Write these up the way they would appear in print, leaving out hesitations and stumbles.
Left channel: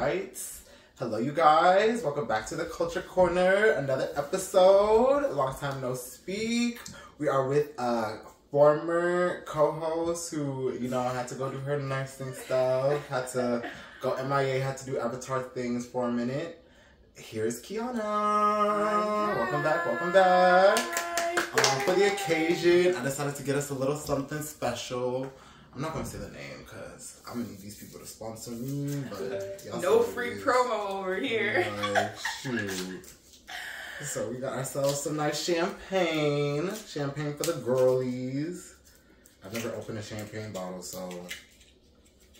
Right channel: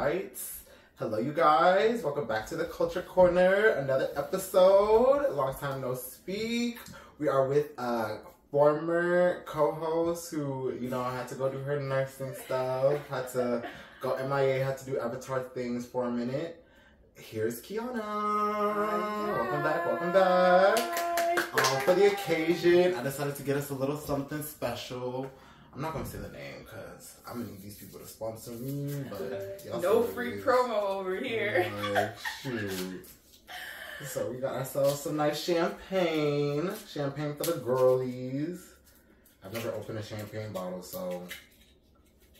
right. Hello, you guys. Welcome back to the Culture Corner. Another episode. Long time no speak. We are with a former co-host who, you know, had to go do her nursing stuff. Had to go MIA. Had to do avatar things for a minute. Here's Kiana. Welcome back. Welcome back. For the occasion, I decided to get us a little something special. I'm not gonna say the name because I'm gonna need these people to sponsor me, but y'all no free promo over here. Shoot. So we got ourselves some nice champagne. Champagne for the girlies. I've never opened a champagne bottle, so.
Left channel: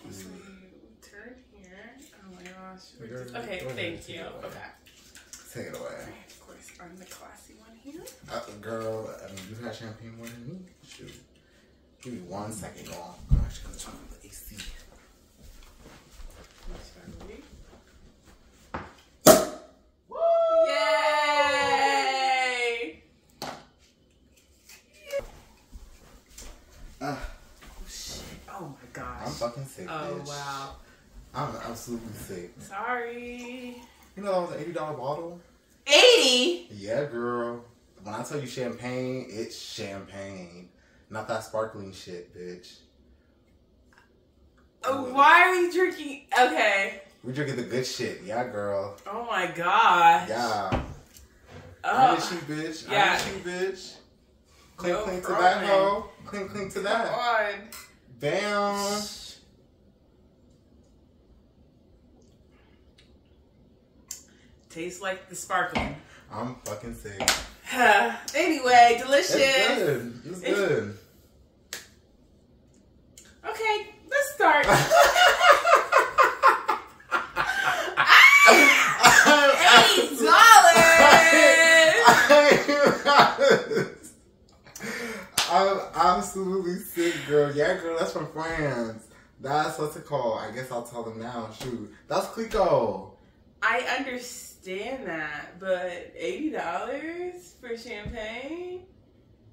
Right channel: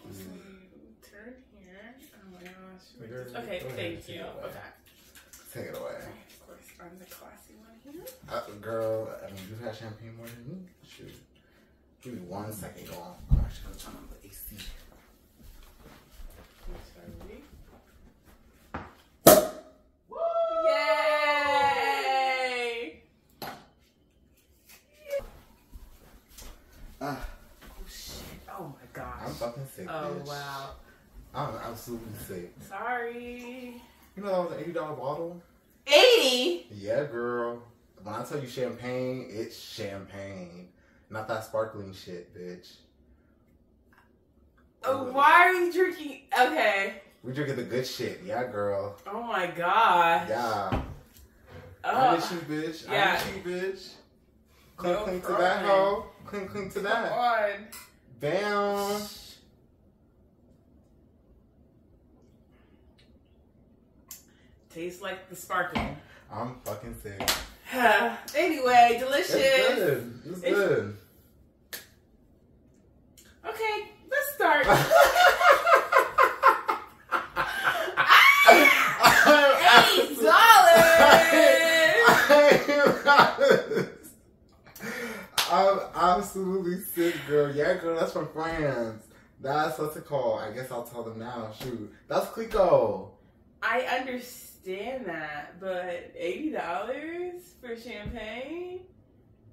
Turn here. Oh my gosh. Okay, thank you. Okay. Take it away. Of course, I'm the classy one here. Girl, I mean, you've had champagne more than me. Shoot. Give me 1 second, y'all. I'm actually gonna turn on the AC. Yay! Oh shit! Oh my gosh! I'm fucking sick. Oh bitch. wow! I'm absolutely sick. Sorry. You know that was an $80 bottle? 80? Yeah, girl. When I tell you champagne, it's champagne. Not that sparkling shit, bitch. Why are you drinking? Okay. We drinking the good shit. Yeah, girl. Oh my god. Yeah. I miss you, bitch. Yeah. I miss you, bitch. Clink, No clink to problem. that hoe. Clink, clink to that. Come on. Bam. Tastes like the sparkling. I'm fucking sick. Anyway, delicious. It's good. It's good. Okay, let's start. $80. I'm absolutely sick, girl. Yeah, girl, that's from France. That's what's it called. I guess I'll tell them now. Shoot. That's Clico. I understand that, but $80 for champagne?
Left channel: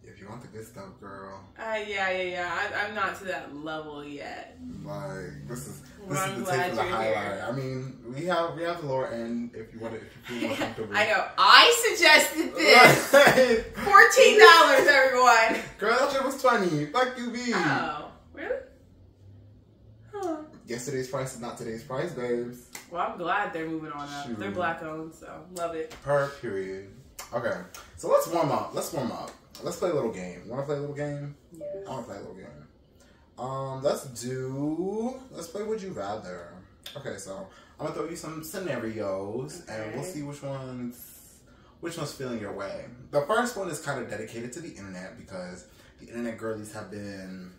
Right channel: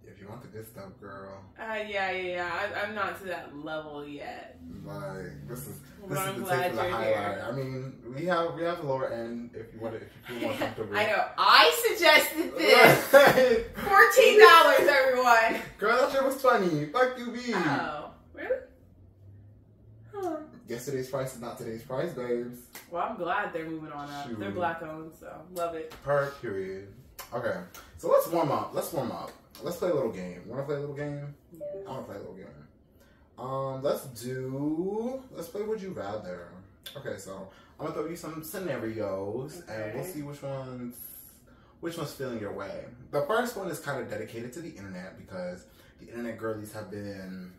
If you want the good stuff, girl. Yeah. I'm not to that level yet. Like, this is the glad tip of the you're highlight. here. I mean, we have the lower end if you want it, if you feel more comfortable. I know. I suggested this. $14, everyone. Girl, that shit was 20. Fuck you, B. Oh, really? Huh. Yesterday's price is not today's price, babes. Well, I'm glad they're moving on up. Shoot. They're black owned, so love it. Per period. Okay, so let's warm up. Let's play a little game. You want to play a little game? Yes. I want to play a little game. Let's play Would You Rather. Okay, so I'm gonna throw you some scenarios, and we'll see which one's feeling your way. The first one is kind of dedicated to the internet because the internet girlies have been.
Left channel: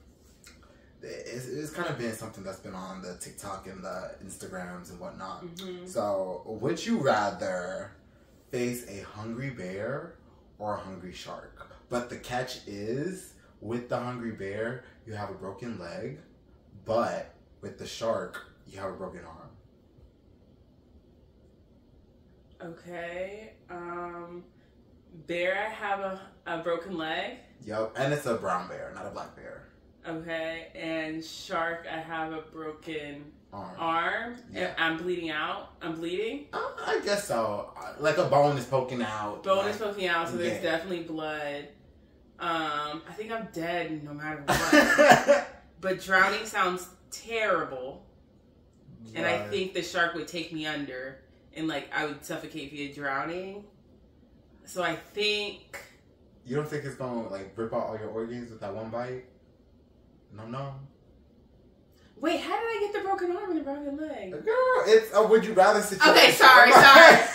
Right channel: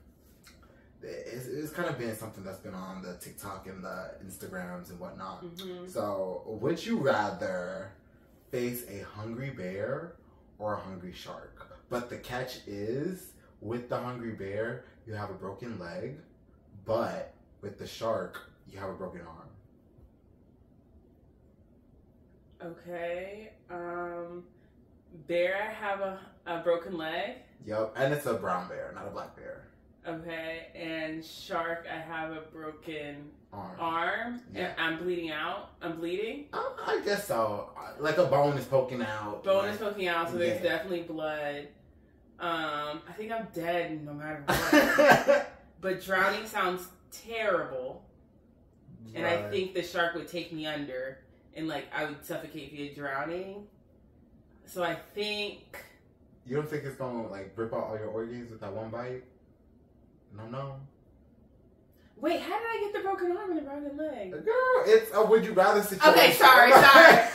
It's kind of been something that's been on the TikTok and the Instagrams and whatnot. Mm-hmm. So, would you rather face a hungry bear or a hungry shark? But the catch is, with the hungry bear, you have a broken leg, but with the shark, you have a broken arm. Okay. Bear, I have a broken leg. Yep, and it's a brown bear, not a black bear. Okay, and shark, I have a broken arm. Yeah. And I'm bleeding out. I'm bleeding? I guess so. Like a bone is poking out. Is poking out, so there's definitely blood. I think I'm dead no matter what. But drowning sounds terrible. Right. And I think the shark would take me under and like I would suffocate via drowning. So I think... You don't think it's gonna like rip out all your organs with that one bite? No. Wait, how did I get the broken arm and the broken leg? Girl, it's a would you rather situation. Okay, sorry. I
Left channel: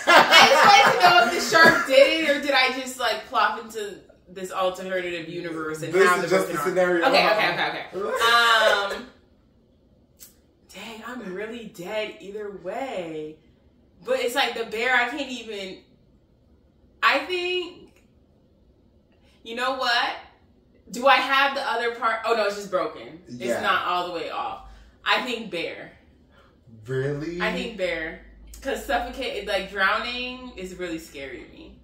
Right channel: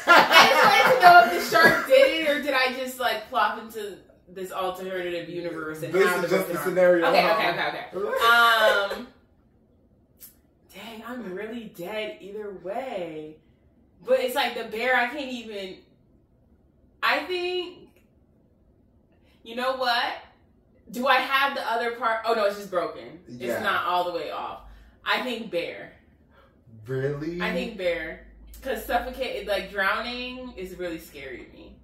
just wanted to know if the shark did it or did I just like plop into this alternative universe and this have the is just broken the arm? scenario. Okay. Dang, I'm really dead either way. But it's like the bear, I can't even... I think... You know what? Do I have the other part? Oh, no, it's just broken. Yeah. It's not all the way off. I think bear. Really? I think bear. Because suffocate, like drowning is really scary to me.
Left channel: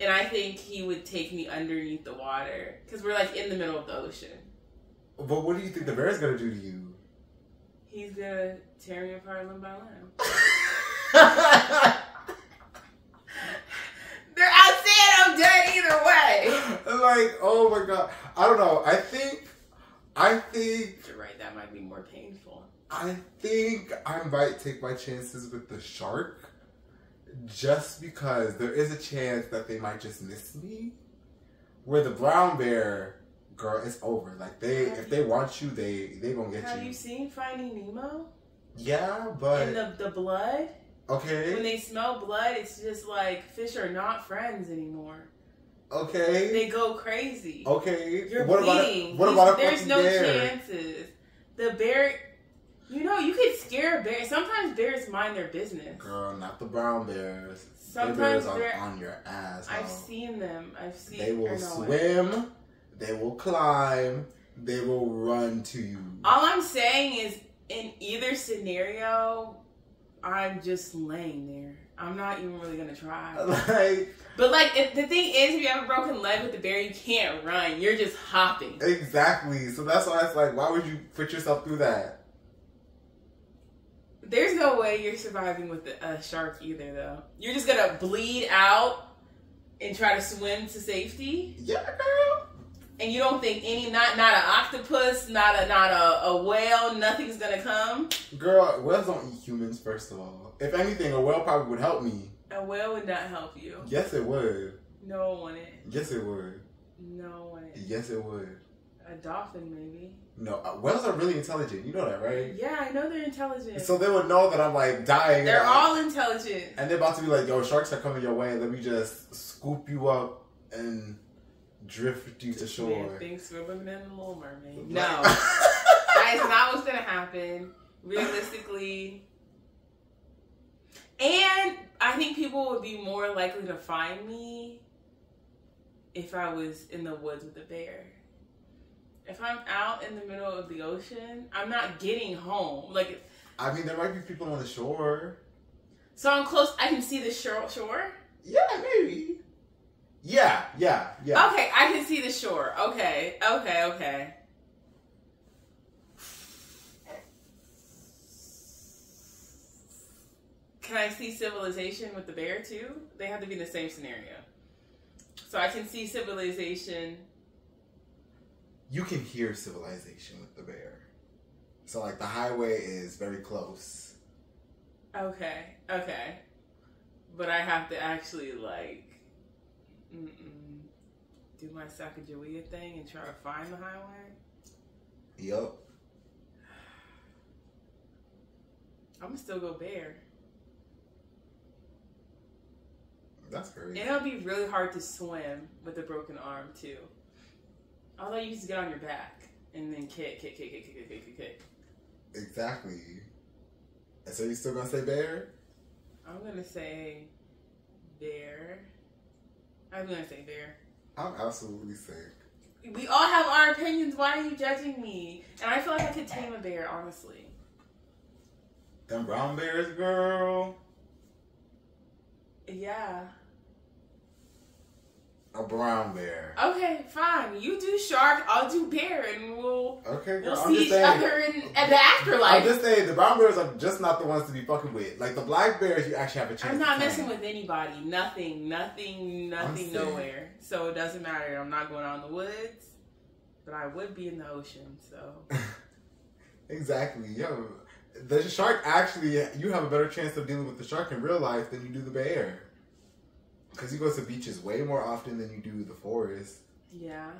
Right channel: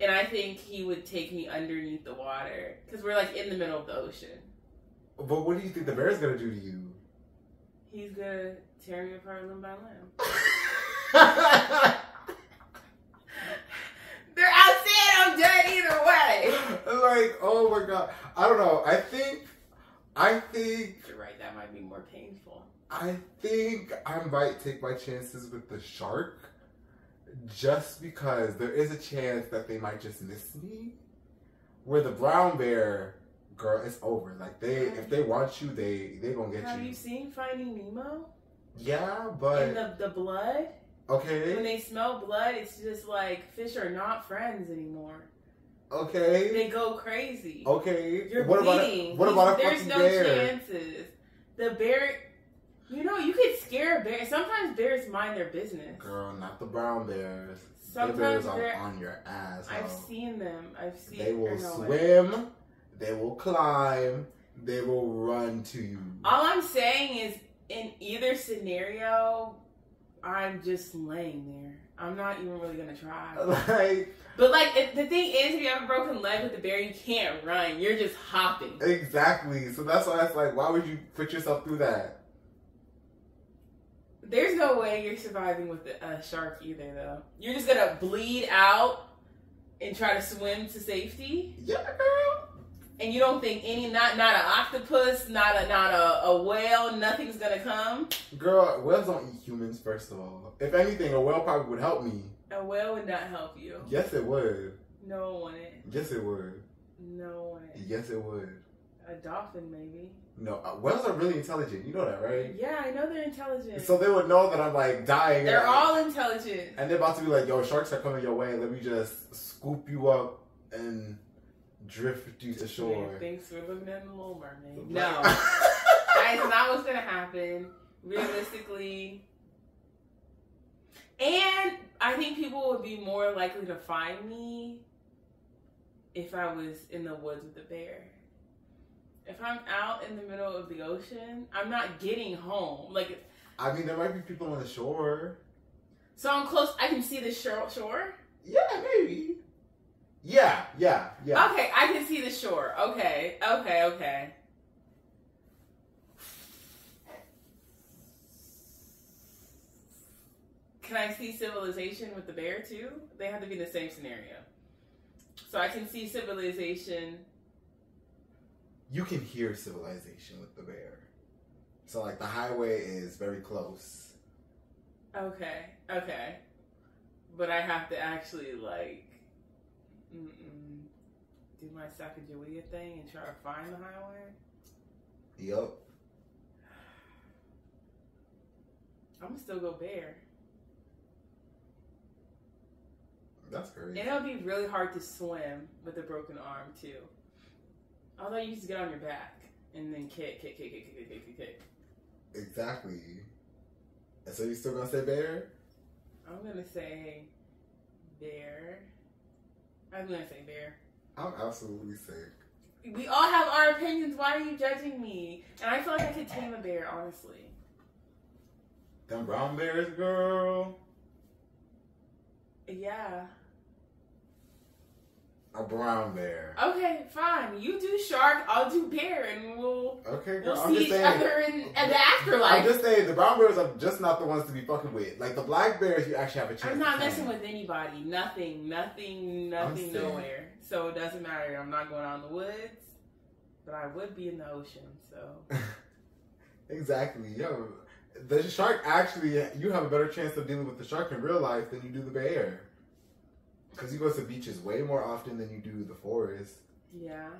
And I think he would take me underneath the water. Because we're like in the middle of the ocean. But what do you think the bear's going to do to you? He's gonna tear me apart limb by limb. They're out saying I'm done either way. Like, oh my god. I don't know. I think you're right, that might be more painful. I think I might take my chances with the shark just because there is a chance that they might just miss me. Where the brown bear, girl, it's over. Like if they want you, they gonna get you. Have you seen Finding Nemo? Yeah, but in the blood. Okay. When they smell blood, it's just like fish are not friends anymore. Okay. They go crazy. Okay. You're what bleeding. About a There's fucking no bear? chances. The bear, you could scare a bear. Sometimes bears mind their business. Girl, not the brown bears. Sometimes bears on your ass. I've seen them. They will swim. They will climb. They will run to you. All I'm saying is, in either scenario, I'm just laying there. I'm not even really gonna try. But the thing is, if you have a broken leg with the bear, you can't run. You're just hopping. Exactly. So that's why it's like, why would you put yourself through that? There's no way you're surviving with a shark either, though. You're just gonna bleed out and try to swim to safety. Yeah, girl. And you don't think not an octopus, not a whale, nothing's gonna come? Girl, whales don't eat humans, first of all. If anything, a whale probably would help me. A whale would not help you. Yes, it would. No, it wouldn't. Yes, it would. No, it wouldn't. Yes, it would. A dolphin, maybe. No, whales are really intelligent. You know that, right? Yeah, I know they're intelligent. So they would know that I'm like dying. They're all intelligent. And they're about to be like, yo, sharks are coming your way. Let me just scoop you up and drift you to shore. Yeah, thanks for living in the Little Mermaid. No. That is not what's going to happen. Realistically. And I think people would be more likely to find me if I was in the woods with a bear. If I'm out in the middle of the ocean, I'm not getting home. I mean, there might be people on the shore. So I'm close. I can see the shore? Yeah, maybe. Yeah. Okay, I can see the shore. Okay. Can I see civilization with the bear too? They have to be in the same scenario. So I can see civilization. You can hear civilization with the bear. So the highway is very close. Okay. But I have to actually do my Sacagawea thing and try to find the highway? Yup. I'm gonna still go bear. That's crazy. And it'll be really hard to swim with a broken arm too. Although you just get on your back and then kick. Exactly. And so you still gonna say bear? I'm gonna say bear. I'm gonna say bear. I'm absolutely sick. We all have our opinions. Why are you judging me? And I feel like I could tame a bear, honestly. Them brown bears, girl. Yeah. A brown bear. Okay, fine. You do shark, I'll do bear, and we'll see each other in the afterlife. I'm just saying, the brown bears are just not the ones to be fucking with. The black bears, you actually have a chance. I'm not messing with anybody. Nothing, nowhere. So it doesn't matter. I'm not going out in the woods, but I would be in the ocean, so. Exactly. Yo, the shark actually, you have a better chance of dealing with the shark in real life than you do the bear. Because you go to beaches way more often than you do the forest. Yeah.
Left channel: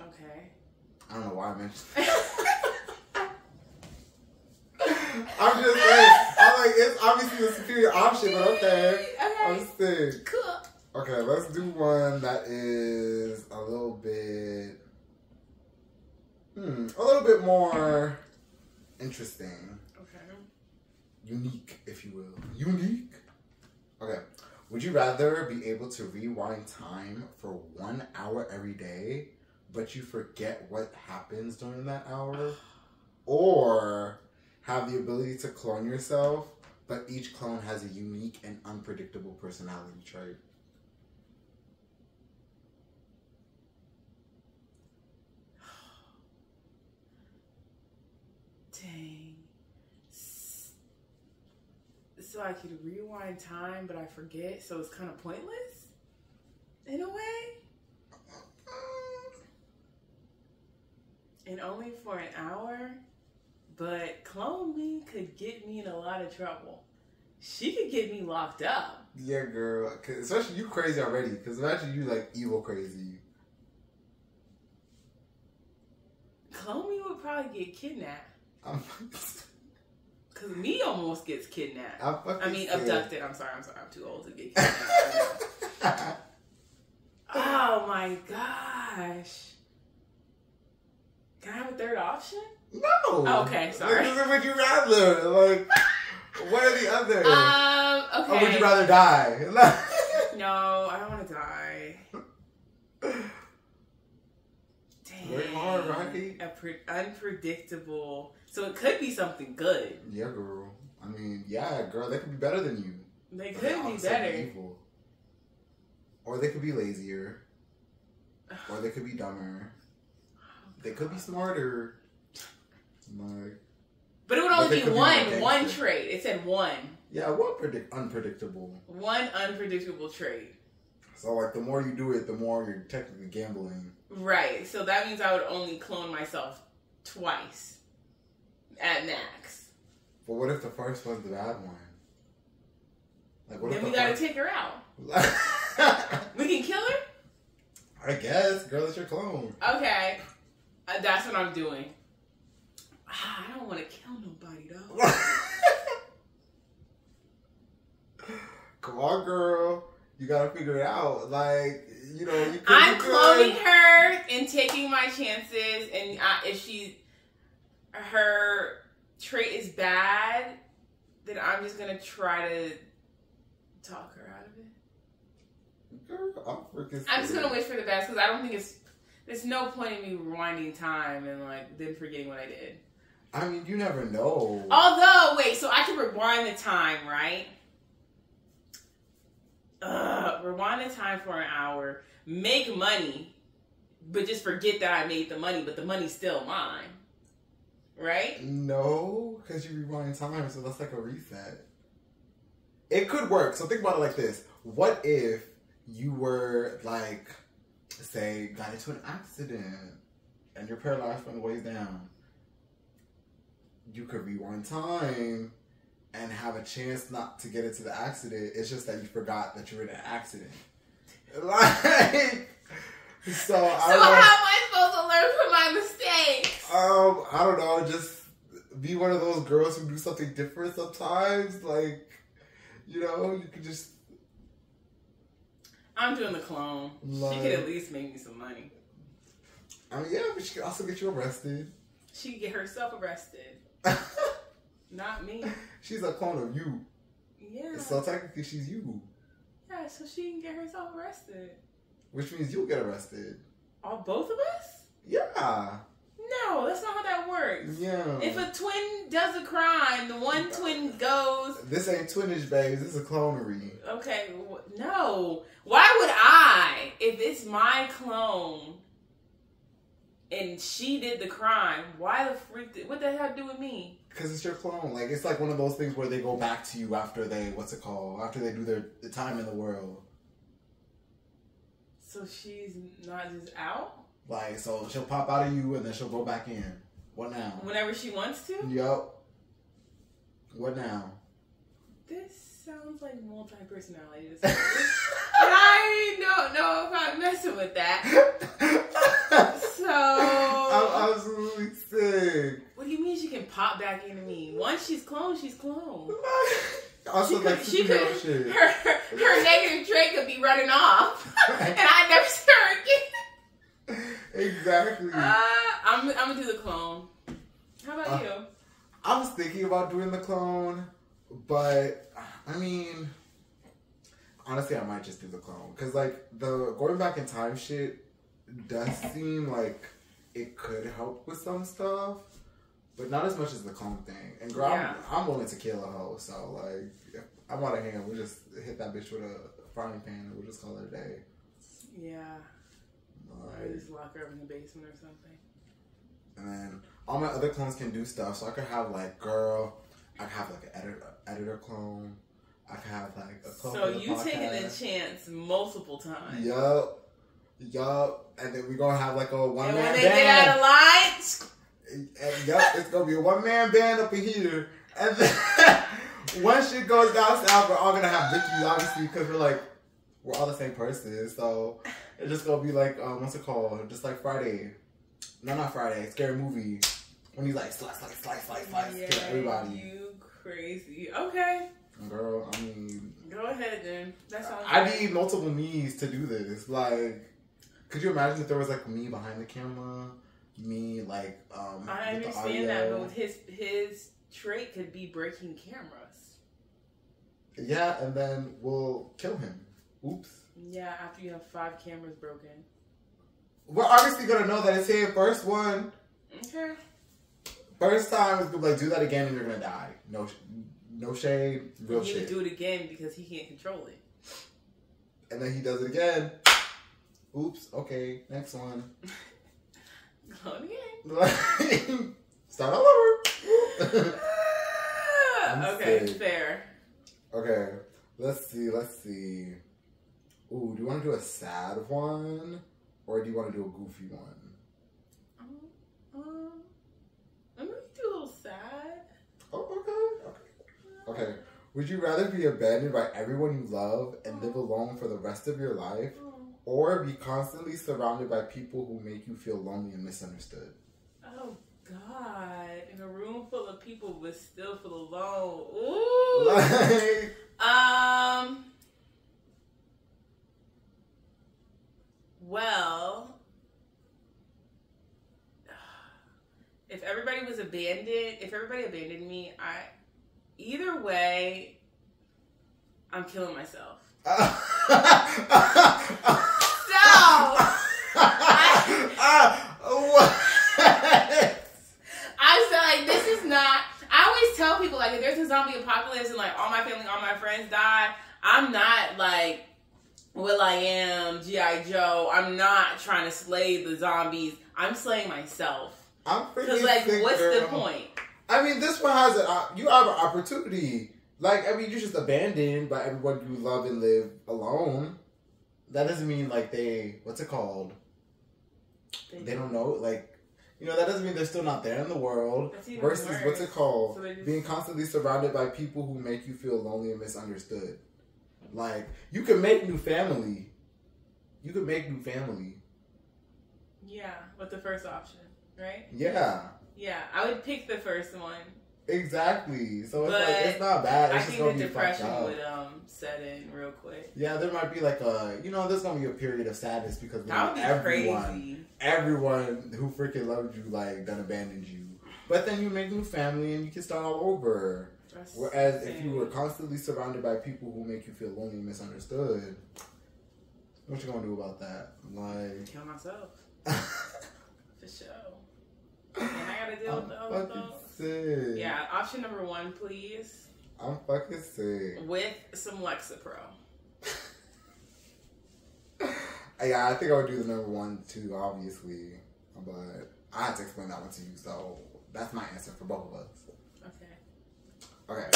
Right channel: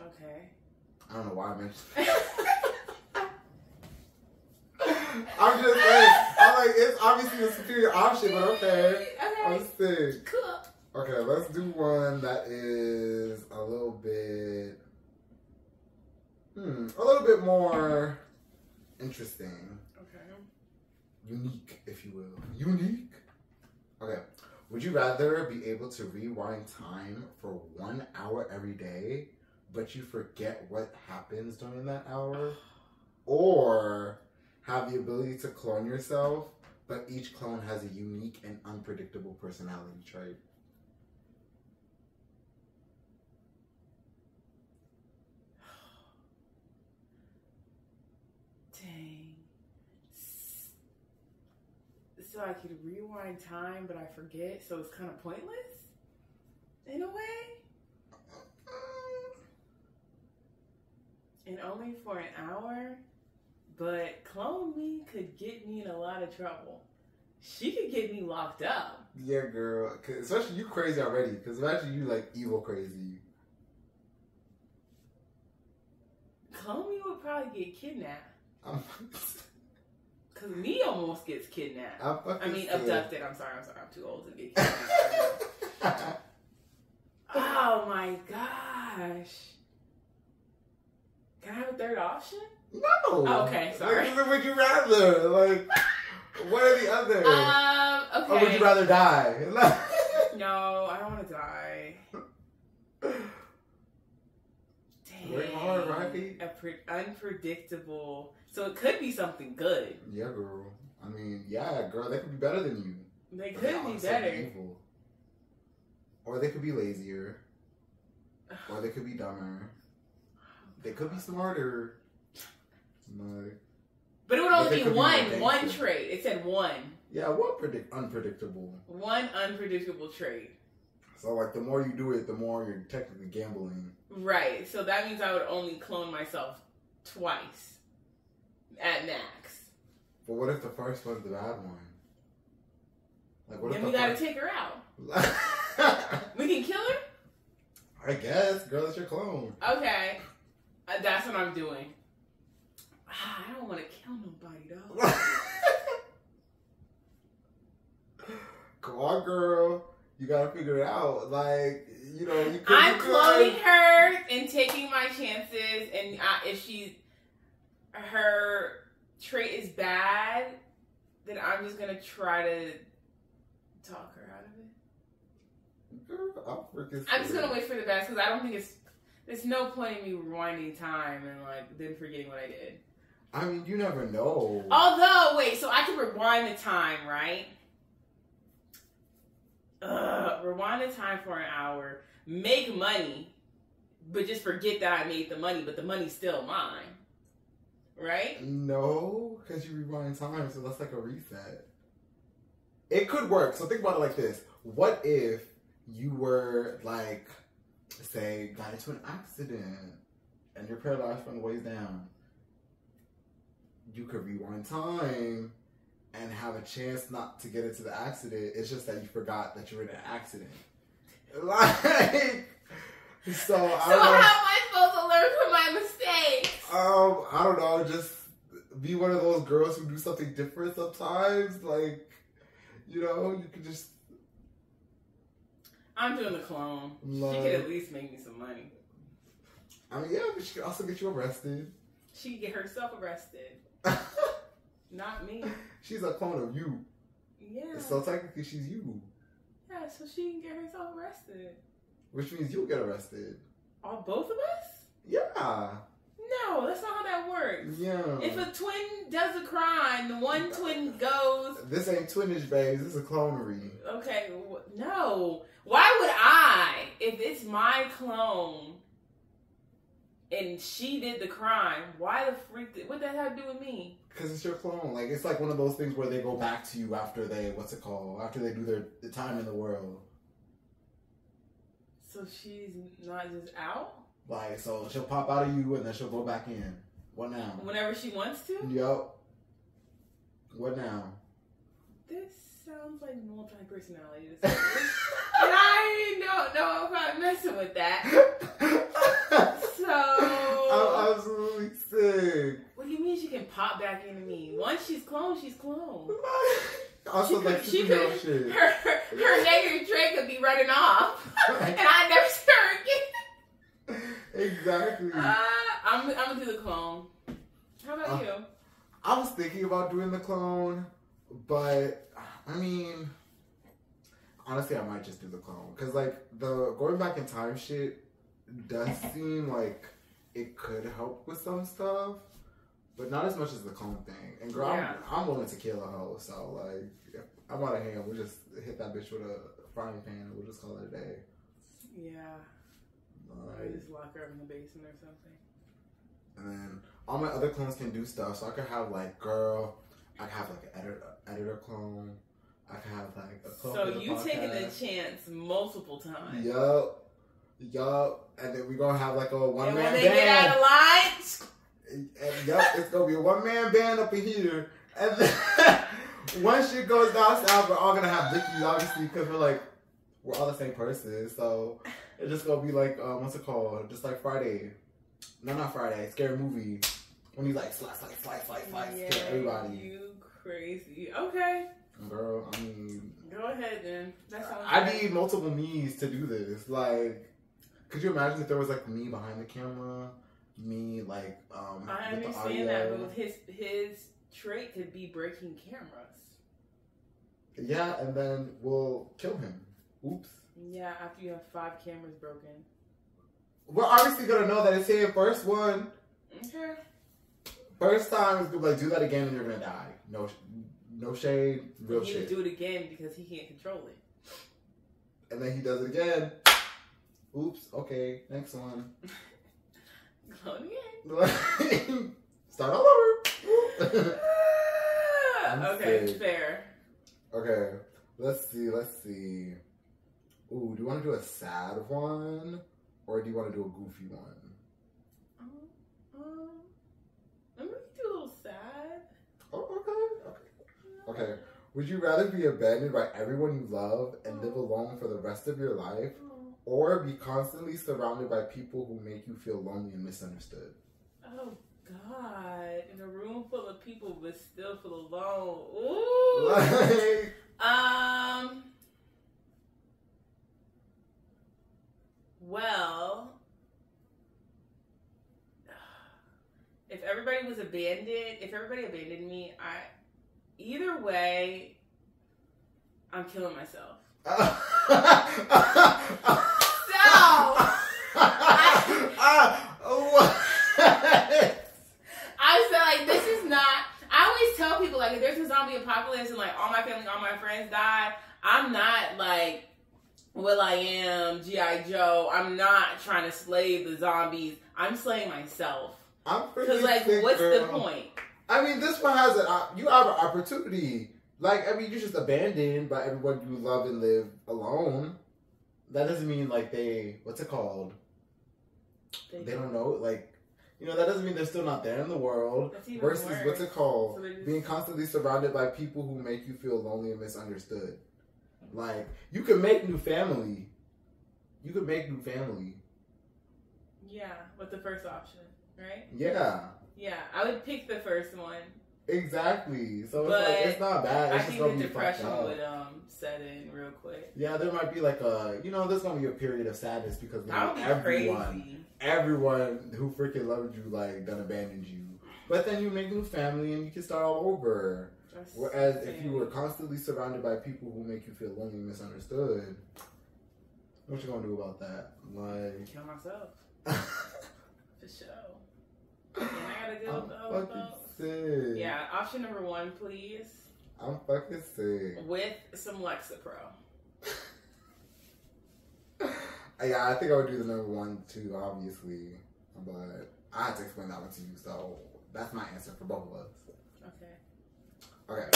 Okay. I don't know why I mentioned I'm just saying. It's obviously a superior option, but okay. I'm sick. Cool. Okay, let's do one that is a little bit more interesting. Unique, if you will. Unique. Okay. Would you rather be able to rewind time for 1 hour every day, but you forget what happens during that hour? Or have the ability to clone yourself, but each clone has a unique and unpredictable personality trait? Dang. So I could rewind time, but I forget, so it's kind of pointless in a way. And only for an hour, but clone me could get me in a lot of trouble. She could get me locked up. Yeah, girl. Especially you crazy already. Because imagine you like evil crazy. Clone me would probably get kidnapped. Because me almost gets kidnapped. Abducted. I'm sorry. I'm too old to get kidnapped. Oh my gosh. Can I have a third option? No. Oh, okay, sorry. Like, would you rather? Like, what are the others? Okay. Or would you rather die? No, I don't want to die. Dang. Very hard, right? Unpredictable. So it could be something good. Yeah, girl. I mean, yeah, girl, they could be better than you. They could be better. Evil. Or they could be lazier. Or they could be dumber. They could be smarter. Like, but it would only be one trait. It said one. Yeah, what unpredictable? One unpredictable trait. So, like, the more you do it, the more you're technically gambling. Right. So that means I would only clone myself twice. At max. But what if the first was the bad one? Like, what then if we gotta take her out. We can kill her? I guess. Girl, it's your clone. Okay. That's what I'm doing. I don't want to kill nobody, though. Come on, girl. You gotta figure it out. Like, you know, I'm cloning her and taking my chances. And if her trait is bad, then I'm just gonna try to talk her out of it. Girl, I'm just gonna wish for the best because I don't think there's no point in me rewinding time and like then forgetting what I did. I mean, you never know. Although, wait, so I can rewind the time, right? Rewind the time for an hour, make money, but just forget that I made the money, but the money's still mine. Right? No, because you rewind time, so that's like a reset. It could work. So think about it like this. What if you were, like, say, got into an accident and you're paralyzed from the waist down? You could rewind time and have a chance not to get into the accident. It's just that you forgot that you're in an accident. Like... So how am I supposed to learn from my mistakes? I don't know. Just be one of those girls who do something different sometimes. Like, you know, you could just... I'm doing the clone. She could at least make me some money. I mean, yeah, but she could also get you arrested. She could get herself arrested. Not me. She's a clone of you. Yeah. So technically she's you. Yeah, so she can get herself arrested. Which means you'll get arrested. All both of us? Yeah. No, that's not how that works. Yeah. If a twin does a crime, the one twin goes... This ain't twinage, babes. This is a clonery. Okay, no. Why would I, if it's my clone and she did the crime, why the freak... What that have to do with me? Because it's your clone. Like, it's like one of those things where they go back to you after they... What's it called? After they do their time in the world. So she's not just out? Like, so she'll pop out of you and then she'll go back in. What now? Whenever she wants to? Yup. What now? This sounds like multi-personality disorder. And I don't know if I'm messing with that. So... I'm absolutely sick. What do you mean she can pop back into me? Once she's cloned, she's cloned. Also, she could, shit. Her negative trait could be running off. And I never see her again. Exactly. I'm going to do the clone. How about you? I was thinking about doing the clone, but, I mean, honestly, I might just do the clone. Because, like, the going back in time shit does seem like it could help with some stuff. But not as much as the clone thing. And girl, yeah. I'm willing to kill a hoe. So, like, if I'm out of hand, we'll just hit that bitch with a frying pan and we'll just call it a day. Yeah. Or just lock her up in the basement or something. And then all my other clones can do stuff. So I could have like girl, I could have like an editor clone. I could have like a clone. So you taking a chance multiple times. Yup. And then we're gonna have like a one man band. And when they get out of line, it's gonna be a one man band up in here. And then when shit goes down south, we're all gonna have victories, obviously, because we're all the same person. So it's just gonna be like, what's it called? Just like Friday. No, not Friday. Scary movie. When he's like slice, kill everybody. You crazy. Okay. Girl, I mean. Go ahead then. That sounds I need multiple me's to do this. Like, could you imagine if there was like me behind the camera? Me like I with understand the audio. that, but his trait could be breaking cameras. Yeah, and then we'll kill him. Oops. Yeah, after you have 5 cameras broken. We're obviously gonna know that it's him. First one. Okay. First time is gonna be like, do that again and you're gonna die. No shade, real shit. He do it again because he can't control it. And then he does it again. Oops. Okay. Next one. Go again. Start all over. Okay, fair. Okay. Let's see. Ooh, do you want to do a sad one? Or do you want to do a goofy one? I'm going to do a little sad. Oh, okay. Would you rather be abandoned by everyone you love and live alone for the rest of your life? Or be constantly surrounded by people who make you feel lonely and misunderstood? Oh, God. In a room full of people but still feel alone. Ooh. Well, if everybody abandoned me, either way, I'm killing myself. What? I said, like, this is not. I always tell people, like, if there's a zombie apocalypse and like all my family, all my friends die, I'm not like Will I Am, G.I. Joe. I'm not trying to slay the zombies. I'm slaying myself. I'm pretty Because, like, sick, what's girl. the point? I mean, this one has you have an opportunity. Like, I mean, you're just abandoned by everyone you love and live alone. That doesn't mean, like, what's it called? They don't know, like, that doesn't mean they're still not there in the world. Versus, worse. What's it called? So being constantly surrounded by people who make you feel lonely and misunderstood. Like, you can make new family. Yeah, with the first option, right? Yeah. Yeah, I would pick the first one. Exactly. So it's like, it's not bad. It's just gonna be fucked up. I think the depression would set in real quick. Yeah, there might be like there's gonna be a period of sadness because crazy. Everyone who freaking loved you then abandoned you. But then you make a new family and you can start all over. Whereas if you were constantly surrounded by people who make you feel lonely and misunderstood, what you gonna do about that? Like, kill myself. For sure. And I gotta deal with the other folks. Sick. Yeah, option number 1, please. I'm fucking sick. With some Lexapro. Yeah, I think I would do the number 1 too, obviously. But I had to explain that one to you, so that's my answer for both of us. Okay.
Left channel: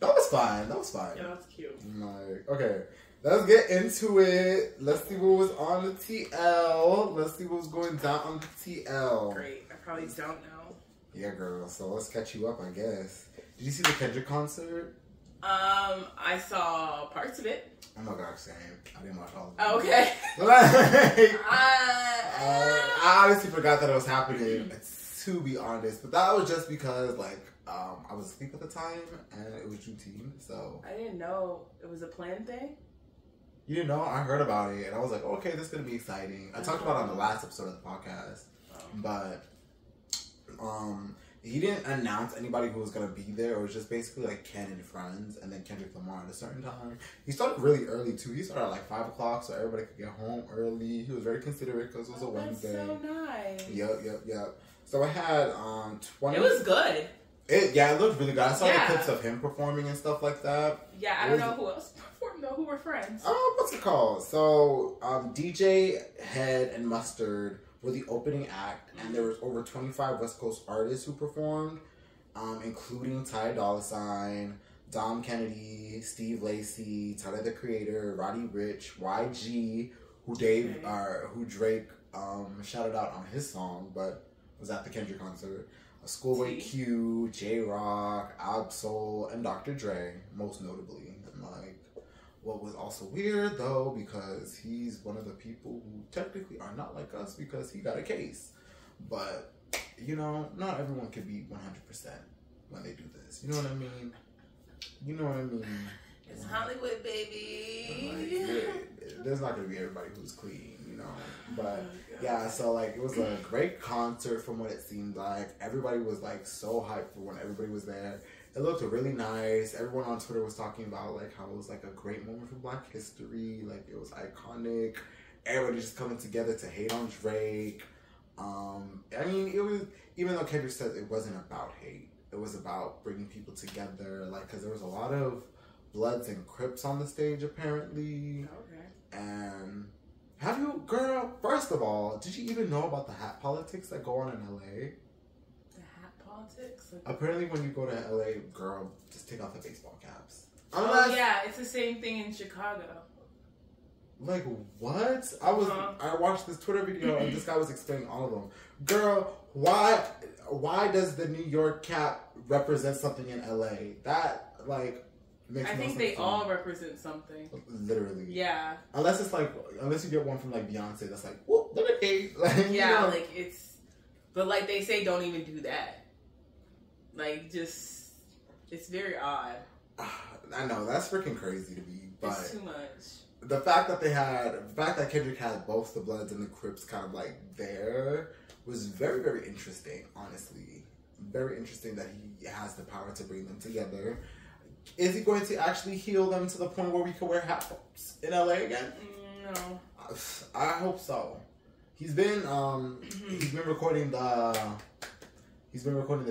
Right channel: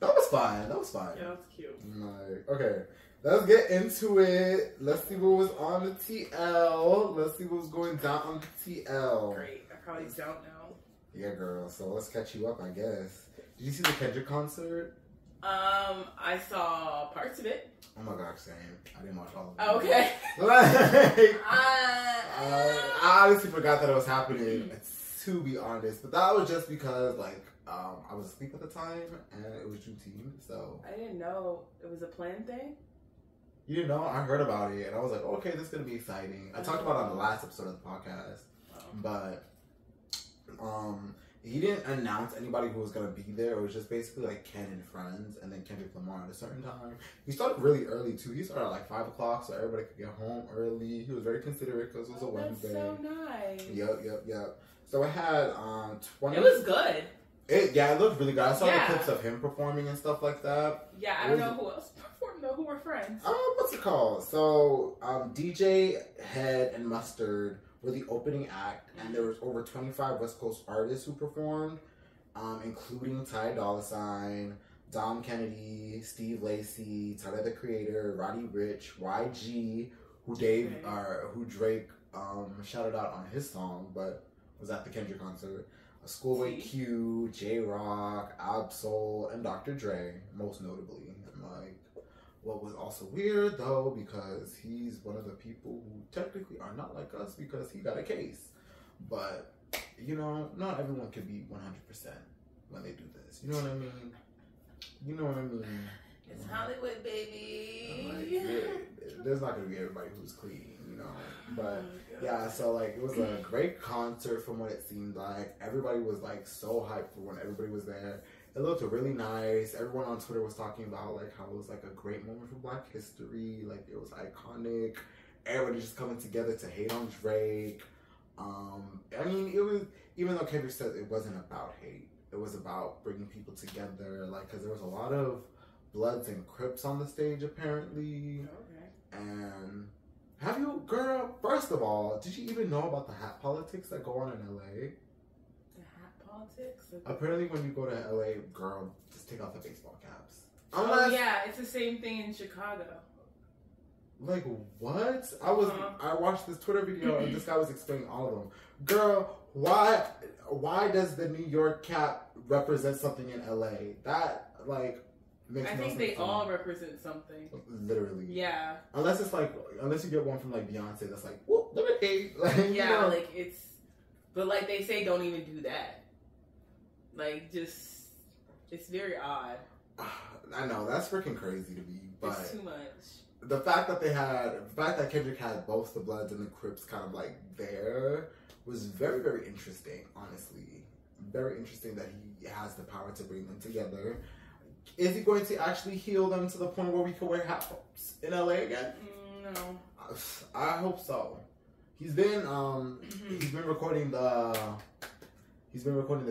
That was fine. Yeah, that's cute. Okay. Let's get into it. Let's see what was on the TL. Let's see what was going down on the TL. Great. I probably don't know. Yeah, girl. So let's catch you up, I guess. Did you see the Kedrick concert? I saw parts of it. Oh my gosh, same. I didn't watch all of it. Okay. I honestly forgot that it was happening, to be honest. But that was just because, I was asleep at the time, and it was Juneteenth, so... I didn't know it was a planned thing? You didn't know? I heard about it, and I was like, okay, this is going to be exciting. I talked about it on the last episode of the podcast, but he didn't announce anybody who was going to be there. It was just basically, Ken and friends, and then Kendrick Lamar at a certain time. He started really early, too. He started at, 5 o'clock, so everybody could get home early. He was very considerate, because it was a Wednesday. That's so nice. Yep. So I had 20... It was good. It looked really good. I saw the clips of him performing and stuff like that. Yeah, I don't know who else performed though. Who were friends? What's it called? So, DJ Head and Mustard were the opening act, and there was over 25 West Coast artists who performed, including Ty Dolla $ign, Dom Kennedy, Steve Lacy, Tyler the Creator, Roddy Ricch, YG, who Drake shouted out on his song, but was at the Kendrick concert. Schoolboy Q, J-Rock, Ab-Soul, and Dr. Dre, most notably. And like, what was also weird though, because he's one of the people who technically are not like us because he got a case. But, you know, not everyone could be 100% when they do this. You know what I mean? You know what I mean? It's Hollywood, baby. Like, there's not going to be everybody who's clean, you know? But, yeah, so, like, it was a great concert from what it seemed like. Everybody was, like, so hyped for when everybody was there. It looked really nice. Everyone on Twitter was talking about, like, how it was, like, a great moment for Black history. Like, it was iconic. Everybody just coming together to hate on Drake. I mean, it was, even though Kedrick said it wasn't about hate, it was about bringing people together. Like, because there was a lot of Bloods and Crips on the stage, apparently. Okay. And have you, girl, first of all, did you even know about the hat politics that go on in LA? The hat politics? Apparently when you go to LA, girl, just take off the baseball caps. Oh, yeah, it's the same thing in Chicago. Like, what? I watched this Twitter video and this guy was explaining all of them. Girl, why does the New York cap represent something in LA? That, like, makes no sense. I think they all represent something. Literally. Yeah. Unless you get one from, like, Beyonce that's like, whoop, look at me. Like, yeah, you know? like, it's, but, like, they say don't even do that. Like, just, it's very odd. I know, that's freaking crazy to me, but. It's too much. The fact that Kendrick had both the Bloods and the Crips kind of like there was very, very interesting, honestly. Very interesting that he has the power to bring them together. Is he going to actually heal them to the point where we can wear hat tops in LA again? No. I hope so. He's been recording the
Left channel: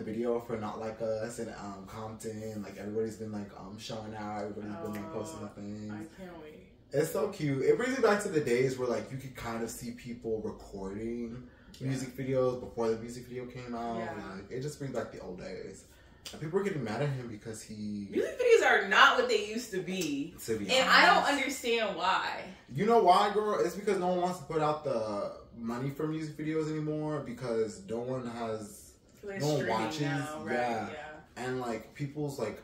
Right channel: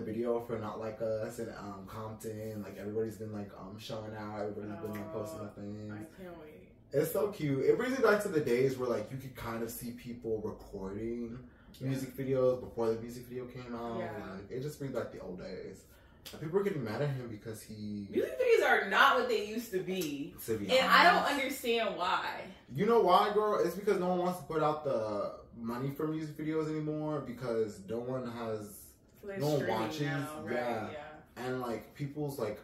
video for Not Like Us in Compton. Like, everybody's been like showing out, everybody's been like posting the things. I can't wait. It's so cute. It brings me back to the days where, like, you could kind of see people recording music videos before the music video came out. Yeah. Like, it just brings back the old days. And people are getting mad at him because music videos are not what they used to be. And I don't understand why. You know why, girl? It's because no one wants to put out the money for music videos anymore because no one watches. Now, right? Yeah. And, like, people's, like,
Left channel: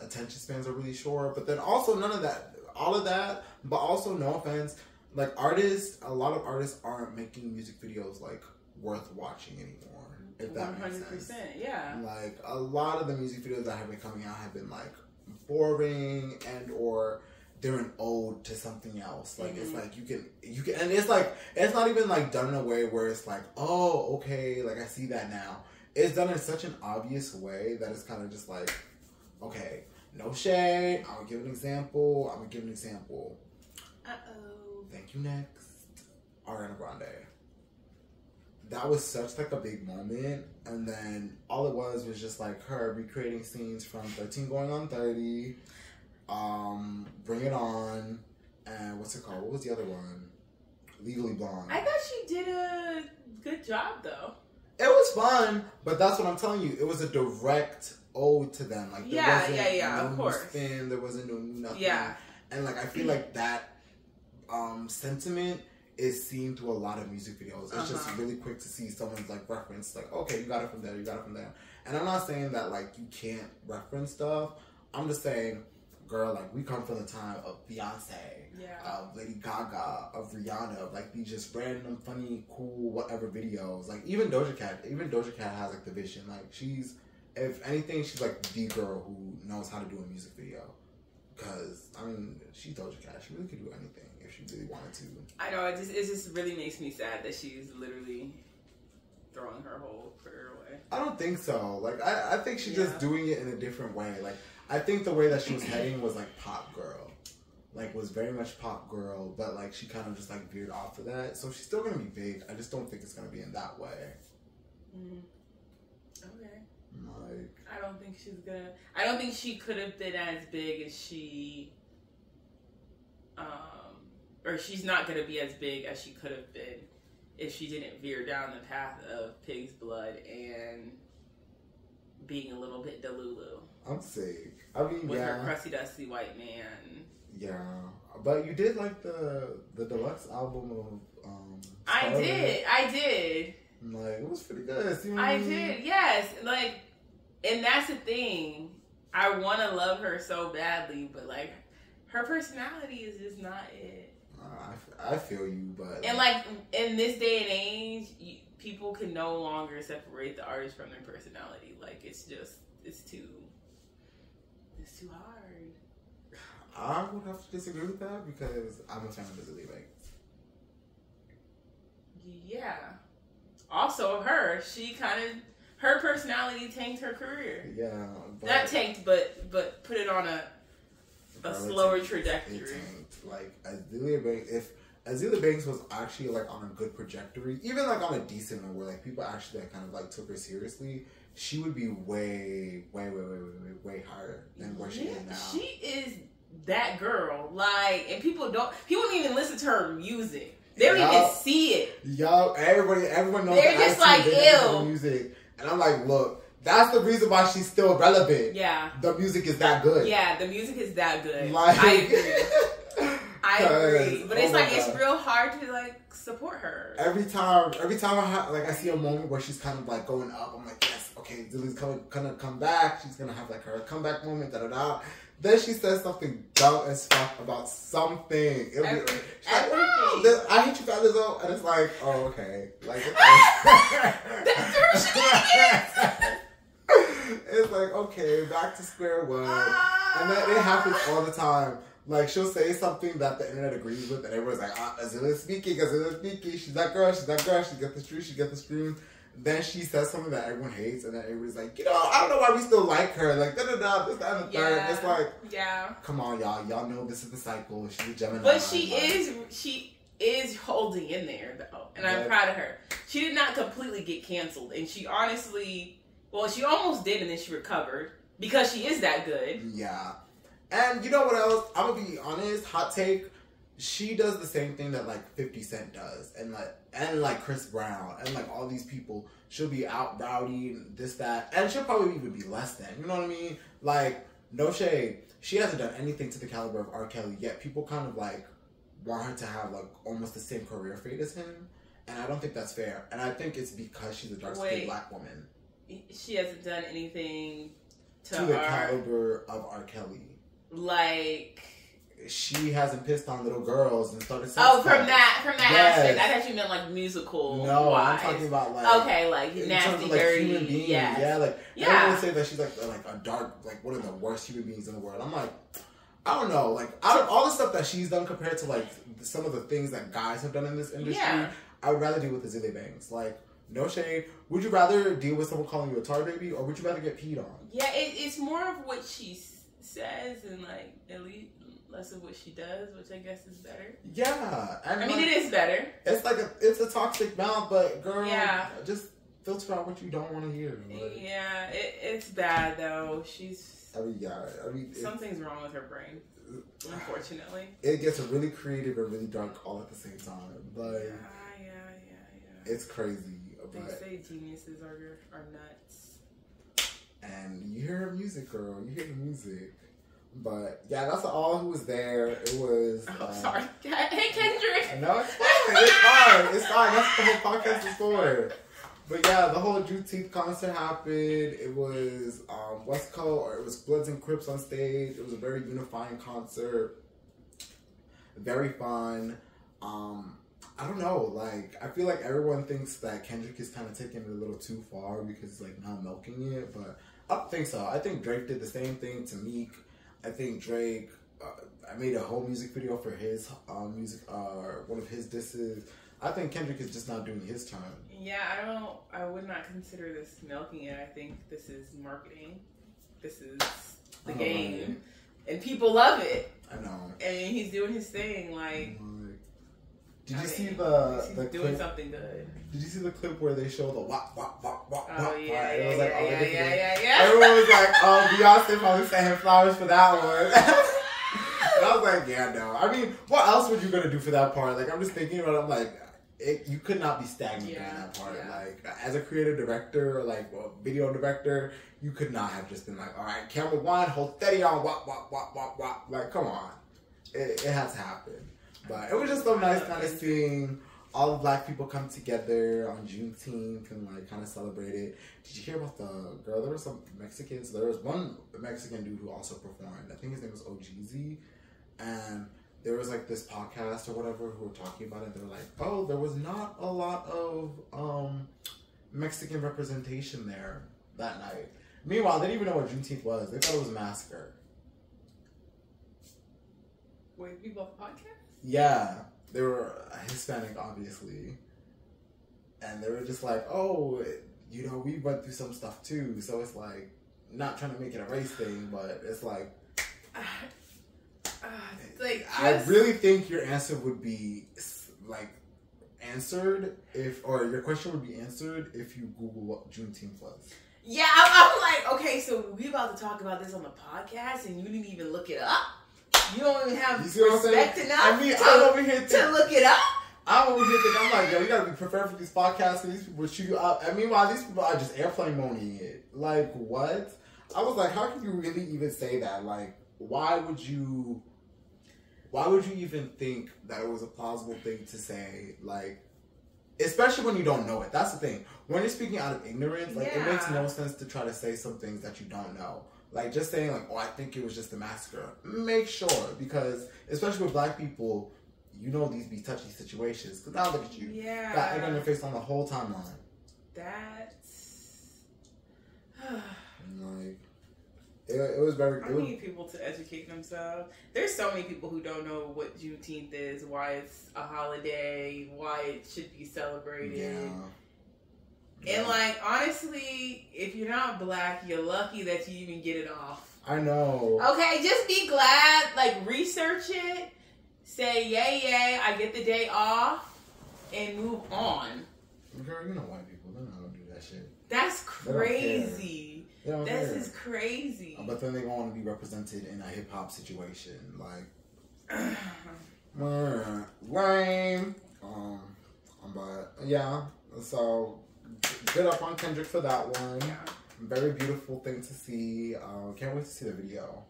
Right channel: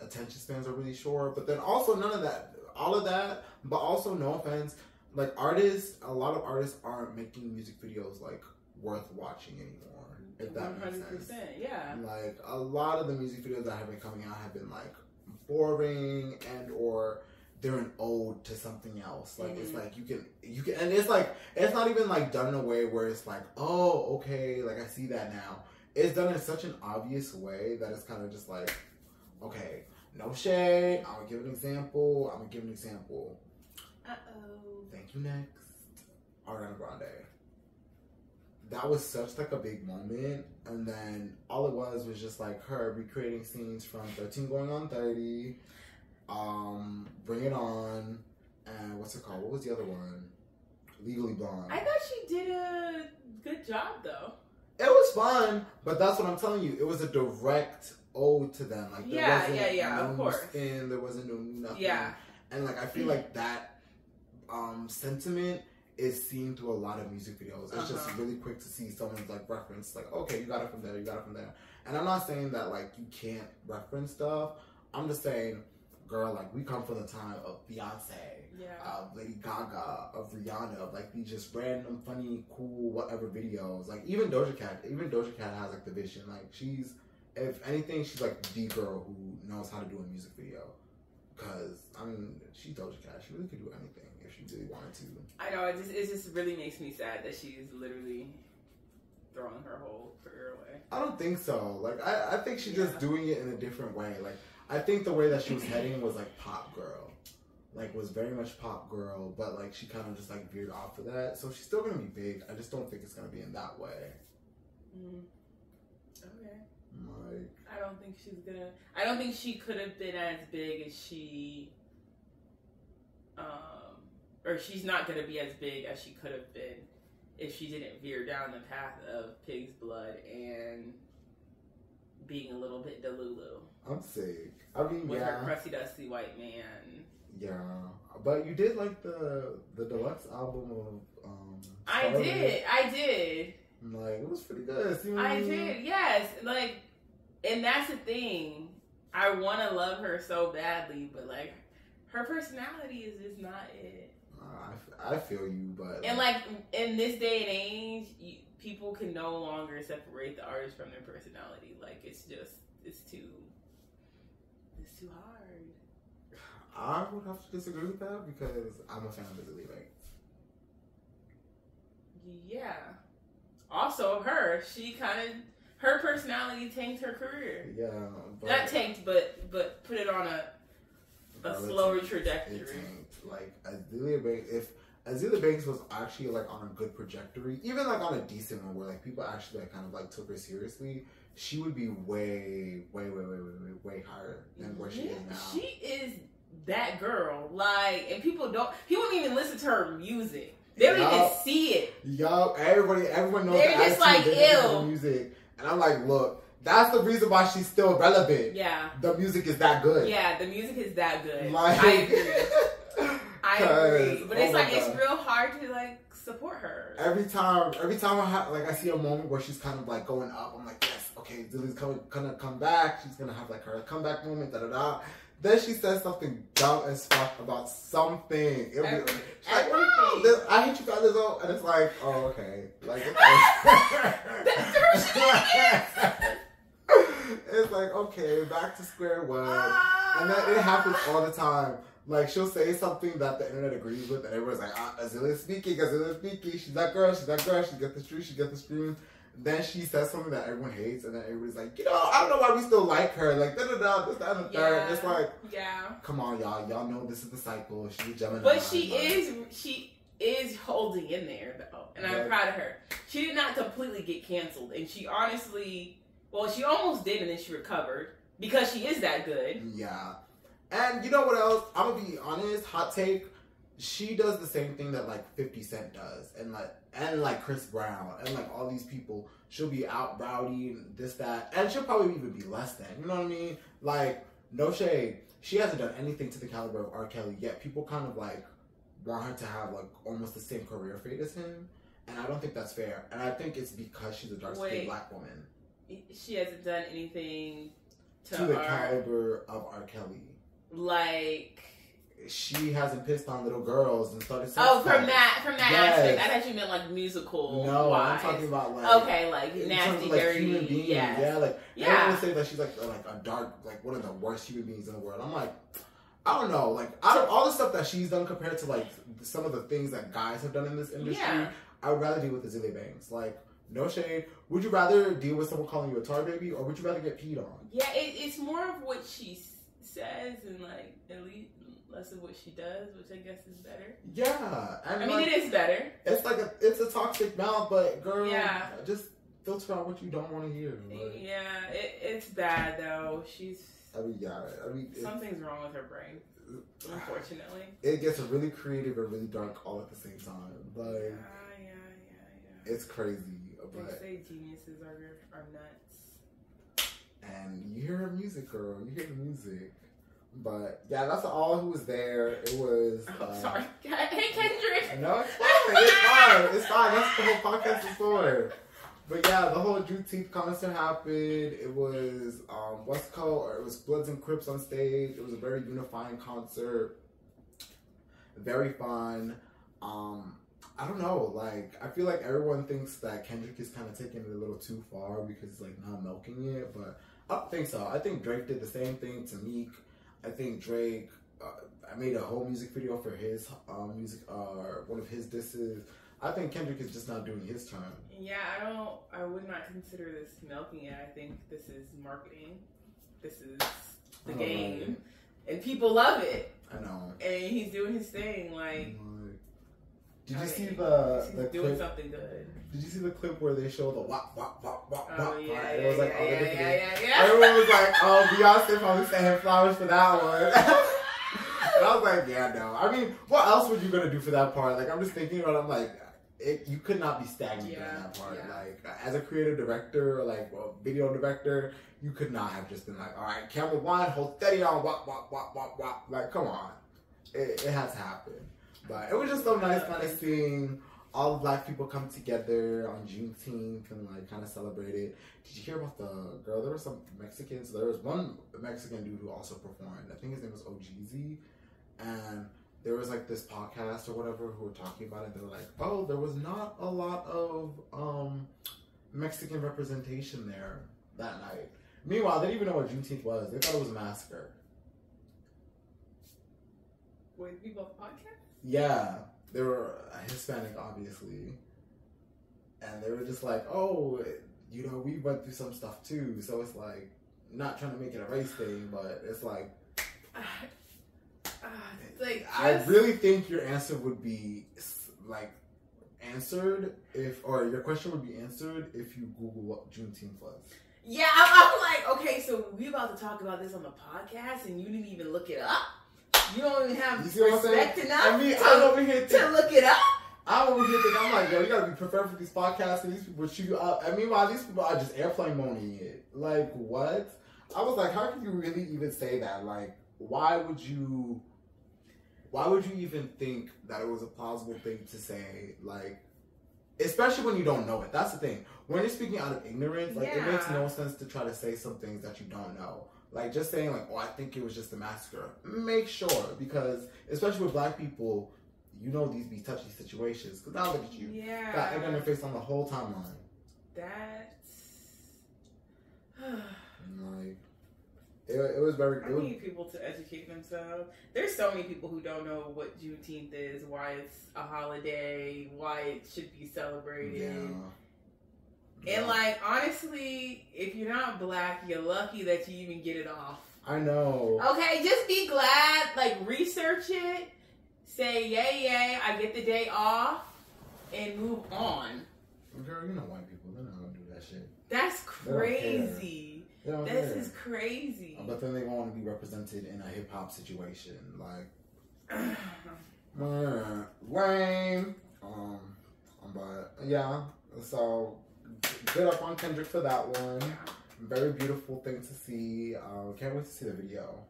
attention spans are really short. But then also none of that. All of that, but also, no offense, like, a lot of artists aren't making music videos, like, worth watching anymore, if that makes sense. 100%, yeah. Like, a lot of the music videos that have been coming out have been, like, boring and or they're an ode to something else. Like, it's like, you can, and it's like, it's not even, like, done in a way where it's like, oh, okay, like, I see that now. It's done in such an obvious way that it's kind of just like, okay, no shade. I'm gonna give an example. Uh-oh. Thank you. Next, Ariana Grande. That was such like a big moment, and then all it was just like her recreating scenes from 13 Going on 30, Bring It On, and what's it called? What was the other one? Legally Blonde. I thought she did a good job though. It was fun, but that's what I'm telling you. It was a direct ode to them. Like, there wasn't no of course. Spin, there wasn't no nothing. Yeah. And like, I feel like that sentiment is seen through a lot of music videos. It's just really quick to see someone's like reference, like, okay, you got it from there, you got it from there. And I'm not saying that like you can't reference stuff. I'm just saying, girl, like, we come from the time of Beyonce, of Lady Gaga, of Rihanna, of like these just random, funny, cool, whatever videos. Like, even Doja Cat has like the vision. Like, she's, if anything, she's like the girl who knows how to do a music video. Because, I mean, she's Doja Cat. She really could do anything if she really wanted to. I know, it just really makes me sad that she's literally throwing her whole career away. I don't think so. Like, I think she's just doing it in a different way. Like, I think the way that she was heading was like pop girl. Like, was very much pop girl, but like she kind of just like veered off of that. So she's still gonna be big. I just don't think it's gonna be in that way. Okay. Like, I don't think she could have been as big as she, or she's not gonna be as big as she could have been if she didn't veer down the path of pig's blood and being a little bit delulu. I'm sick. I mean, with yeah. her crusty dusty white man. Yeah, but you did like the deluxe album of I did. Like, it was pretty good. See what I did, yes. Like, and that's the thing. I want to love her so badly, but like, her personality is just not it. I feel you, but and like in this day and age, people can no longer separate the artist from their personality. Like, it's too hard. I would have to disagree with that because I'm a fan of Azealia Banks. Yeah. Also, her personality tanked her career. Yeah, but not tanked, but put it on a slower trajectory. It tanked. Like, Azealia Banks, if Azealia Banks was actually like on a good trajectory, even like on a decent one where like people actually like kind of like took her seriously, she would be way higher than where she is now. She is that girl. Like, and people don't even listen to her music. They don't even see it. Yo, everyone knows. They're just like, ew. Music, and I'm like, look, that's the reason why she's still relevant. Yeah, the music is that good. Yeah, the music is that good. Like, I agree. I agree, but it's like God. It's real hard to like support her. Every time I see a moment where she's kind of like going up, I'm like, yes, okay, Zillie's gonna come back. She's gonna have like her comeback moment. Da da da. Then she says something dumb as fuck about something. She's like, wow, I hate you guys though. And it's like, oh, okay. Like, it's like, okay, back to square one. And then it happens all the time. Like, she'll say something that the internet agrees with, and everyone's like, Azealia's speaking. She's that girl, she got the stream. Then she says something that everyone hates, and then everybody's like, I don't know why we still like her. Like, da-da-da, this, that, and the third. It's like, come on, y'all. Y'all know this is the cycle. She's a Gemini. But she is holding in there, though. And I'm proud of her. She did not completely get canceled. And she honestly, she almost did, and then she recovered. Because she is that good. Yeah. And you know what else? I'm going to be honest. Hot take. She does the same thing that like 50 Cent does, and like Chris Brown, and like all these people. She'll be out rowdy and this, that, and she'll probably even be less than. You know what I mean? Like, no shade. She hasn't done anything to the caliber of R. Kelly yet. People kind of like want her to have like almost the same career fate as him, and I don't think that's fair. And I think it's because she's a dark-skinned black woman. She hasn't done anything to the caliber of R. Kelly. Like, she hasn't pissed on little girls and started. From that aspect, I thought you meant like musical. No, wise. I'm talking about like like nasty, like, dirty human beings. Yes. Yeah, like everyone say that she's like a dark, like one of the worst human beings in the world. I'm like, I don't know. Like, out of all the stuff that she's done compared to like some of the things that guys have done in this industry, I would rather deal with Azealia Banks. Like, no shade. Would you rather deal with someone calling you a tar baby, or would you rather get peed on? Yeah, it's more of what she says and like at least less of what she does, which I guess is better. Yeah, and I mean, it is better. It's like it's a toxic mouth, but girl, just filter out what you don't want to hear. Like, yeah, it's bad though. Something's wrong with her brain. Unfortunately, it gets really creative and really dark all at the same time. But it's crazy. They say geniuses are nuts. And you hear her music, girl. You hear the music. But yeah, that's all who was there. It was. Sorry. Hey, Kedrick. No, it's fine. It's fine. That's what the whole podcast is for. But yeah, the whole Juneteenth concert happened. It was West Coast. It was Bloods and Crips on stage. It was a very unifying concert. Very fun. I don't know. Like, I feel like everyone thinks that Kendrick is kind of taking it a little too far because he's like not milking it, but I don't think so. I think Drake did the same thing to Meek. I think Drake, I made a whole music video for his one of his disses. I think Kendrick is just not doing his turn. Yeah, I would not consider this milking it. I think this is marketing. This is the game. And people love it. I know. And he's doing his thing. Like, did you see the doing clip? Something good. Did you see the clip where they show the wop wop wop wop wop? Oh yeah, it was like everyone was like, "Oh, Beyonce probably sent him flowers for that one." And I was like, "Yeah, no. I mean, what else were you gonna do for that part?" Like, I'm just thinking about it. I'm like, you could not be stagnant in that part. Yeah. Like, as a creative director, or like a video director, you could not have just been like, all right, camera one, hold steady on, wop, wop, wop, wop, wop. Like, come on. It has to happen. But it was just so nice kind of seeing all the black people come together on Juneteenth and like kind of celebrate it. Did you hear about the girl? There were some Mexicans. There was one Mexican dude who also performed. I think his name was OGZ. And there was like this podcast or whatever who were talking about it. They were like, oh, there was not a lot of Mexican representation there that night. Meanwhile, they didn't even know what Juneteenth was. They thought it was a massacre. Wait, people on the podcast? Yeah. They were Hispanic, obviously. And they were just like, oh, you know, we went through some stuff too. So it's like, not trying to make it a race thing, but it's like... I really think your answer would be like answered or your question would be answered if you Google what Juneteenth was. Yeah, I'm like, okay, so we about to talk about this on the podcast and you didn't even look it up? You don't even have respect enough I'm over here to look it up? I'm over here thinking, I'm like, yo, you gotta be prepared for these podcasts and these people shoot you up. And meanwhile, these people are just airplane moaning it. Like, what? I was like, how can you really even say that? Like, why would you even think that it was a plausible thing to say? Like, especially when you don't know it. That's the thing. When you're speaking out of ignorance, like, it makes no sense to try to say some things that you don't know. Like, just saying, like, oh, I think it was just a massacre. Make sure, because, especially with black people, you know these be touchy situations. Because now look at you. Yeah. Got egg on your face on the whole timeline. That's... like... It was very... I need people to educate themselves. There's so many people who don't know what Juneteenth is, why it's a holiday, why it should be celebrated. Yeah. And like, honestly, if you're not black, you're lucky that you even get it off. I know. Okay, just be glad, like, research it, say, yay, I get the day off, and move on. Girl, you know white people, they're not gonna do that shit. That's crazy. This is crazy. But then they want to be represented in a hip hop situation, like lame. But yeah, so good up on Kedrick for that one. Yeah. Very beautiful thing to see. Can't wait to see the video.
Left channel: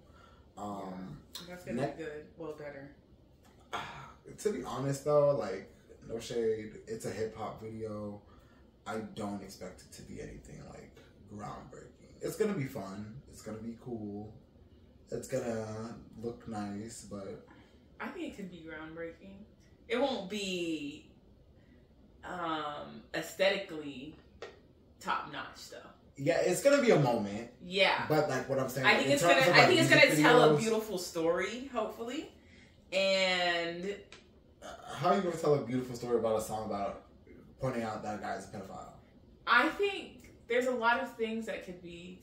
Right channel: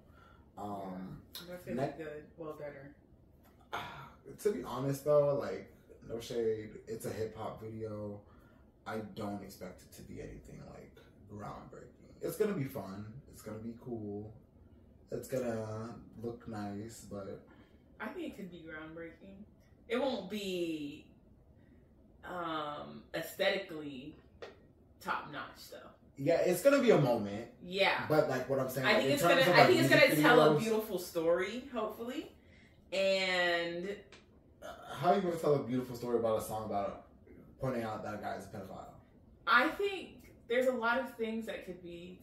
That's gonna be good. Well, better. To be honest though, like, no shade, it's a hip hop video. I don't expect it to be anything like groundbreaking. It's gonna be fun. It's gonna be cool. It's gonna look nice, but I think it could be groundbreaking. It won't be aesthetically top notch though. Yeah, it's gonna be a moment. Yeah, but like what I'm saying, I think it's gonna tell a beautiful story, hopefully. And how are you gonna tell a beautiful story about a song about pointing out that guy's a pedophile? I think there's a lot of things that could be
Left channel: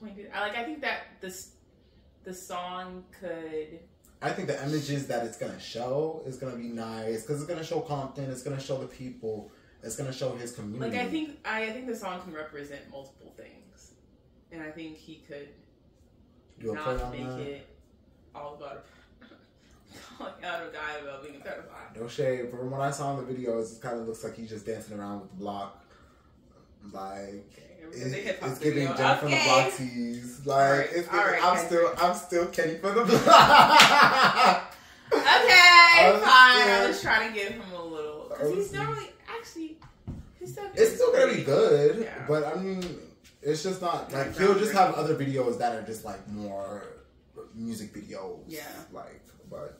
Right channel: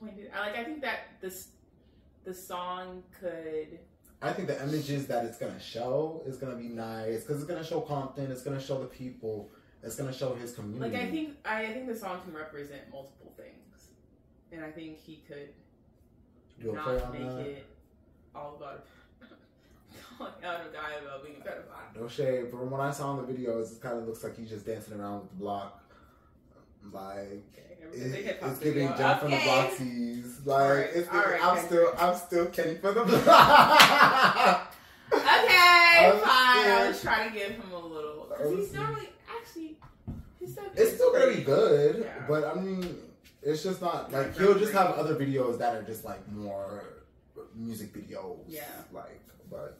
pointed. I think that the song could. I think the images that it's gonna show is gonna be nice because it's gonna show Compton. It's gonna show the people. It's gonna show his community. Like I think the song can represent multiple things, and I think he could not make it all about calling out a guy about being a pedophile. No shade. From what I saw in the videos, it kind of looks like he's just dancing around with the block. Like, it's giving Jennifer from the block tease. Like, it's giving, I'm still Kenny for the block. Okay, fine. I was trying to give him a little, because he's normally it's still gonna be good, but I mean, it's just not like he'll just have other videos that are just like more music videos. Yeah, like, but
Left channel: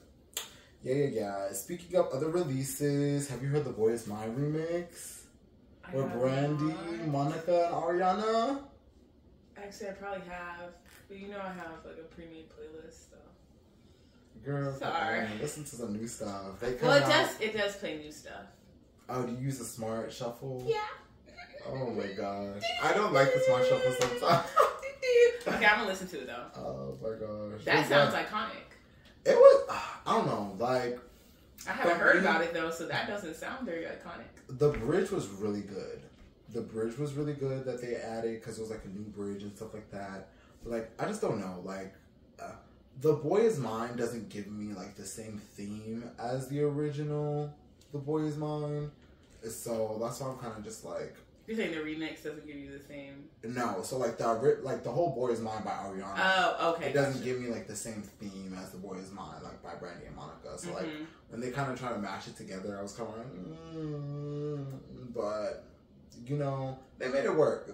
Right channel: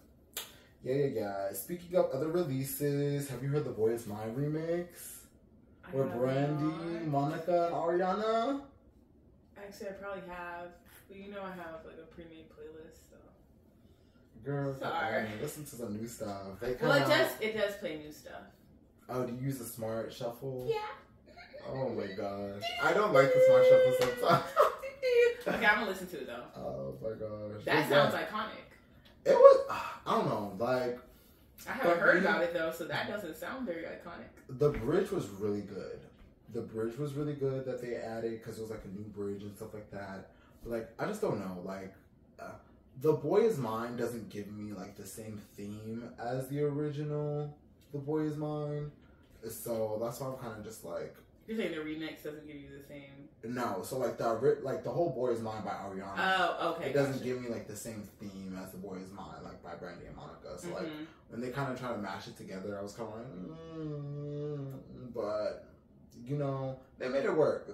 yeah. Speaking of other releases, have you heard the Boy Is Mine remix? With Brandy, Monica, and Ariana? Actually, I probably have. But you know I have like a pre-made playlist, so. Girl, sorry. Listen to some new stuff. It does play new stuff. Oh, do you use a smart shuffle? Yeah. Oh my gosh. I don't like the smart shuffle sometimes. Okay, I'm gonna listen to it though. Oh my gosh. That sounds iconic. It was, I don't know, like. I haven't heard about it though, so that doesn't sound very iconic. The bridge was really good. The bridge was really good that they added because it was like a new bridge and stuff like that. But like, I just don't know. Like, The Boy Is Mine doesn't give me like the same theme as the original. The Boy Is Mine. So that's why I'm kind of just like. You're saying the remix doesn't give you the same? No, so like the whole Boy Is Mine by Ariana. Oh, okay. It doesn't give me like the same theme as The Boy Is Mine, like by Brandy and Monica. So like when they kind of try to mash it together, I was kind of like, but you know, they made it work.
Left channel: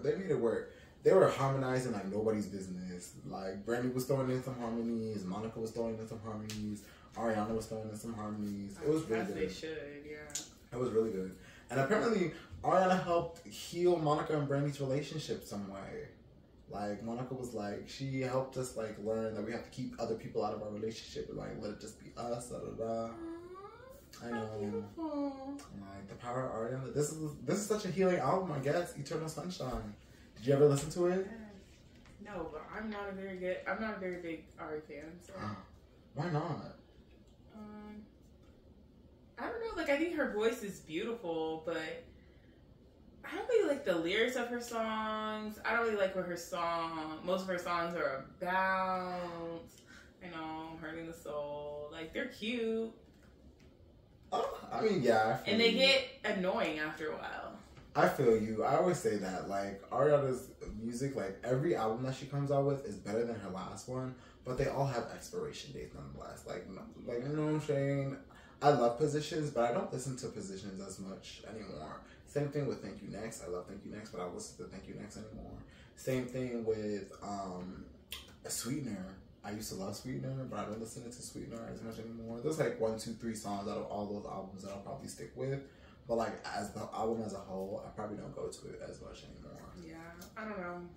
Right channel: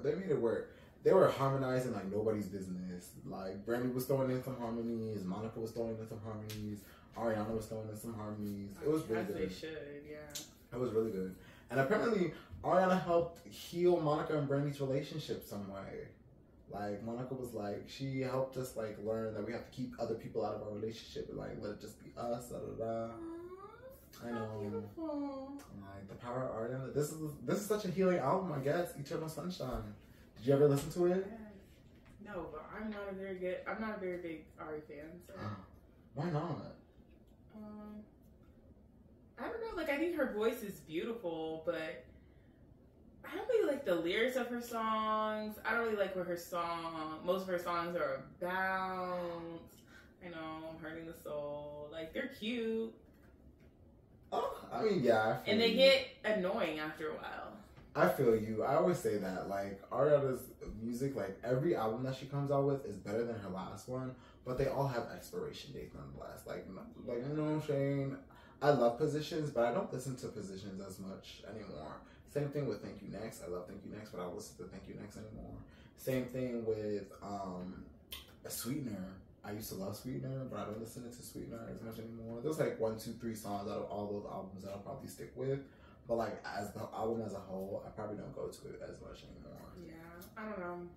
They were harmonizing like nobody's business. Like Brandy was throwing in some harmonies, Monica was throwing in some harmonies, Ariana was throwing in some harmonies. It was really good. They should, yeah. It was really good, and apparently Ariana helped heal Monica and Brandy's relationship some way. Like, Monica was like, she helped us, like, learn that we have to keep other people out of our relationship and, like, let it just be us, da da da. I know. Beautiful. Like, the power of Ariana. This is such a healing album, I guess. Eternal Sunshine. Did you ever listen to it? Yeah. No, but I'm not a very big Ari fan, so. Why not? I don't know, like, I think her voice is beautiful, but I don't really like the lyrics of her songs. I don't really like what most of her songs are about. You know, hurting the soul. Like, they're cute. Oh, I mean, yeah. And they get annoying after a while. I feel you. I always say that. Like, Ariana's music, like, every album that she comes out with is better than her last one, but they all have expiration dates nonetheless. Like you know what I'm saying? I love Positions, but I don't listen to Positions as much anymore. Same thing with Thank You Next. I love Thank You Next, but I don't listen to Thank You Next anymore. Same thing with Sweetener. I used to love Sweetener, but I don't listen to Sweetener as much anymore. There's like 1, 2, 3 songs out of all those albums that I'll probably stick with. But like as the album as a whole, I probably don't go to it as much anymore. Yeah, I don't know.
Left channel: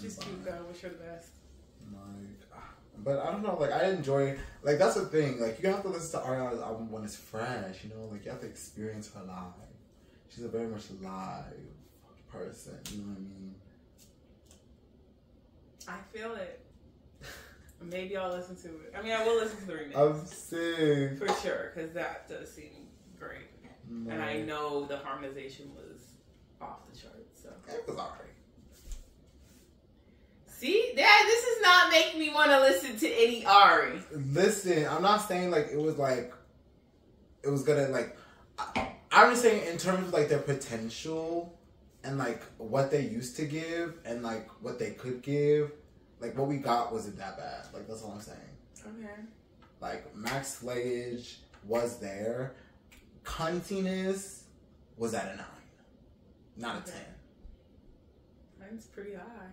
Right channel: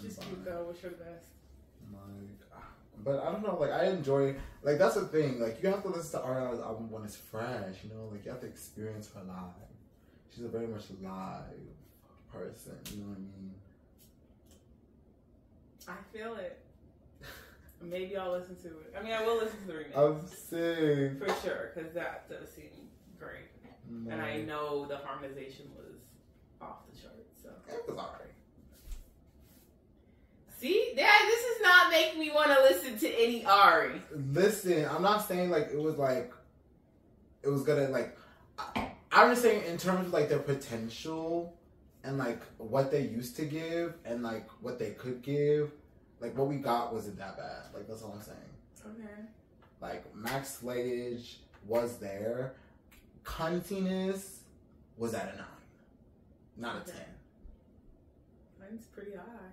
Just cute though. Wish her the best. Like, but I don't know. Like I enjoy. Like that's the thing. Like you have to listen to Ariana's album when it's fresh. You know, like you have to experience her live. She's a very much live person. You know what I mean? I feel it. Maybe I'll listen to it. I mean, I will listen to the remix. I'm sick. For sure, because that does seem great. No. And I know the harmonization was off the charts. So. It was alright. See? Dad, this does not make me want to listen to any Ari. Listen, I'm not saying like it was gonna like... I'm just saying in terms of like their potential and like what they used to give and like what they could give, like what we got wasn't that bad. Like that's all I'm saying. Okay. Like Max Slayage was there. Cuntiness was at a 9, not a 10. 9's pretty high.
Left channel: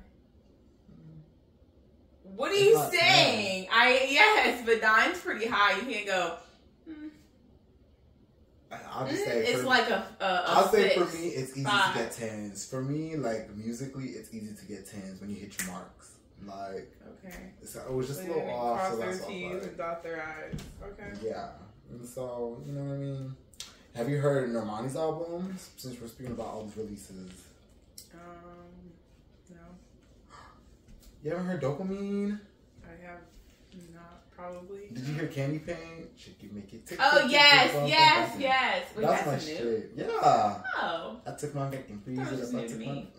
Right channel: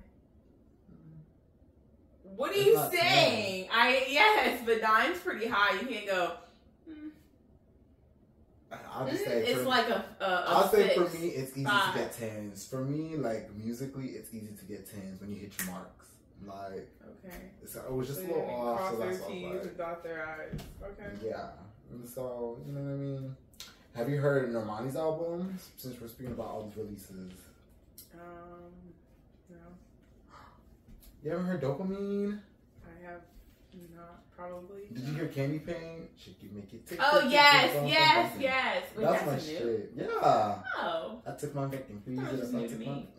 What are you saying? 10. Yes, but 9's pretty high. You can't go. I'll just say it's like I'll say 6, for me it's easy 5. To get 10s. For me, like musically, it's easy to get 10s when you hit your marks. Like so it was just a little off. So that's why. And dot their eyes. Okay. Yeah, and so you know what I mean. Have you heard Normani's album? Since we're speaking about all these releases. No. You haven't heard Dopamine? I have not, probably. Did you hear Candy Paint? Should you make it tick? Oh, yes. Wait, that's my shit. Yeah. Oh. I took my Vic and freeze it. New to me.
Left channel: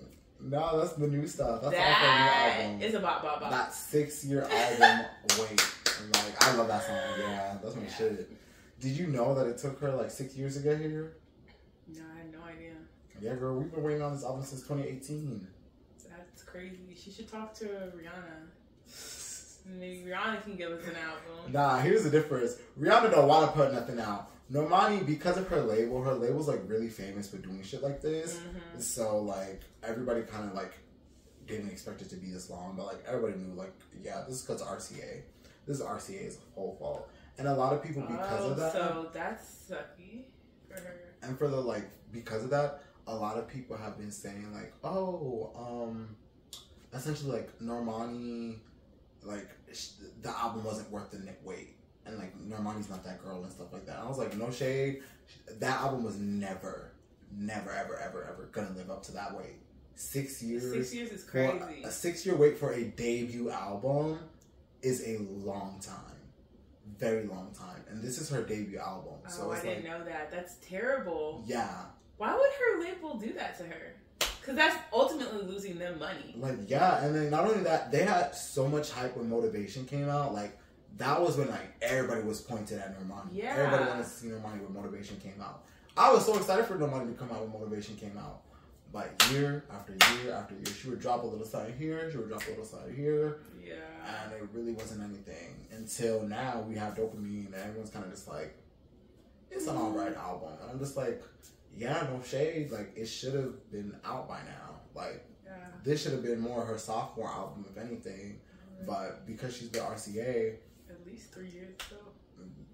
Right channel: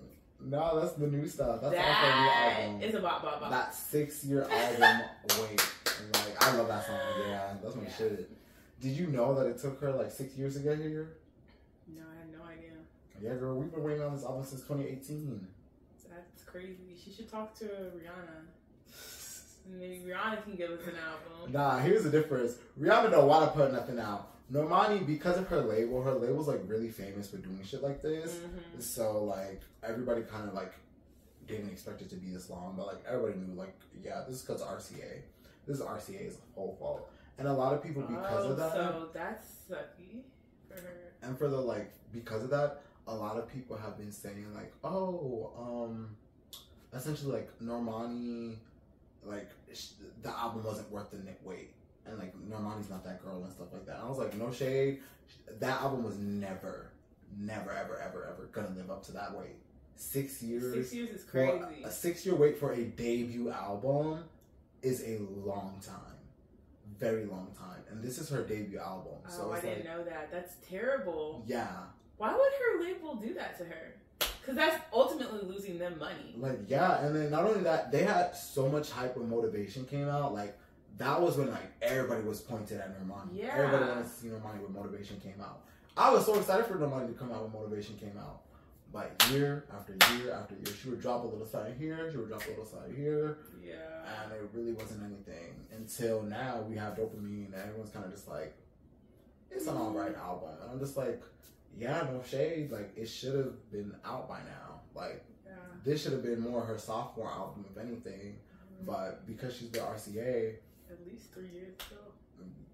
No, that's the new stuff. That's off her new album. It's a bop. That 6-year album. Wait. Like, I love that song. Yeah, that's my shit. Did you know that it took her like 6 years to get here? No, I had no idea. Yeah, girl, we've been waiting on this album since 2018. That's crazy. She should talk to Rihanna. Maybe Rihanna can give us an album. Nah, here's the difference. Rihanna don't want to put nothing out. Normani, because of her label's like really famous for doing shit like this. Mm-hmm. So like everybody kind of like didn't expect it to be this long, but like everybody knew like yeah, this is because RCA. This is RCA's whole fault. And a lot of people, because of that... So that's sucky for her. And for the, like, because of that, a lot of people have been saying, like, essentially, like, Normani, like, the album wasn't worth the wait. And, like, Normani's not that girl and stuff like that. And I was like, no shade. That album was never, ever gonna live up to that wait. 6 years. 6 years is crazy. A 6-year wait for a debut album is a long time. Very long time, and this is her debut album. So I didn't know that. That's terrible. Yeah. Why would her label do that to her? Because that's ultimately losing them money. Like, yeah, and then not only that, they had so much hype when Motivation came out. Like, that was when like everybody was pointed at Normani. Yeah. Everybody wanted to see Normani when Motivation came out. I was so excited for Nobody to come out when Motivation came out. Like year after year after year, she would drop a little side here, she would drop a little side here. Yeah. And it really wasn't anything until now. We have Dopamine, and everyone's kind of just like, it's an alright album. And I'm just like, yeah, no shade. Like, it should have been out by now. Like, this should have been more her sophomore album, if anything. But because she's the RCA, at least 3 years ago.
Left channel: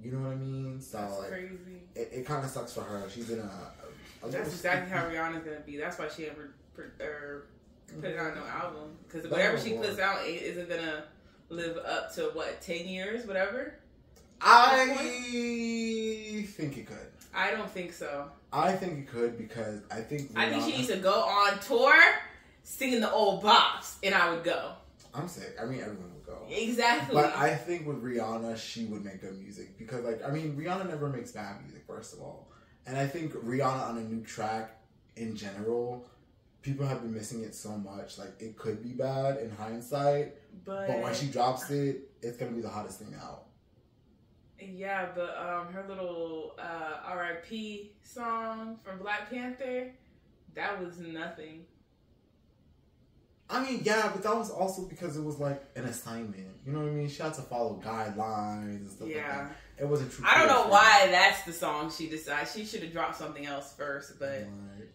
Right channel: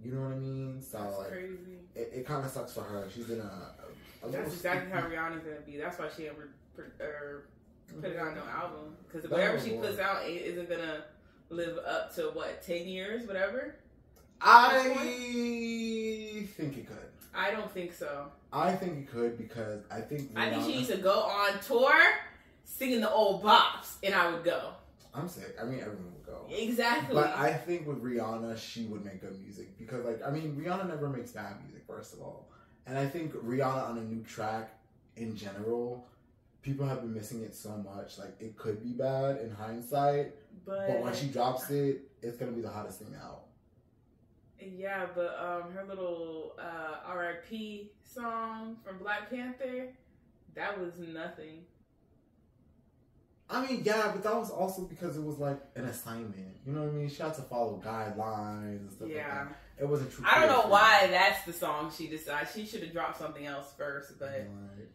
You know what I mean? So that's like, crazy. It kind of sucks for her. She's in a that's exactly how Rihanna's gonna be. That's why she ever put it on no album, because whatever she puts out isn't gonna live up to what 10 years, whatever. I think it could. I don't think so. I think it could because I think she needs to go on tour singing the old bops, and I would go. I'm sick. I mean, everyone would go. Exactly. But I think with Rihanna, she would make good music because, like, I mean, Rihanna never makes bad music, first of all. And I think Rihanna on a new track, in general, people have been missing it so much. Like, it could be bad in hindsight, but when she drops it, it's going to be the hottest thing out. Yeah, but her little R.I.P. song from Black Panther, that was nothing. I mean, yeah, but that was also because it was like an assignment. You know what I mean? She had to follow guidelines and stuff like that. It wasn't true. I don't know why that's the song she decided. She should have dropped something else first, but... Right.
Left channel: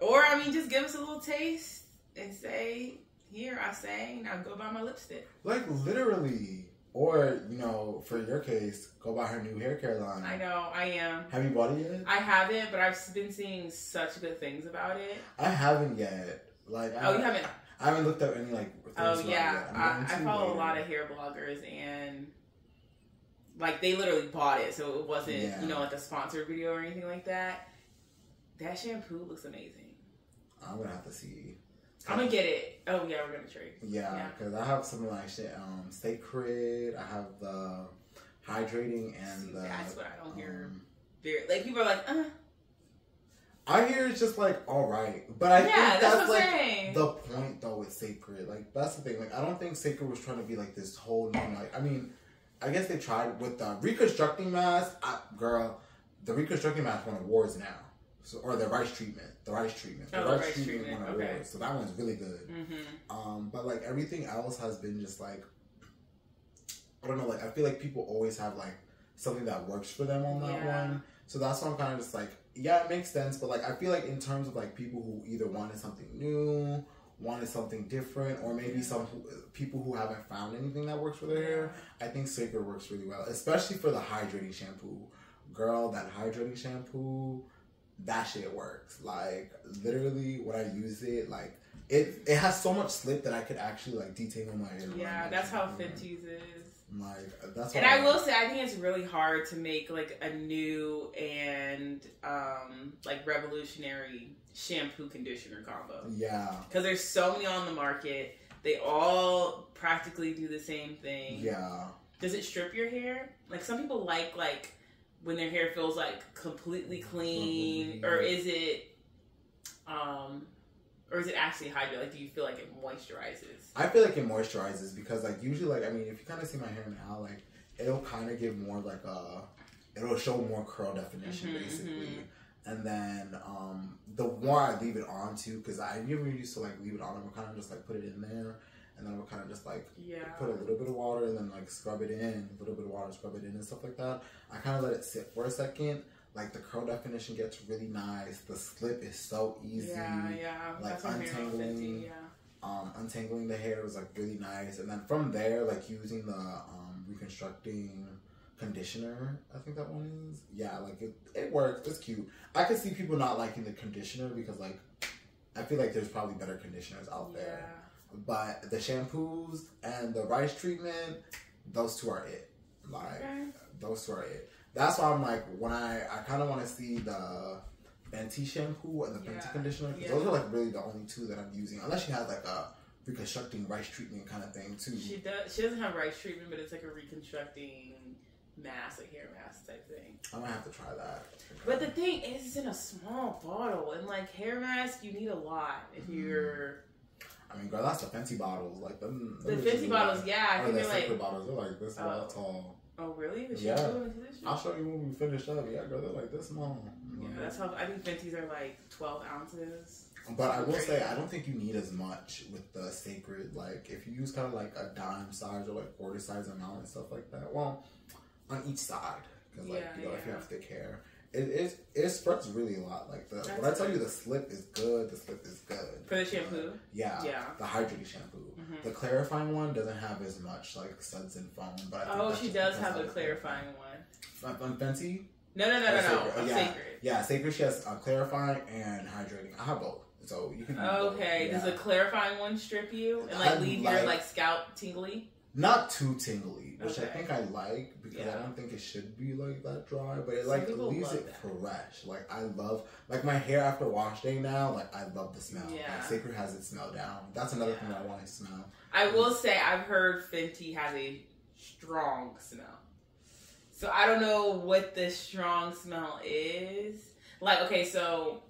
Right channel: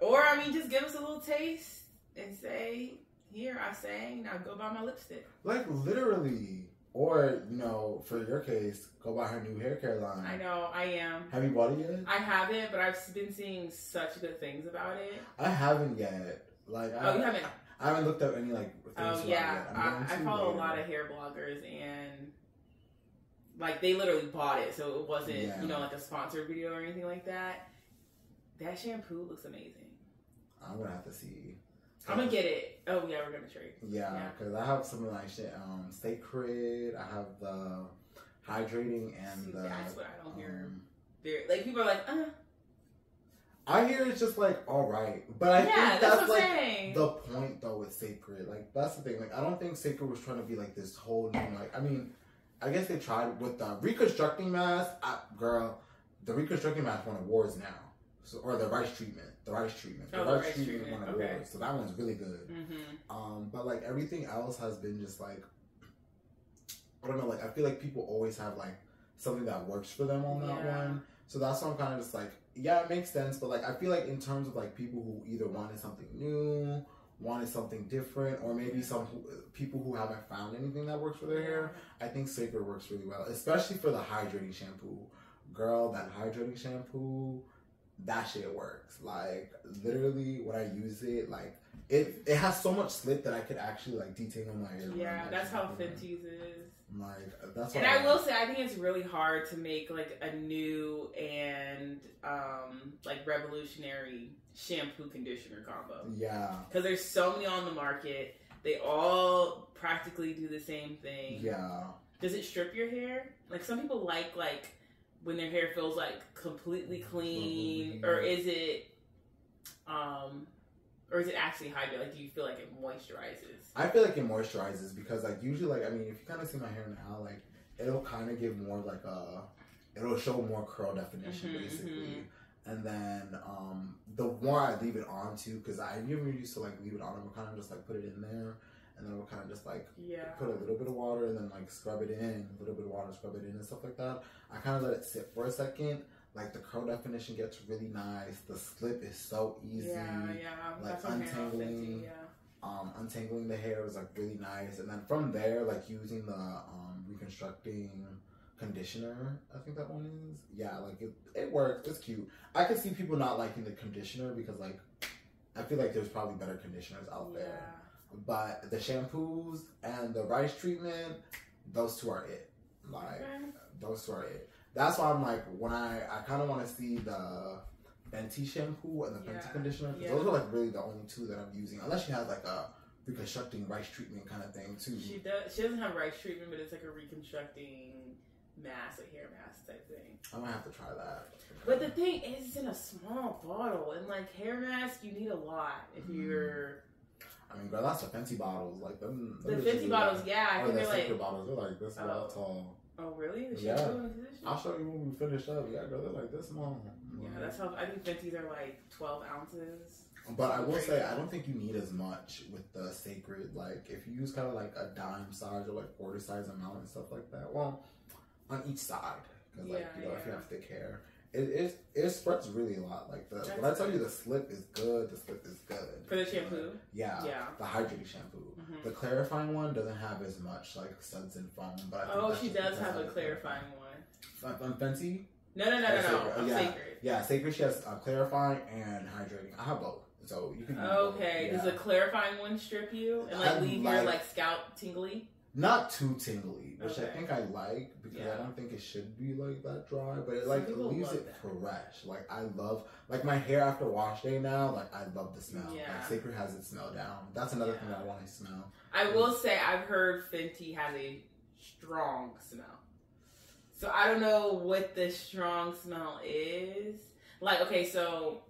Or, I mean, just give us a little taste and say, here, I sang, now go buy my lipstick. Like, literally. Or, you know, for your case, go buy her new hair care line. I know, I am. Have you bought it yet? I haven't, but I've been seeing such good things about it. I haven't yet. Like, you haven't? I haven't looked up any, like, things oh, yeah. yet. I follow a lot of hair bloggers, and, like, they literally bought it, so it wasn't, you know, like a sponsored video or anything like that. That shampoo looks amazing. I'm going to have to see. I'm going to get it. Oh, yeah, we're going to trade. Yeah, because I have some, like, shit, Cécred, I have the hydrating and the... That's what I don't hear. Like, people are like, I hear it's just like alright, but I think that's like the point though with Cécred. Like that's the thing. Like I don't think Cécred was trying to be like this whole new. Like I mean, I guess they tried with the reconstructing mask. Girl, the reconstructing mask won awards now, so or the rice treatment. The rice treatment won awards. So that one's really good. Mm-hmm. But like everything else has been just like I don't know. Like I feel like people always have like something that works for them on that one. So that's why I'm kind of just like. Yeah, it makes sense, but like I feel like in terms of like people who either wanted something new, wanted something different, or maybe people who haven't found anything that works for their hair, I think Cécred works really well, especially for the hydrating shampoo. Girl, that hydrating shampoo, that shit works. Like literally, when I use it, like it has so much slip that I could actually like detangle my hair. Yeah, that's how Fenty's is. Like that's. And I will say, I think it's really hard to make like a new and like revolutionary shampoo conditioner combo. Yeah. Because there's so many on the market. They all practically do the same thing. Yeah. Does it strip your hair? Like some people like when their hair feels like completely clean, or is it actually hydrated? Like, do you feel like it moisturizes? I feel like it moisturizes because, like, usually, like, I mean, if you kind of see my hair now, like, it'll kind of give more, like, it'll show more curl definition, basically. And then, the more I leave it on, too, because I never used to, like, leave it on, I would kind of just, like, put it in there, and then I would kind of just, like, put a little bit of water, and then, like, scrub it in, a little bit of water, scrub it in, and stuff like that. I kind of let it sit for a second. Like the curl definition gets really nice. The slip is so easy. Yeah. Like untangling, untangling the hair is like really nice. And then from there, like using the reconstructing conditioner, I think that one is. Yeah, like it works. It's cute. I could see people not liking the conditioner because like I feel like there's probably better conditioners out there. But the shampoos and the rice treatment, those two are it. Like those two are it. That's why I'm like, when I kind of want to see the Fenty shampoo and the Fenty conditioner, because those are like really the only two that I'm using. Unless she has like a reconstructing rice treatment kind of thing too. She doesn't have rice treatment, but it's like a reconstructing mask, like hair mask type thing. I might have to try that. But the thing is, it's in a small bottle, and like hair mask, you need a lot if you're. I mean, girl, that's the Fenty bottles, like them. The Fenty bottles, I think they're like. Cécred bottles, they're like this tall. Oh, really? The yeah. shampoo? I'll show you when we finish up. Yeah, girl, they're like this small. Yeah, that's how, I think Fenty's are like 12 ounces. But I will say, I don't think you need as much with the Cécred. Like, if you use kind of like a dime size or like quarter size amount and stuff like that, well, on each side. Because, like, you know, if you have thick hair, it spreads really a lot. Like, when I tell you the slip is good, the slip is good. For the shampoo? Yeah. The hydrating shampoo. Mm-hmm. The clarifying one doesn't have as much, like, suds and foam. But I think she does have a clarifying one. On Fenty? No. Cécred. Yeah, Cécred, she has clarifying and hydrating. I have both. So you can okay. Does the clarifying one strip you and like leave your like scalp tingly? Not too tingly, which I think I like because I don't think it should be like that dry, but it like leaves it fresh. Like I love like my hair after wash day now. Like I love the smell. Yeah. Like Cécred has it smell down. That's another thing I want to smell. I will say I've heard Fenty has a strong smell, so I don't know what the strong smell is. Like okay, so.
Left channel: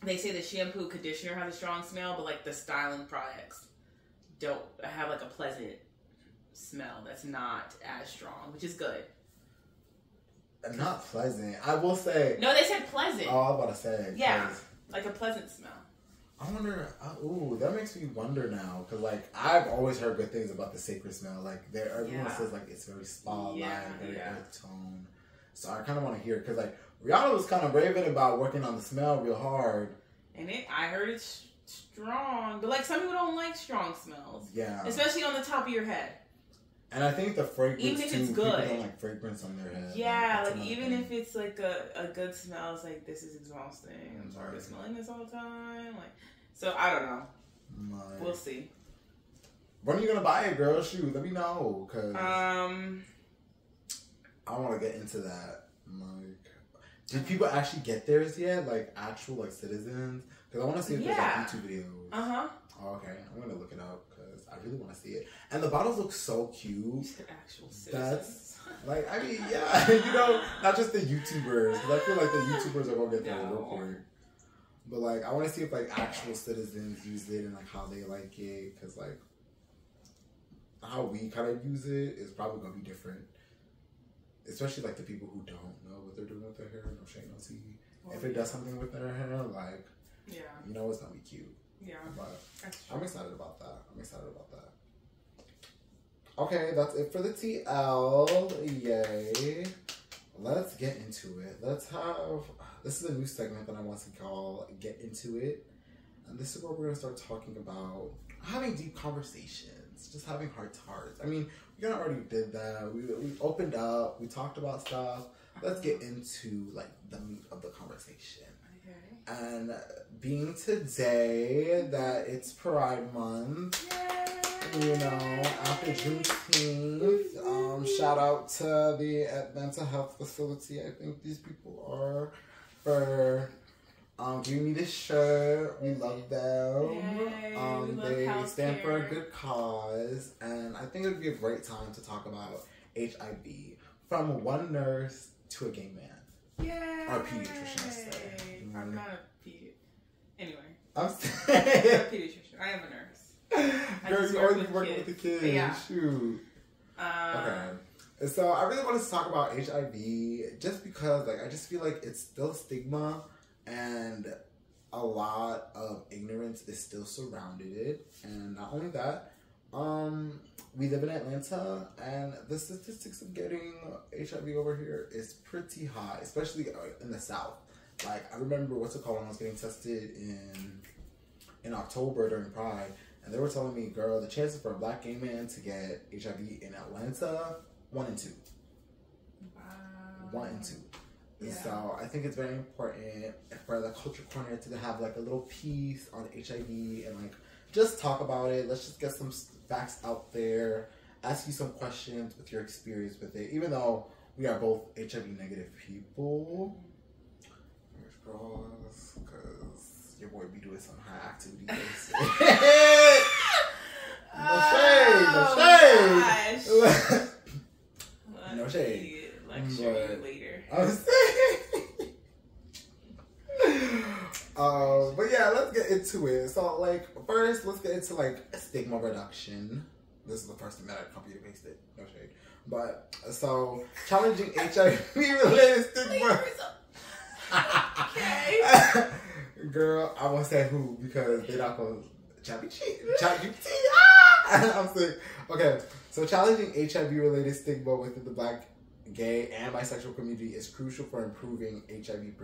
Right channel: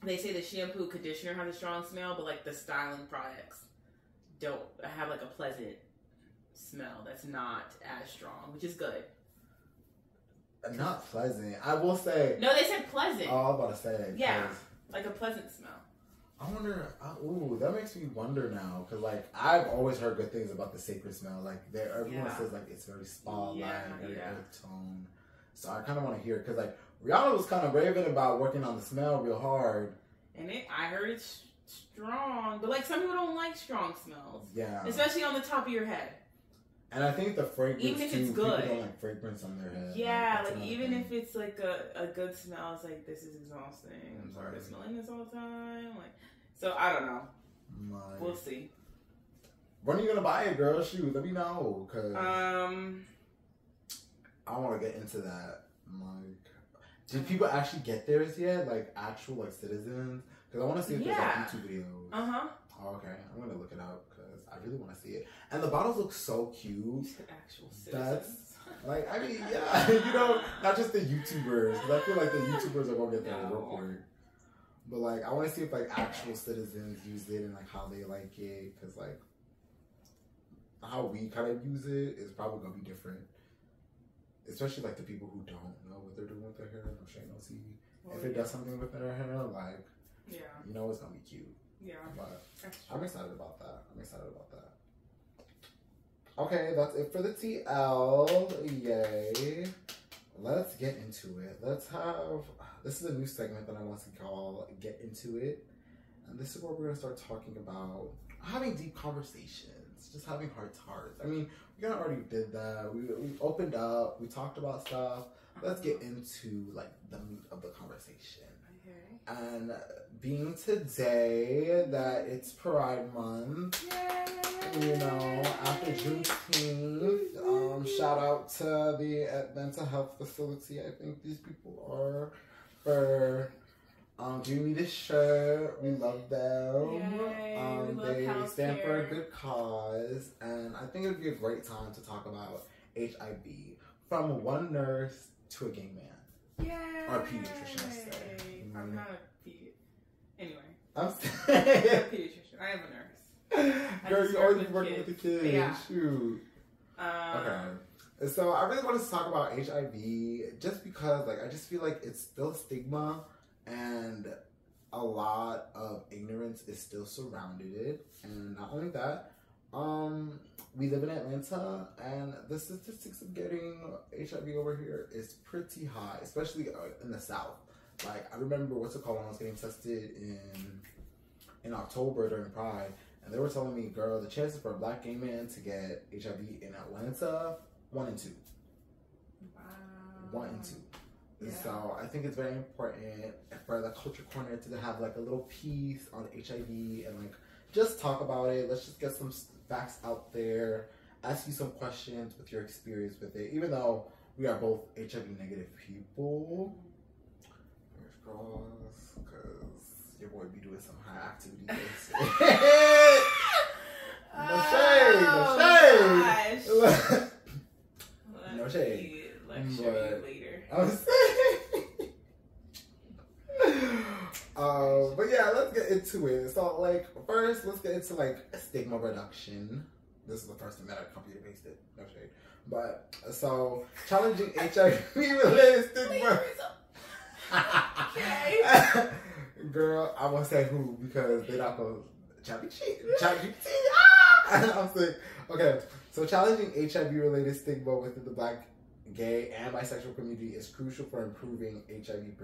They say the shampoo conditioner has a strong smell, but like the styling products don't have like a pleasant smell that's not as strong, which is good. Not pleasant. I will say. No, they said pleasant. Oh, I was about to say. Yeah, like a pleasant smell. I wonder. Ooh, that makes me wonder now, because like I've always heard good things about the Cécred smell. Like everyone says like it's very spa-like, very earth tone. So I kind of want to hear it because like. Rihanna was kind of raving about working on the smell real hard. And I heard it's strong. But, like, some people don't like strong smells. Yeah. Especially on the top of your head. And I think the fragrance, even if it's good. People don't like fragrance on their head. Yeah, like even if it's, like, a good smell, it's like, this is exhausting. I'm sorry for smelling this all the time. Like, so, I don't know. Like, we'll see. When are you going to buy it, girl? Shoot, let me know. Because I want to get into that. Like... Did people actually get theirs yet? Like, actual, like, citizens? Because I want to see if there's, like, YouTube videos. Oh, okay. I'm going to look it up because I really want to see it. And the bottles look so cute. Actual citizens. That's, like, I mean, yeah. You know, not just the YouTubers. Because I feel like the YouTubers are going to get there real quick. But, like, I want to see if, like, actual citizens use it and, like, how they like it. Because, like, how we kind of use it is probably going to be different. Especially, like, the people who don't know what they're doing with their hair. No shame, no tea. If it does something with their hair, like, you know it's going to be cute. Yeah. But I'm excited about that. Okay, that's it for the TL. Yay. Let's get into it. This is a new segment that I want to call Get Into It. And this is where we're going to start talking about having deep conversations. Just having heart to hearts. I mean, we kind of already did that. We opened up. We talked about stuff. Let's get into, like, the meat of the conversation. Okay. And being today that it's Pride Month, you know, after Juneteenth, shout out to the mental health facility. I think these people are for giving me this shirt. We love them. They stand for a good cause, and I think it would be a great time to talk about HIV from one nurse to a gay man. Yay! Or a pediatrician, I say. I'm not a pediatrician. Anyway. I'm a pediatrician. I am a nurse. Girl, you already working with the kids. Yeah. Shoot. Okay. So I really wanted to talk about HIV just because, like, I just feel like it's still stigma and a lot of ignorance is still surrounded it. And not only that, we live in Atlanta, and the statistics of getting HIV over here is pretty high, especially in the South. Like, I remember when I was getting tested in October during Pride, and they were telling me, girl, the chances for a black gay man to get HIV in Atlanta, 1 in 2. Wow. 1 in 2. And so I think it's very important for the Culture Corner to have, like, a little piece on HIV and, like, just talk about it. Let's just get some facts out there, ask you some questions with your experience with it, even though we are both HIV negative people. Fingers crossed, because your boy be doing some high activity based. No shade. Lecture you later. I'm saying. But yeah, let's get into it. So, like, first, let's get into, like, stigma reduction. This is the first thing that I copied and pasted. No shade. But, so, challenging HIV-related stigma. Okay. Girl, I won't say who because they're not going to ChatGPT. I'm sick. Okay, so challenging HIV-related stigma within the Black, gay, and bisexual community is crucial for improving HIV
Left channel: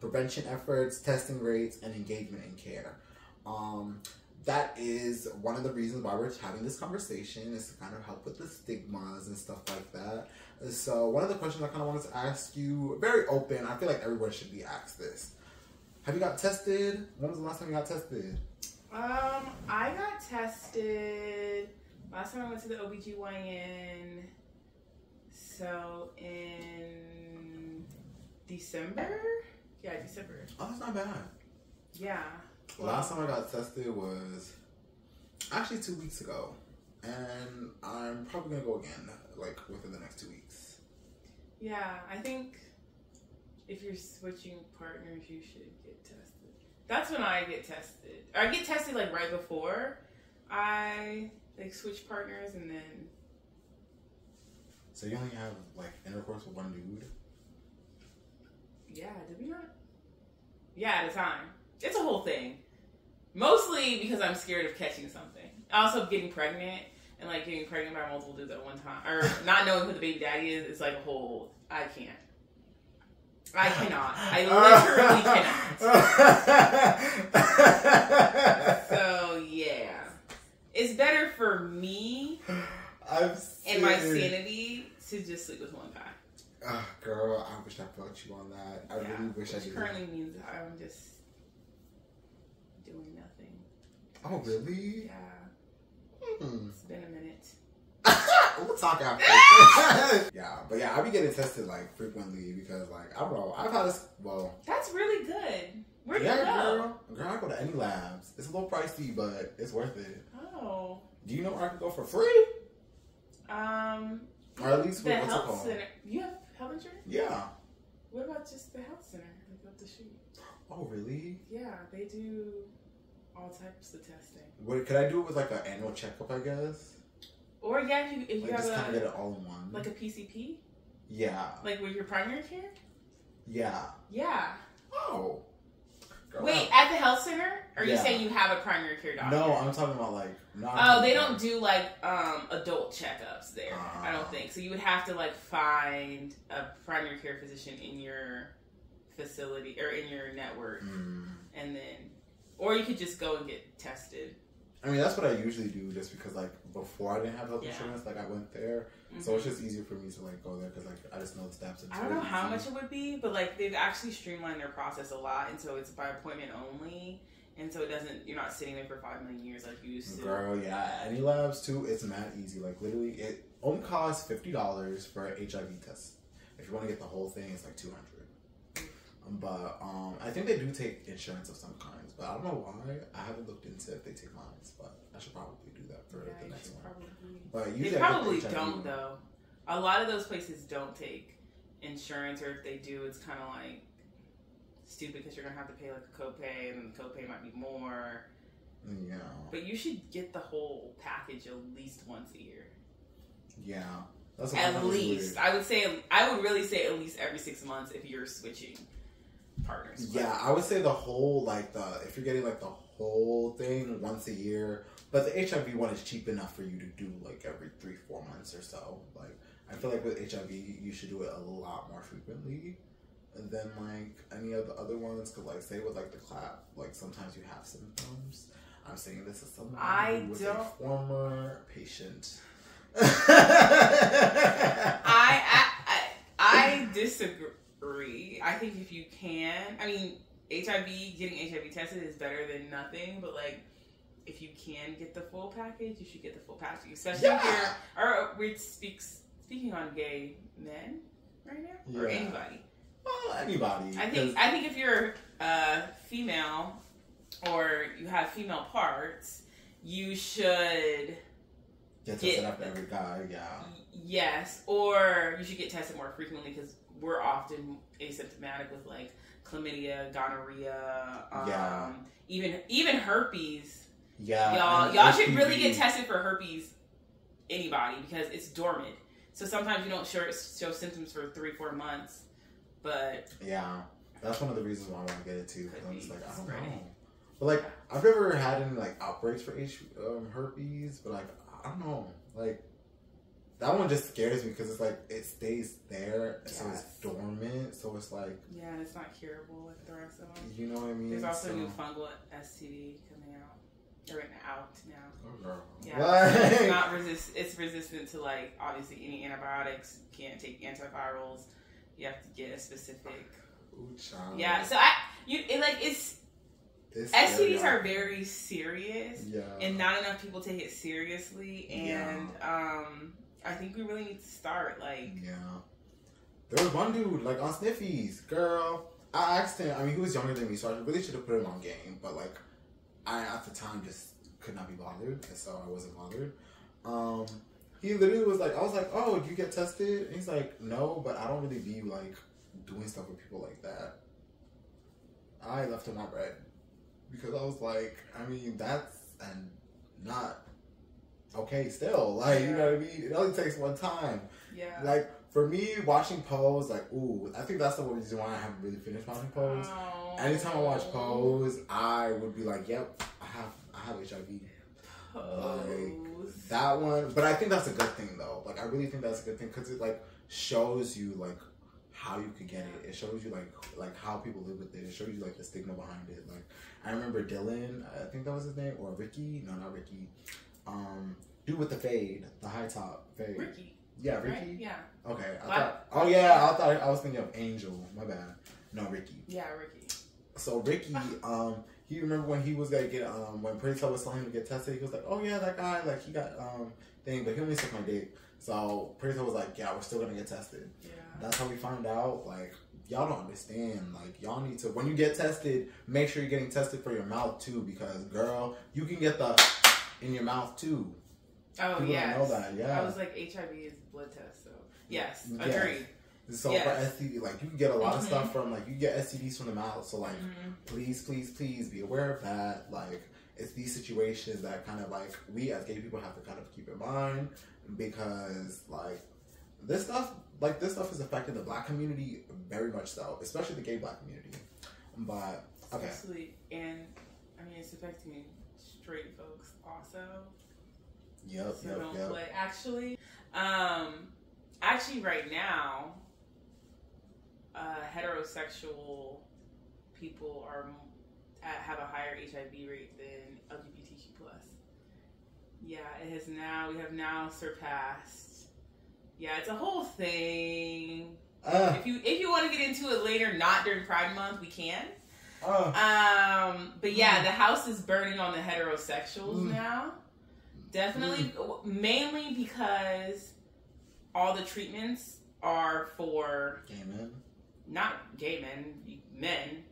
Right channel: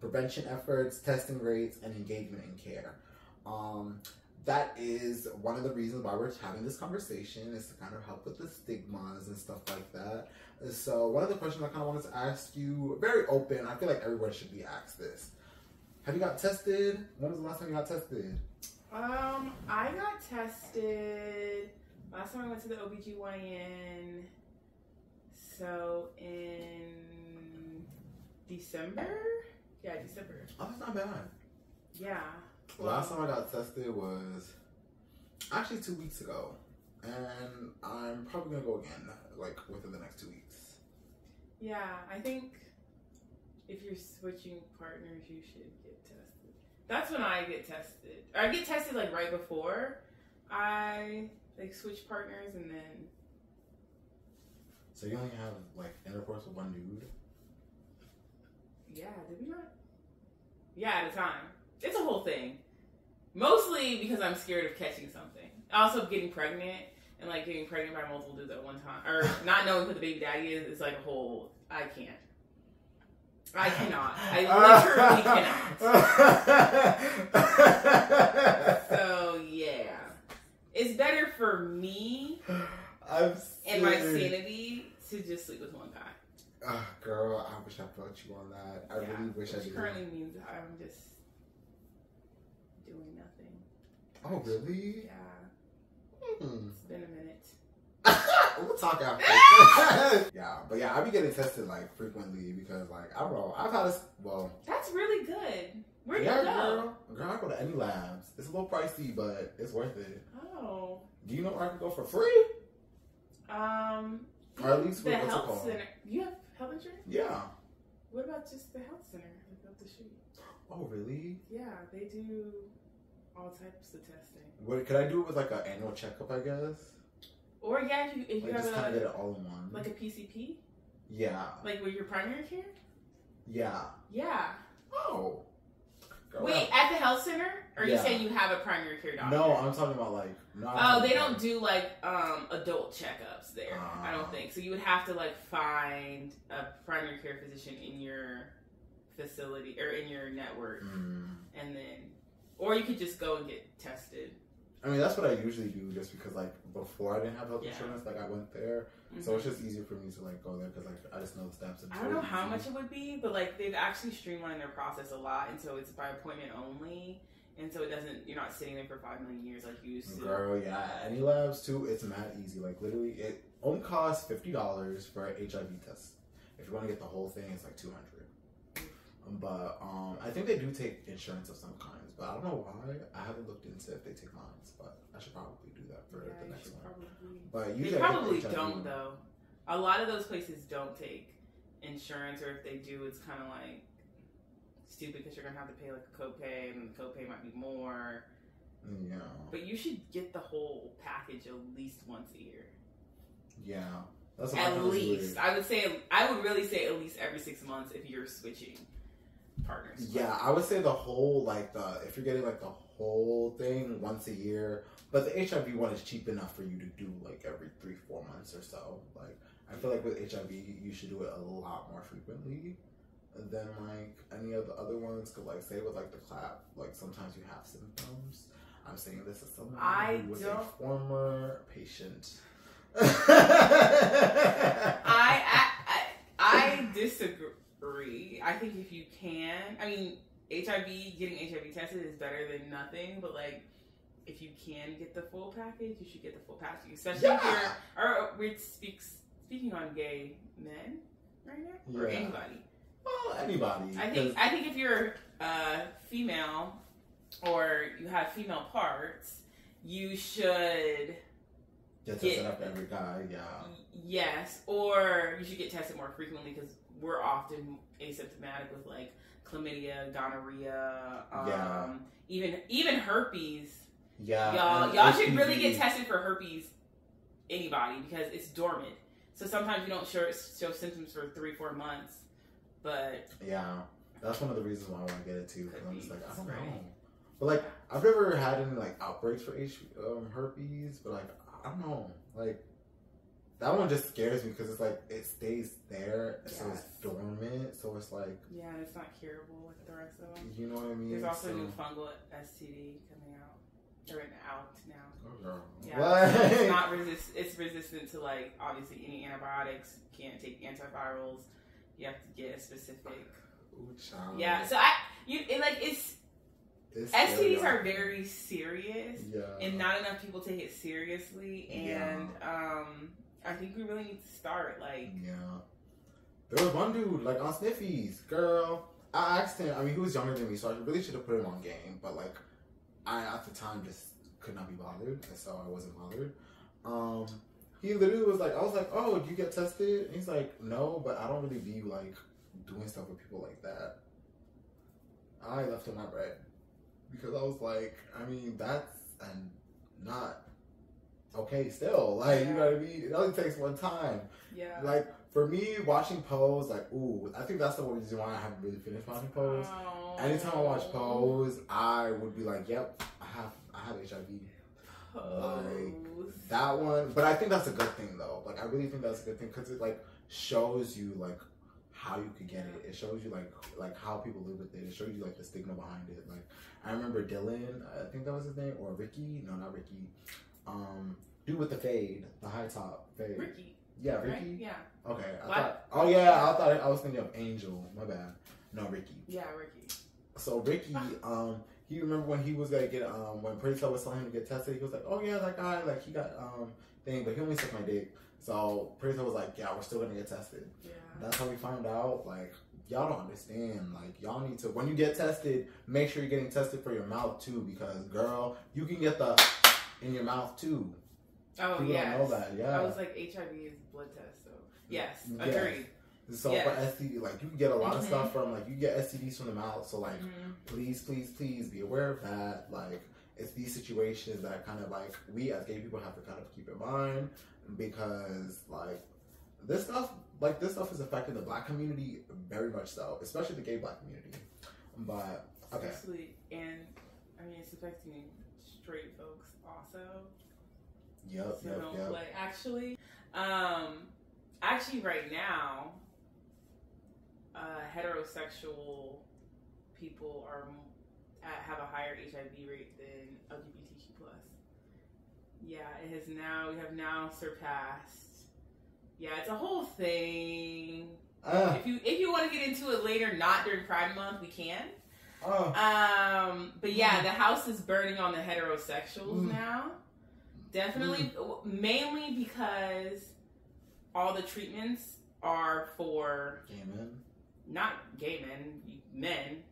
prevention efforts, testing rates, and engagement in care. That is one of the reasons why we're having this conversation, is to kind of help with the stigmas and stuff like that. So one of the questions I kind of wanted to ask you, very open, I feel like everyone should be asked this. Have you got tested? When was the last time you got tested? I got tested last time I went to the OBGYN, so in December? Yeah, December. Oh, that's not bad. Yeah. Last time I got tested was actually 2 weeks ago, and I'm probably gonna go again, like within the next 2 weeks. Yeah, I think if you're switching partners, you should get tested. That's when I get tested. Or I get tested like right before I like switch partners, and then. So you only have like intercourse with one dude? Yeah, did we not? Yeah, at a time. It's a whole thing. Mostly because I'm scared of catching something. Also, getting pregnant and like getting pregnant by multiple dudes at one time, or not knowing who the baby daddy is like a whole. I can't. I cannot. I literally cannot. So yeah, it's better for me and my sanity to just sleep with one guy. Girl, I wish I felt you on that. I really wish I did. Currently means I'm just doing nothing. Oh, really? Yeah. It's been a minute. We'll talk after. Yeah, but yeah, I be getting tested like frequently because like I don't know. I've had this. Well, that's really good. Where do you go? Girl, I go to any labs. It's a little pricey, but it's worth it. Oh. Do you know where I can go for free? Or at least the what's it health called? center. You have health insurance? Yeah. What about just the health center, like up the street? Oh, really? Yeah, they do all types of testing. What could I do it with like an annual checkup? I guess. Or yeah, if you like have just kind of get it all in one. Like a PCP. Yeah. Like with your primary care. Yeah. Yeah. Oh. Girl, wait, at the health center? Or are you saying you have a primary care doctor? No, I'm talking about like. They don't do like adult checkups there. I don't think so. You would have to like find a primary care physician in your facility or in your network, and then, or you could just go and get tested. I mean, that's what I usually do, just because like before I didn't have health insurance, like I went there, so it's just easier for me to like go there because like I just know the steps. I don't know how much it would be, but like they've actually streamlined their process a lot, and so it's by appointment only, and so it doesn't. You're not sitting there for 5 million years like you used to. Girl, yeah, any labs too. It's mad easy. Like literally, it only costs $50 for an HIV test. If you want to get the whole thing, it's like $200. But I think they do take insurance of some kinds, but I don't know why. I haven't looked into if they take mine, but I should probably do that for the next one. But usually they probably don't though. A lot of those places don't take insurance, or if they do, it's kind of like stupid because you're gonna have to pay like a copay, and the copay might be more. Yeah. But you should get the whole package at least once a year. Yeah. That's at least. I would really say at least every 6 months if you're switching partners. Yeah, I would say the whole, like, if you're getting, like, the whole thing once a year, but the HIV one is cheap enough for you to do, like, every 3-4 months or so. Like, I feel like with HIV, you should do it a lot more frequently than, like, any of the other ones. Because, like, say with, like, the clap, like, sometimes you have symptoms. I'm saying this as someone who was a former patient. I disagree. I think if you can, I mean, getting HIV tested is better than nothing, but like, if you can get the full package, you should get the full package. Especially if we're speaking on gay men right now, or anybody. Well, anybody. I think if you're female or you have female parts, you should get tested after every guy. Yeah. Yes, or you should get tested more frequently because we're often asymptomatic with like chlamydia, gonorrhea, even herpes. Yeah, y'all should really get tested for herpes anybody because it's dormant. So sometimes you don't show symptoms for 3-4 months, but yeah, that's one of the reasons why I want to get it too. Because I'm just like, I don't know. But like, I've never had any like outbreaks for herpes, but like, I don't know, like that one just scares me because it's like it stays there, so it's dormant, so it's like it's not curable like the rest of them. You know what I mean? There's also a new fungal STD coming out. They're out now. Oh girl. Yeah, what? it's not it's resistant to like obviously any antibiotics. Can't take antivirals. You have to get a specific. Ooh, child. Yeah, so it's STDs are very serious, and not enough people take it seriously. And I think we really need to start like. Yeah, there was one dude like on Sniffies, girl. I asked him. I mean, he was younger than me, so I really should have put him on game. But like, I at the time just could not be bothered, and so I wasn't bothered. He literally was like, I was like, oh, do you get tested? And he's like, no, but I don't really be like doing stuff with people like that. I left him my bread. Because I was like, I mean, that's not okay still. Like, you know what I mean? It only takes one time. Yeah. Like, for me, watching Pose, like, ooh, I think that's the one reason why I haven't really finished watching Pose. Oh. Anytime I watch Pose, I would be like, yep, I have HIV. Pose. Like, that one. But I think that's a good thing, though. Like, I really think that's a good thing because it, like, shows you, like, how you could get it. It shows you, like how people live with it. It shows you, like, the stigma behind it. Like, I remember Dylan, I think that was his name, or Ricky. No, not Ricky. Dude with the fade, the high top fade. Ricky. Yeah, Ricky. Right? Yeah. Okay. I thought I was thinking of Angel. My bad. No, Ricky. Yeah, Ricky. So Ricky, he remember when he was gonna get when Pretty Tell was telling him to get tested, he was like, oh yeah, that guy, like he got thing, but he only sucked my dick. So Pretty Tell was like, yeah, we're still gonna get tested. Yeah. That's how we found out. Like, y'all don't understand. Like, y'all need to, when you get tested, make sure you're getting tested for your mouth too, because girl, you can get the in your mouth too. Oh, people don't know that. Yeah. I was like, HIV is blood test, so yes, agreed. So for STD, like you can get a lot of stuff from like you get STDs from the mouth. So like, please be aware of that. Like, it's these situations that kind of like we as gay people have to kind of keep in mind, because like this stuff is affecting the Black community very much so, especially the gay Black community. But okay, especially, and I mean it's affecting straight folks also. Yep. Like actually, right now, heterosexual people have a higher HIV rate than LGBTQ plus. Yeah, we have now surpassed. Yeah, it's a whole thing. If you want to get into it later, not during Pride Month, we can. But yeah, the house is burning on the heterosexuals now. Definitely, mainly because all the treatments are for gay men. Not gay men, men,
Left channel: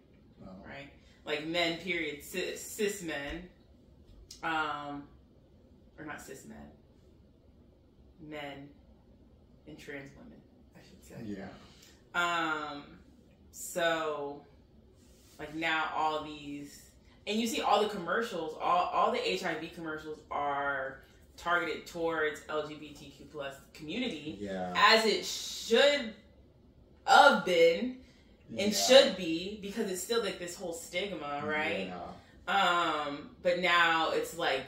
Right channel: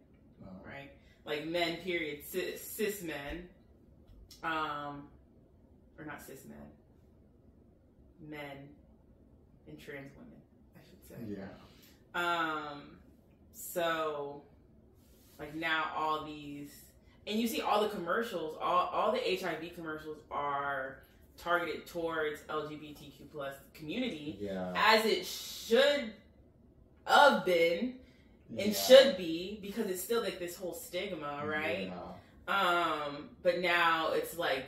right? Like men, period. Cis men, or not cis men, men and trans women, I should say. Yeah. So, like now all these, and you see all the commercials, all the HIV commercials are targeted towards LGBTQ plus community, as it should have been and should be, because it's still like this whole stigma, right? But now it's like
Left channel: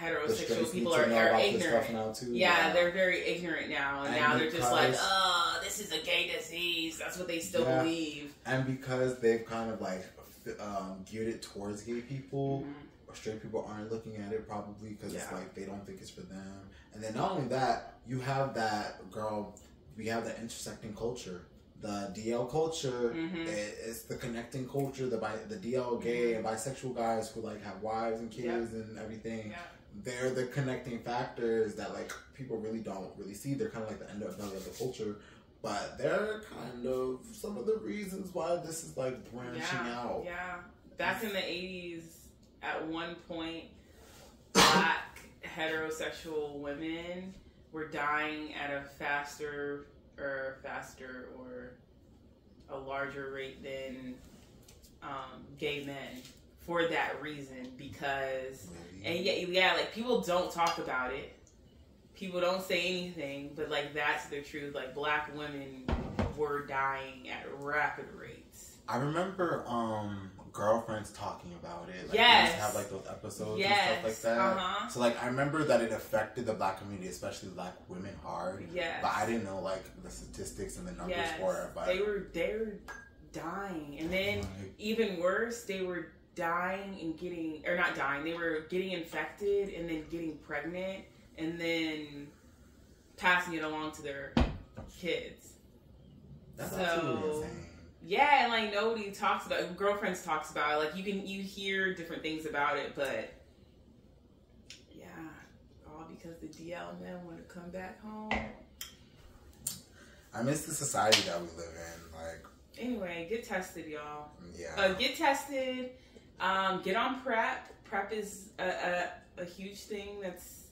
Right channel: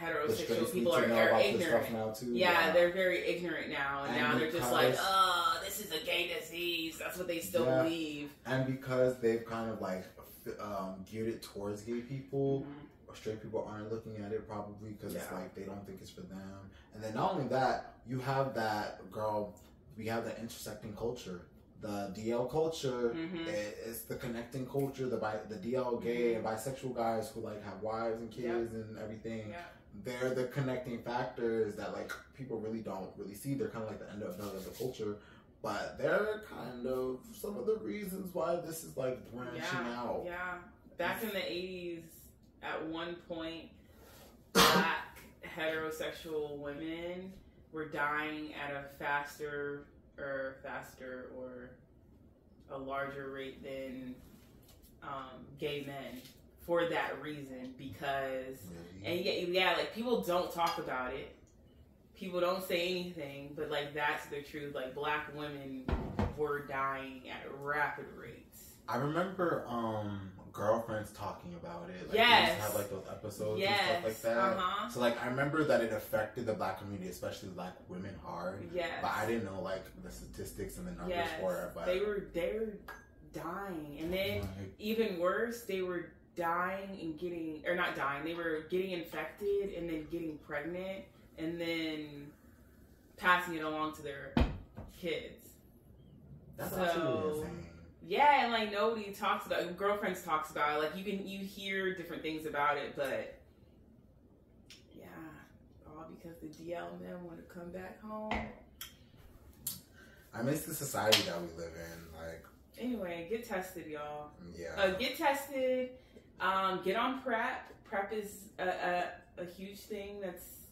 heterosexual people are ignorant. Now too. Yeah, they're very ignorant now, and now they're just like, oh, this is a gay disease. That's what they still believe. And because they've kind of like geared it towards gay people, or straight people aren't looking at it probably because it's like they don't think it's for them. And then not only that, you have that, girl, we have that intersecting culture. The DL culture is the connecting culture. The DL gay and bisexual guys who like have wives and kids and everything. They're the connecting factors that like people really don't really see. They're kind of like the underbelly of the culture, but they're kind of some of the reasons why this is like branching out. Yeah, back in the 80s, at one point, Black heterosexual women were dying at a faster or a larger rate than gay men for that reason, because and like people don't talk about it. people don't say anything, but like that's the truth. Like black women were dying at rapid rates. I remember girlfriends talking about it. Like, yes. They used to have like those episodes and stuff like that. So like I remember that it affected the black community, especially black women, hard. Yes. But I didn't know like the statistics and the numbers for it. But they were dying, and then even worse, they were dying and getting, or not dying, they were getting infected and then getting pregnant and then passing it along to their kids. That's absolutely insane. Yeah, and like nobody talks about it. Girlfriends talks about it. Like you hear different things about it, but yeah, all because the DL men want to come back home. I miss the society that we live in. Like, anyway, get tested, y'all. Yeah. Get tested. Get on PrEP. PrEP is a huge thing that's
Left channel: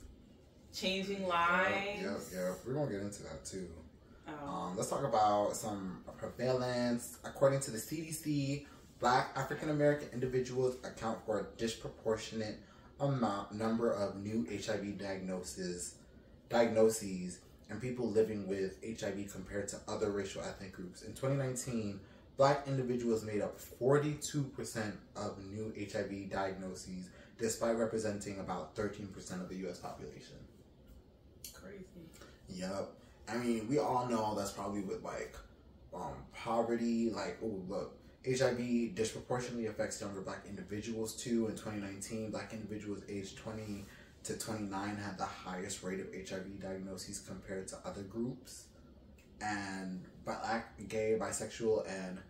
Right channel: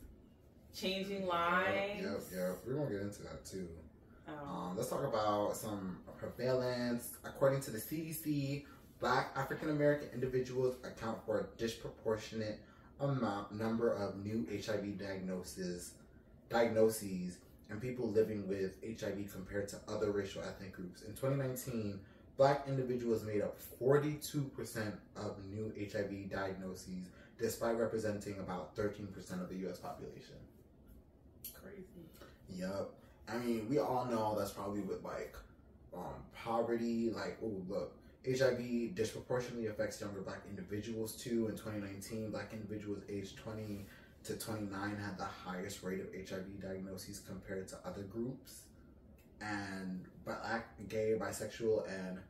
changing lives. Yep. We're gonna get into that too. Let's talk about some prevalence. According to the CDC, Black African American individuals account for a disproportionate number of new HIV diagnoses and people living with HIV compared to other racial ethnic groups. In 2019, Black individuals made up 42% of new HIV diagnoses, despite representing about 13% of the U.S. population. Crazy. Yep. I mean, we all know that's probably with like poverty. Like, oh look, HIV disproportionately affects younger Black individuals too. In 2019, Black individuals aged 20 to 29 had the highest rate of HIV diagnoses compared to other groups. And Black, gay, bisexual, and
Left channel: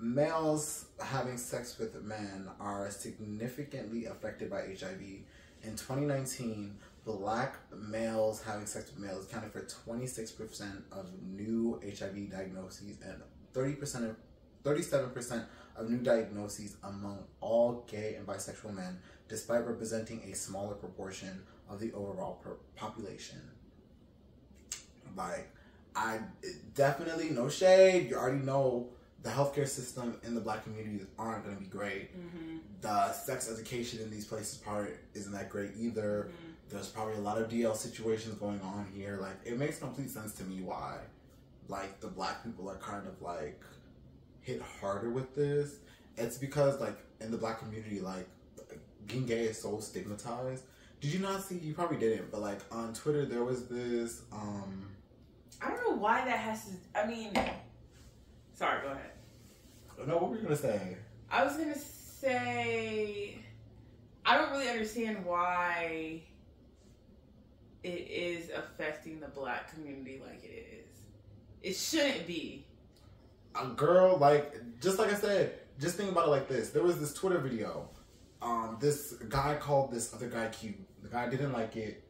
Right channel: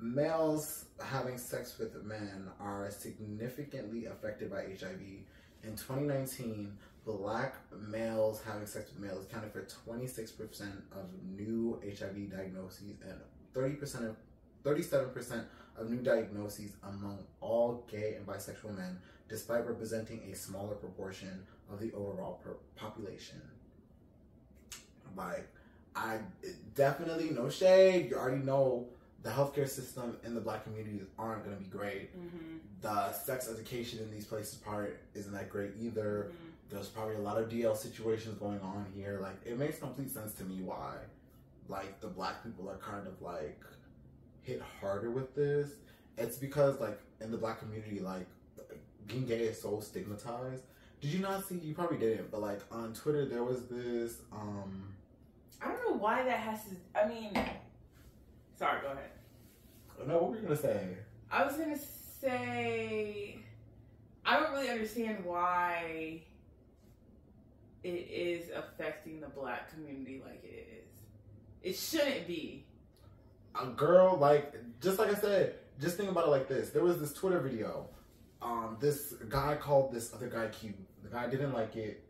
males having sex with men are significantly affected by HIV. In 2019, Black males having sex with males accounted for 26% of new HIV diagnoses and 37% of new diagnoses among all gay and bisexual men, despite representing a smaller proportion of the overall population. Like, I definitely, no shade, you already know the healthcare system in the Black communities aren't going to be great. Mm-hmm. The sex education in these places isn't that great either. Mm-hmm. There's probably a lot of DL situations going on here. Like, it makes complete sense to me why, like, the Black people are kind of, like, hit harder with this. It's because, like, in the Black community, like, being gay is so stigmatized. Did you not see, you probably didn't, but, like, on Twitter, there was this, I don't know why that has to, I mean, sorry, go ahead. No, what were you going to say? I was going to say, I don't really understand why it is affecting the Black community like it is. It shouldn't be. A girl, like, just like I said, just think about it like this. There was this Twitter video. This guy called this other guy cute. The guy didn't like it,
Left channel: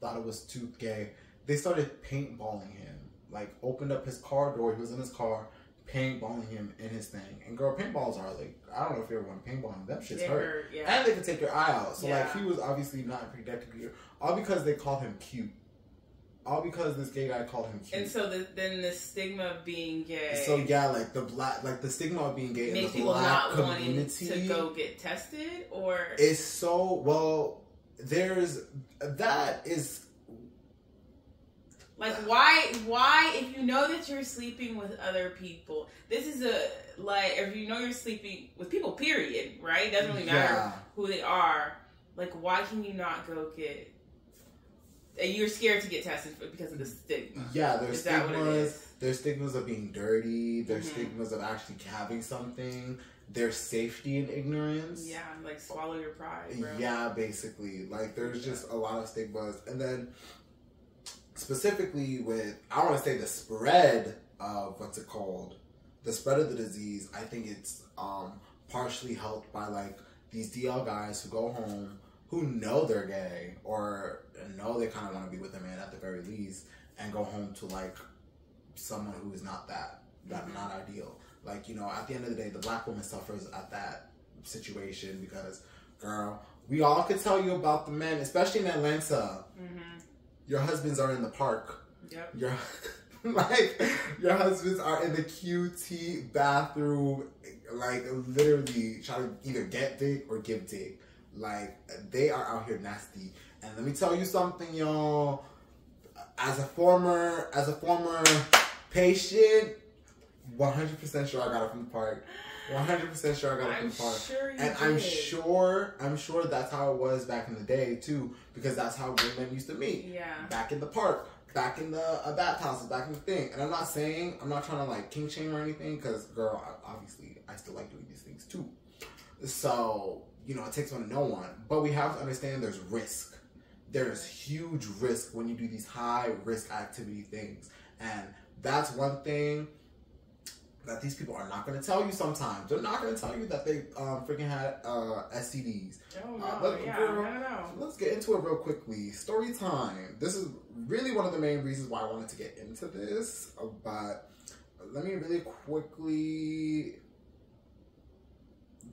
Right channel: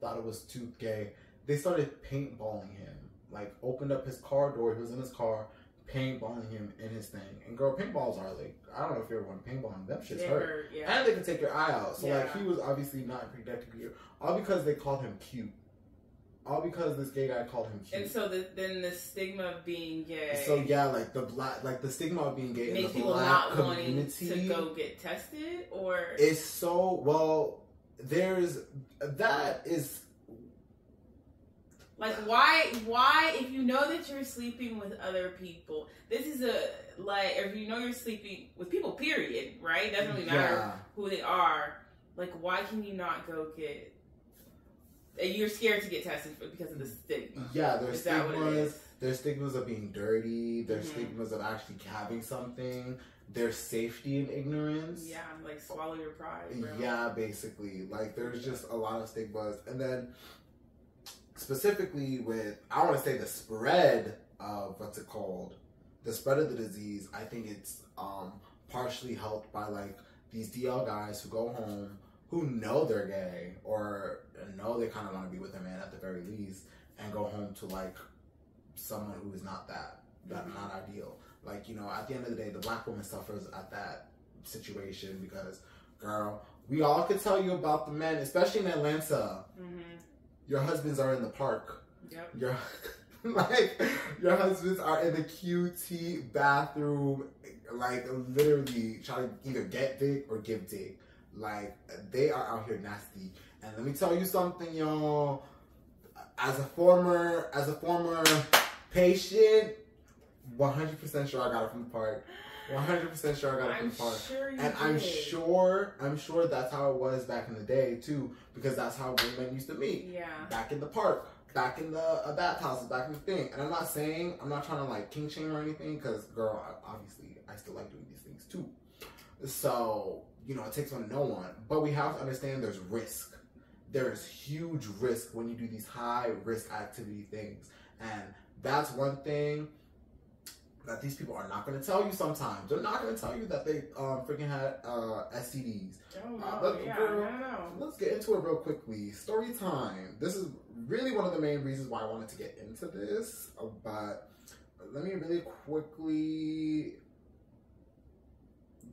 thought it was too gay. They started paintballing him. Like, opened up his car door. He was in his car, paintballing him in his thing. And girl, paintballs are like, I don't know if you ever want to paintball him. Them shits hurt. Yeah. And they can take your eye out. So like, he was obviously not protected here. All because they called him cute. All because this gay guy called him cute. And so then the stigma of being gay. So yeah, like the stigma of being gay in the Black community to go get tested, or it's so well. That is. Like, why, if you know that you're sleeping with other people, this is if you know you're sleeping with people, period, right? It doesn't really matter who they are. Like, why can you not go get, you're scared to get tested because of the stigma. Yeah, there's stigmas. There's stigmas of being dirty. There's stigmas of actually having something. There's safety in ignorance. Yeah, like swallow your pride, bro. Yeah, basically. Like, there's just a lot of stigmas. And then, specifically with, I want to say the spread of, the spread of the disease, I think it's partially helped by, like, these DL guys who go home, who know they're gay, or know they kind of want to be with a man at the very least, and go home to, like, someone who is not not ideal. Like, you know, at the end of the day, the Black woman suffers at that situation because, girl, we all could tell you about the men, especially in Atlanta. Your husbands are in the park. Yep. Your husbands are in the QT bathroom, like, literally trying to either get dick or give dick. Like, they are out here nasty. And let me tell you something, y'all. as a former patient, 100% sure I got it from the park. 100% sure I got it from the park. Sure you and did. I'm sure that's how it was back in the day too, because that's how women used to meet. Yeah. Back in the park, back in the bathhouses, back in the thing. And I'm not trying to like king shame or anything, because girl, obviously I still like doing these things too. So, it takes one to know one. But we have to understand there's risk. There's huge risk when you do these high risk activity things. And that's one thing that these people are not going to tell you sometimes. They're not going to tell you that they freaking had STDs. Oh, no. Let's get into it real quickly. Story time. This is really one of the main reasons why I wanted to get into this. But let me really quickly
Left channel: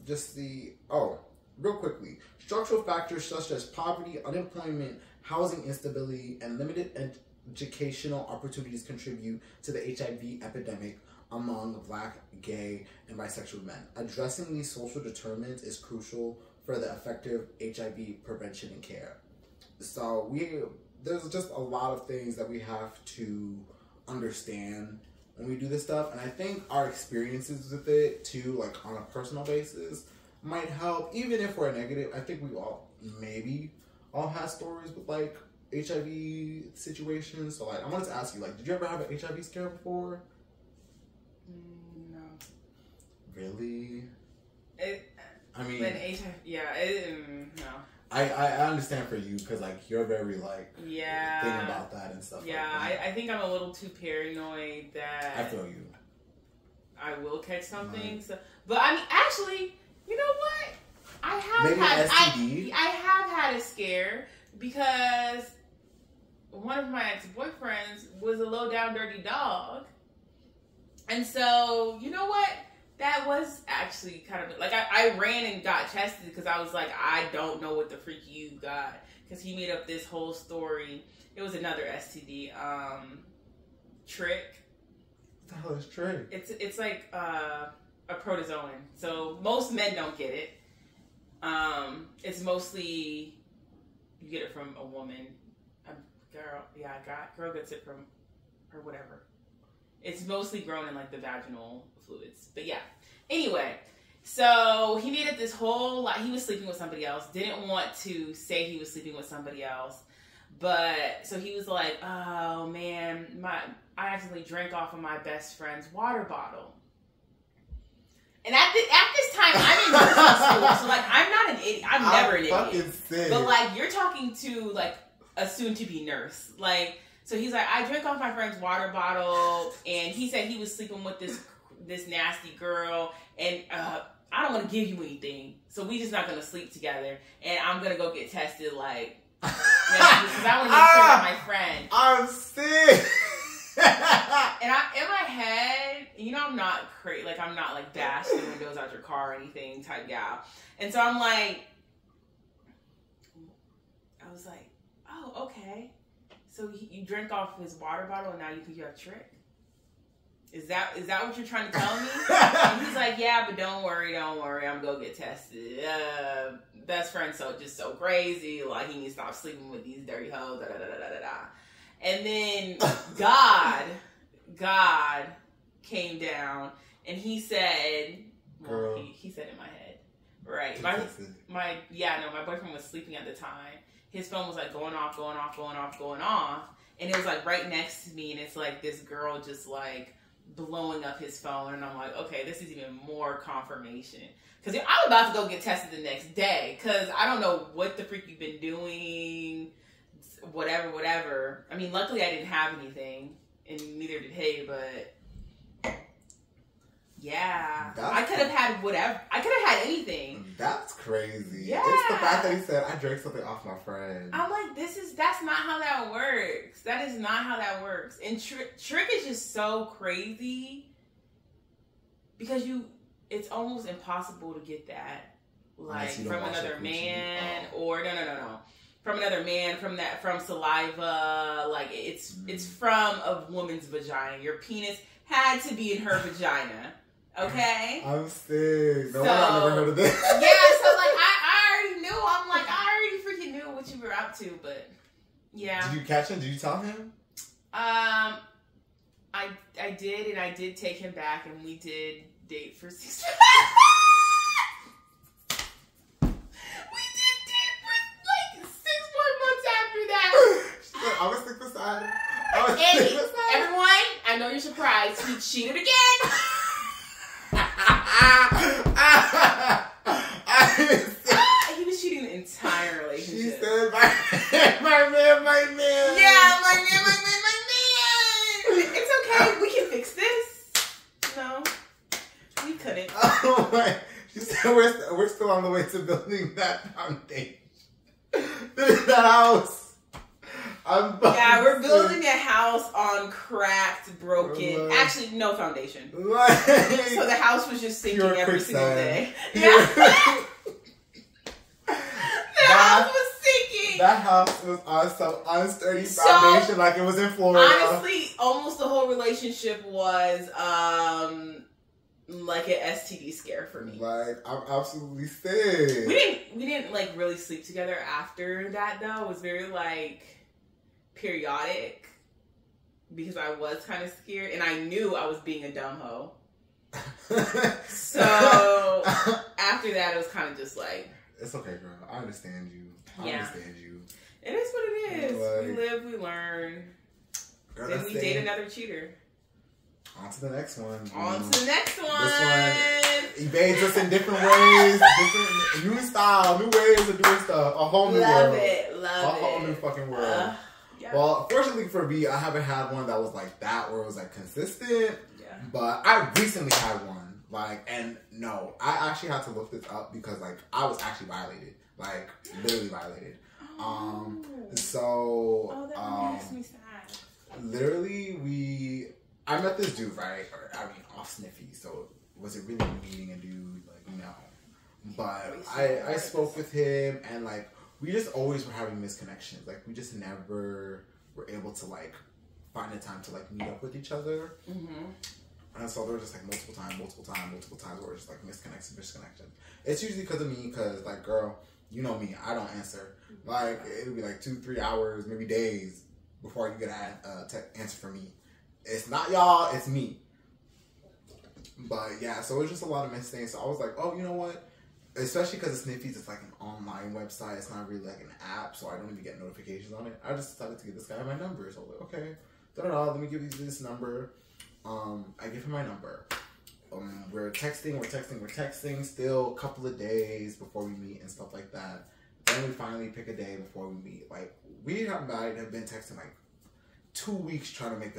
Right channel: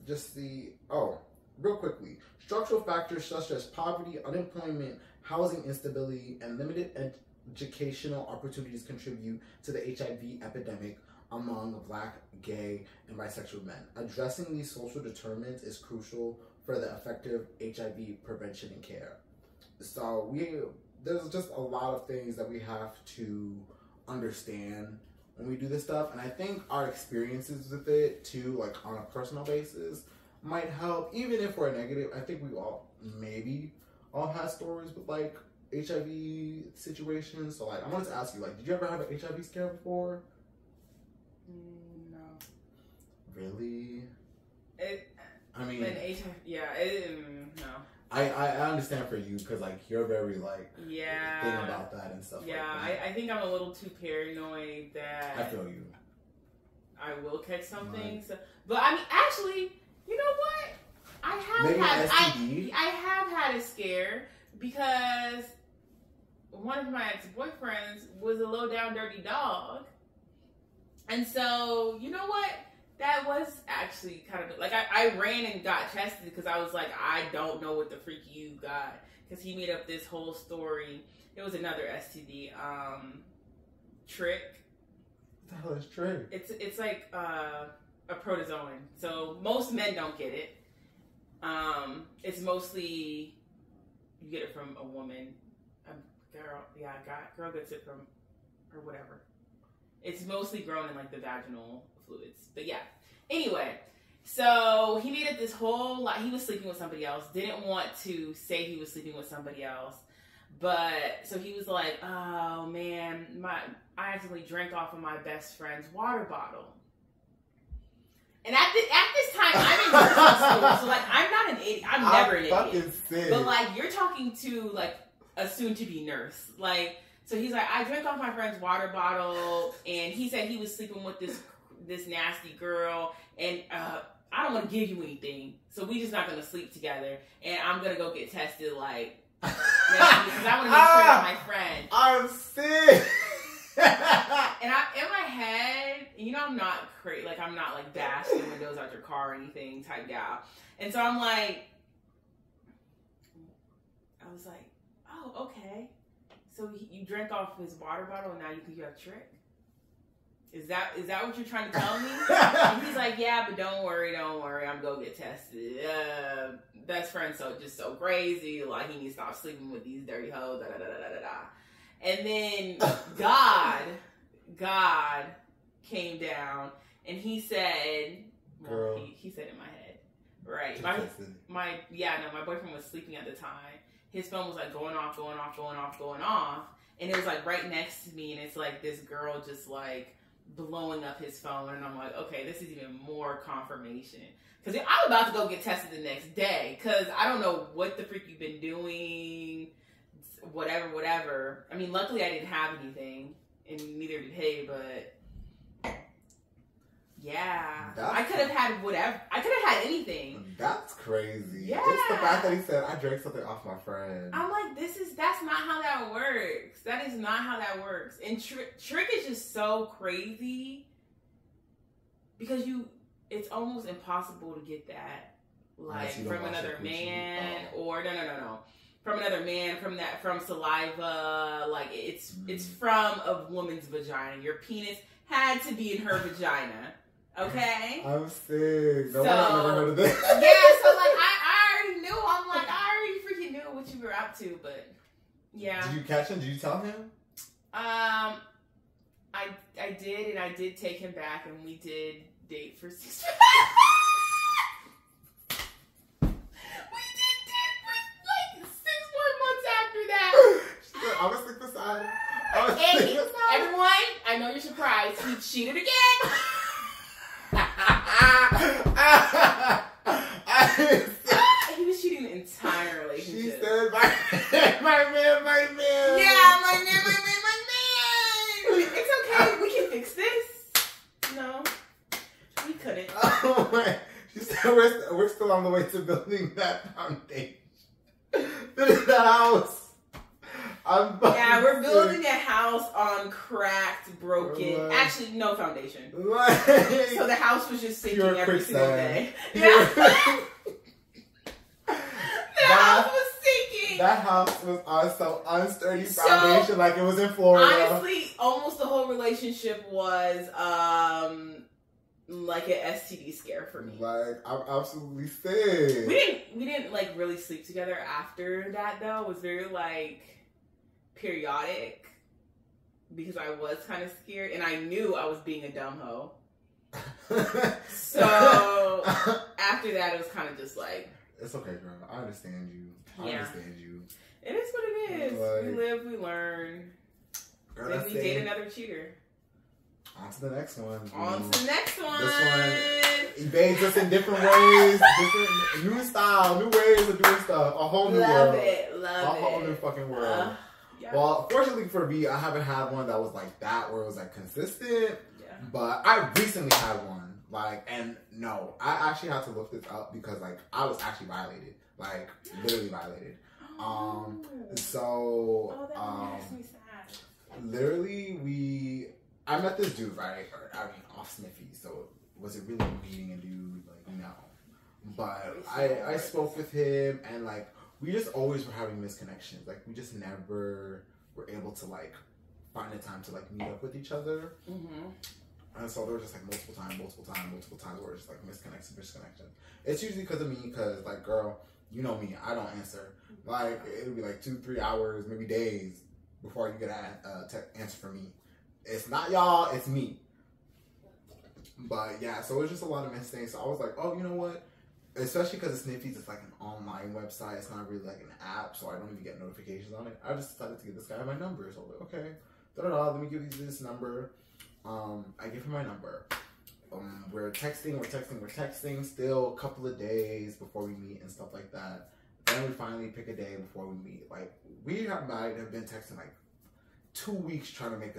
just see. Oh, real quickly. Structural factors such as poverty, unemployment, housing instability, and limited educational opportunities contribute to the HIV epidemic among Black, gay, and bisexual men. Addressing these social determinants is crucial for the effective HIV prevention and care. So there's just a lot of things that we have to understand when we do this stuff, and I think our experiences with it too, like on a personal basis, might help. Even if we're negative, I think we all have stories with like HIV situations. So like, I wanted to ask you, like, did you ever have an HIV scare before? No. Really? No. I understand for you, because like you're very like thinking about that and stuff. Yeah, like that. I think I'm a little too paranoid that I feel you. I will catch something. Right. So, but I mean, actually, you know what? I have had a scare because one of my ex-boyfriends was a low down dirty dog. And so, you know what? That was actually kind of like I ran and got tested because I was like, I don't know what the freak you got, because he made up this whole story. It was another STD, trick. What the hell is trick? It's like a protozoan. So most men don't get it. It's mostly you get it from a woman, a girl. Yeah, girl gets it from, or whatever. It's mostly grown in like the vaginal fluids. But yeah. Anyway, so he made it this whole lot. He was sleeping with somebody else. Didn't want to say he was sleeping with somebody else. But so he was like, oh man, I accidentally drank off of my best friend's water bottle. And at this time, I'm in nursing school. So like, I'm not an idiot. I'm never an idiot. Sick. But like, you're talking to like a soon-to-be nurse. Like, so he's like, I drank off my friend's water bottle, and he said he was sleeping with this nasty girl, and I don't want to give you anything, so we just not gonna sleep together, and I'm gonna go get tested, like, because I want to make sure that my friend. I'm sick. And in my head, I'm not crazy, like I'm not like bashing the windows out your car or anything type gal, and so I'm like, I was like, oh, okay. So you drank off his water bottle and now you think you have a trick? Is that what you're trying to tell me? And he's like, yeah, but don't worry, I'm gonna go get tested. Best friend's so crazy, like he needs to stop sleeping with these dirty hoes, da da da da da da. And then God came down and he said, well, he said in my head, right? My boyfriend was sleeping at the time. His phone was like going off, and it was like right next to me, and it's like this girl just like blowing up his phone, and I'm like, okay, this is even more confirmation, because I'm about to go get tested the next day, because I don't know what the freak you've been doing, whatever. I mean, luckily I didn't have anything, and neither did he, but yeah, I could have had whatever. I could have had anything. That's crazy. Yeah. It's the fact that he said, I drank something off my friend. I'm like, that's not how that works. That is not how that works. And trick is just so crazy because it's almost impossible to get that, like, from another man or no. From another man, from saliva, like it's from a woman's vagina. Your penis had to be in her vagina. Okay? I'm sick. No one I've never heard of this. Yeah, so like I already knew. I'm like, I already freaking knew what you were up to, but yeah. Did you catch him? Did you tell him? I did, and I did take him back, and we did date for 6 months. We did date for like 6 more months after that. I was stick beside him. Hey, everyone, I know you're surprised. He cheated again. He was cheating the entire relationship. She said, my man. Yeah, my man. It's okay. We can fix this. No, we couldn't. Oh my. She said, we're still on the way to building that foundation. Building that house. Yeah, we're building a house on cracked, broken. Actually, no foundation. So the house was just sinking every single day. Yeah. The house was sinking. That house was on some unsturdy foundation, like it was in Florida. Honestly, almost the whole relationship was like an STD scare for me. Like, I'm absolutely sick. We didn't like really sleep together after that though. It was very like periodic because I was kind of scared and I knew I was being a dumb hoe. So after that, it was kind of just like, it's okay, girl. I understand you. I understand you. It is what it is. Like, we live, we learn. Girl, then we date another cheater. On to the next one. On to the next one. This one evades us in different ways, different new style, new ways of doing stuff. A whole new world. Love a whole new fucking world. Yeah. Well, fortunately for me, I haven't had one that was like that, where it was like consistent. Yeah. But I recently had one, like, and no, I actually had to look this up because like I was actually violated, like literally violated. So that makes me sad. Literally, I met this dude, right? I mean, off Sniffy. So was it really meeting a dude? Like, no. But I spoke with him, and like we just always were having misconnections. Like we just never were able to like find a time to like meet up with each other. Mm-hmm. And so there were just like multiple times where it's just like misconnection. It's usually because of me, because like, girl, you know me, I don't answer. Like it'll be like 2-3 hours, maybe days before you get an answer from me. It's not y'all, it's me. But yeah, so it was just a lot of missed things. So I was like, oh, you know what? Especially because Sniffy's, it's like an online website. It's not really like an app, so I don't even get notifications on it. I just decided to give this guy my number. So I was like, okay, let me give you this number. I give him my number. We're texting. Still a couple of days before we meet and stuff like that. Then we finally pick a day before we meet. Like we have been texting like 2 weeks trying to make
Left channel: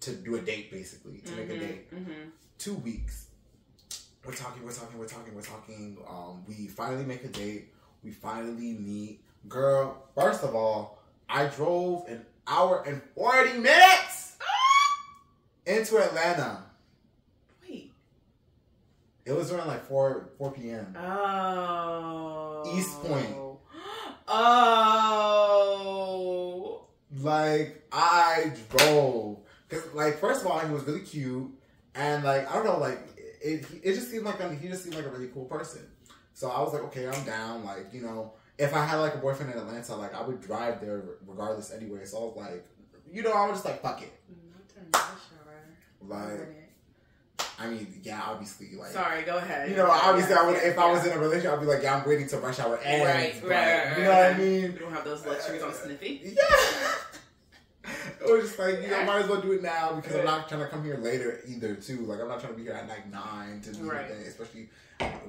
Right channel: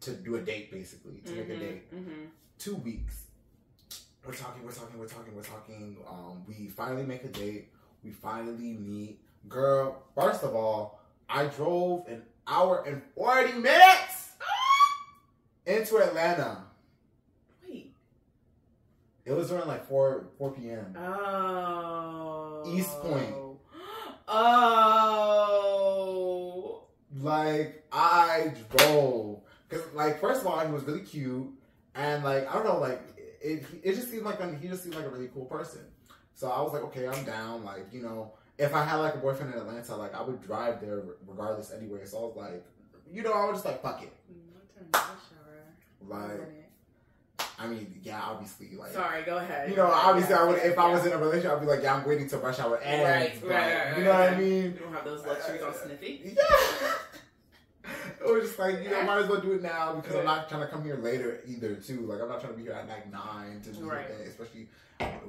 to do a date, basically, to make a date. 2 weeks. We're talking. We finally make a date. We finally meet. Girl, first of all, I drove an hour and 40 minutes into Atlanta. Wait. It was around like 4 p.m. Oh. East Point. Oh. Like, I drove. Because, like, first of all, he was really cute. And, like, I don't know, like, it just seemed like he just seemed like a really cool person. So I was like, okay, I'm down. Like, you know, if I had, like, a boyfriend in Atlanta, like, I would drive there regardless anyway. So I was like, you know, I was just like, fuck it. Like, I mean, yeah, obviously, like... Sorry, go ahead. You know, obviously, if I was in a relationship, I'd be like, yeah, I'm waiting till rush hour ends. Right. You know what I mean? You don't have those luxuries on Sniffy? Yeah. It was just like, you know, might as well do it now because I'm not trying to come here later either, too. Like, I'm not trying to be here at like 9 to do the day, especially...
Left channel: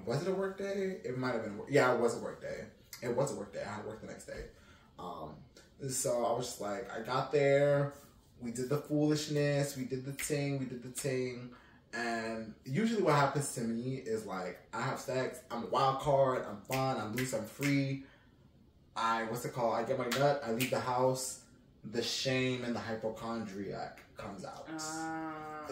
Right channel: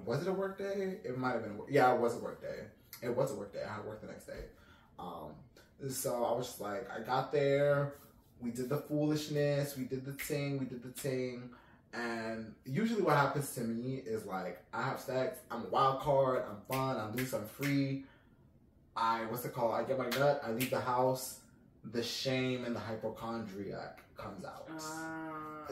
Was it a work day? It might have been... Yeah, it was a work day. It was a work day. I had to work the next day. So I was just like, I got there. We did the foolishness. We did the ting. And usually what happens to me is like, I have sex. I'm a wild card. I'm fun. I'm loose. I'm free. I get my nut. I leave the house. The shame and the hypochondriac comes out.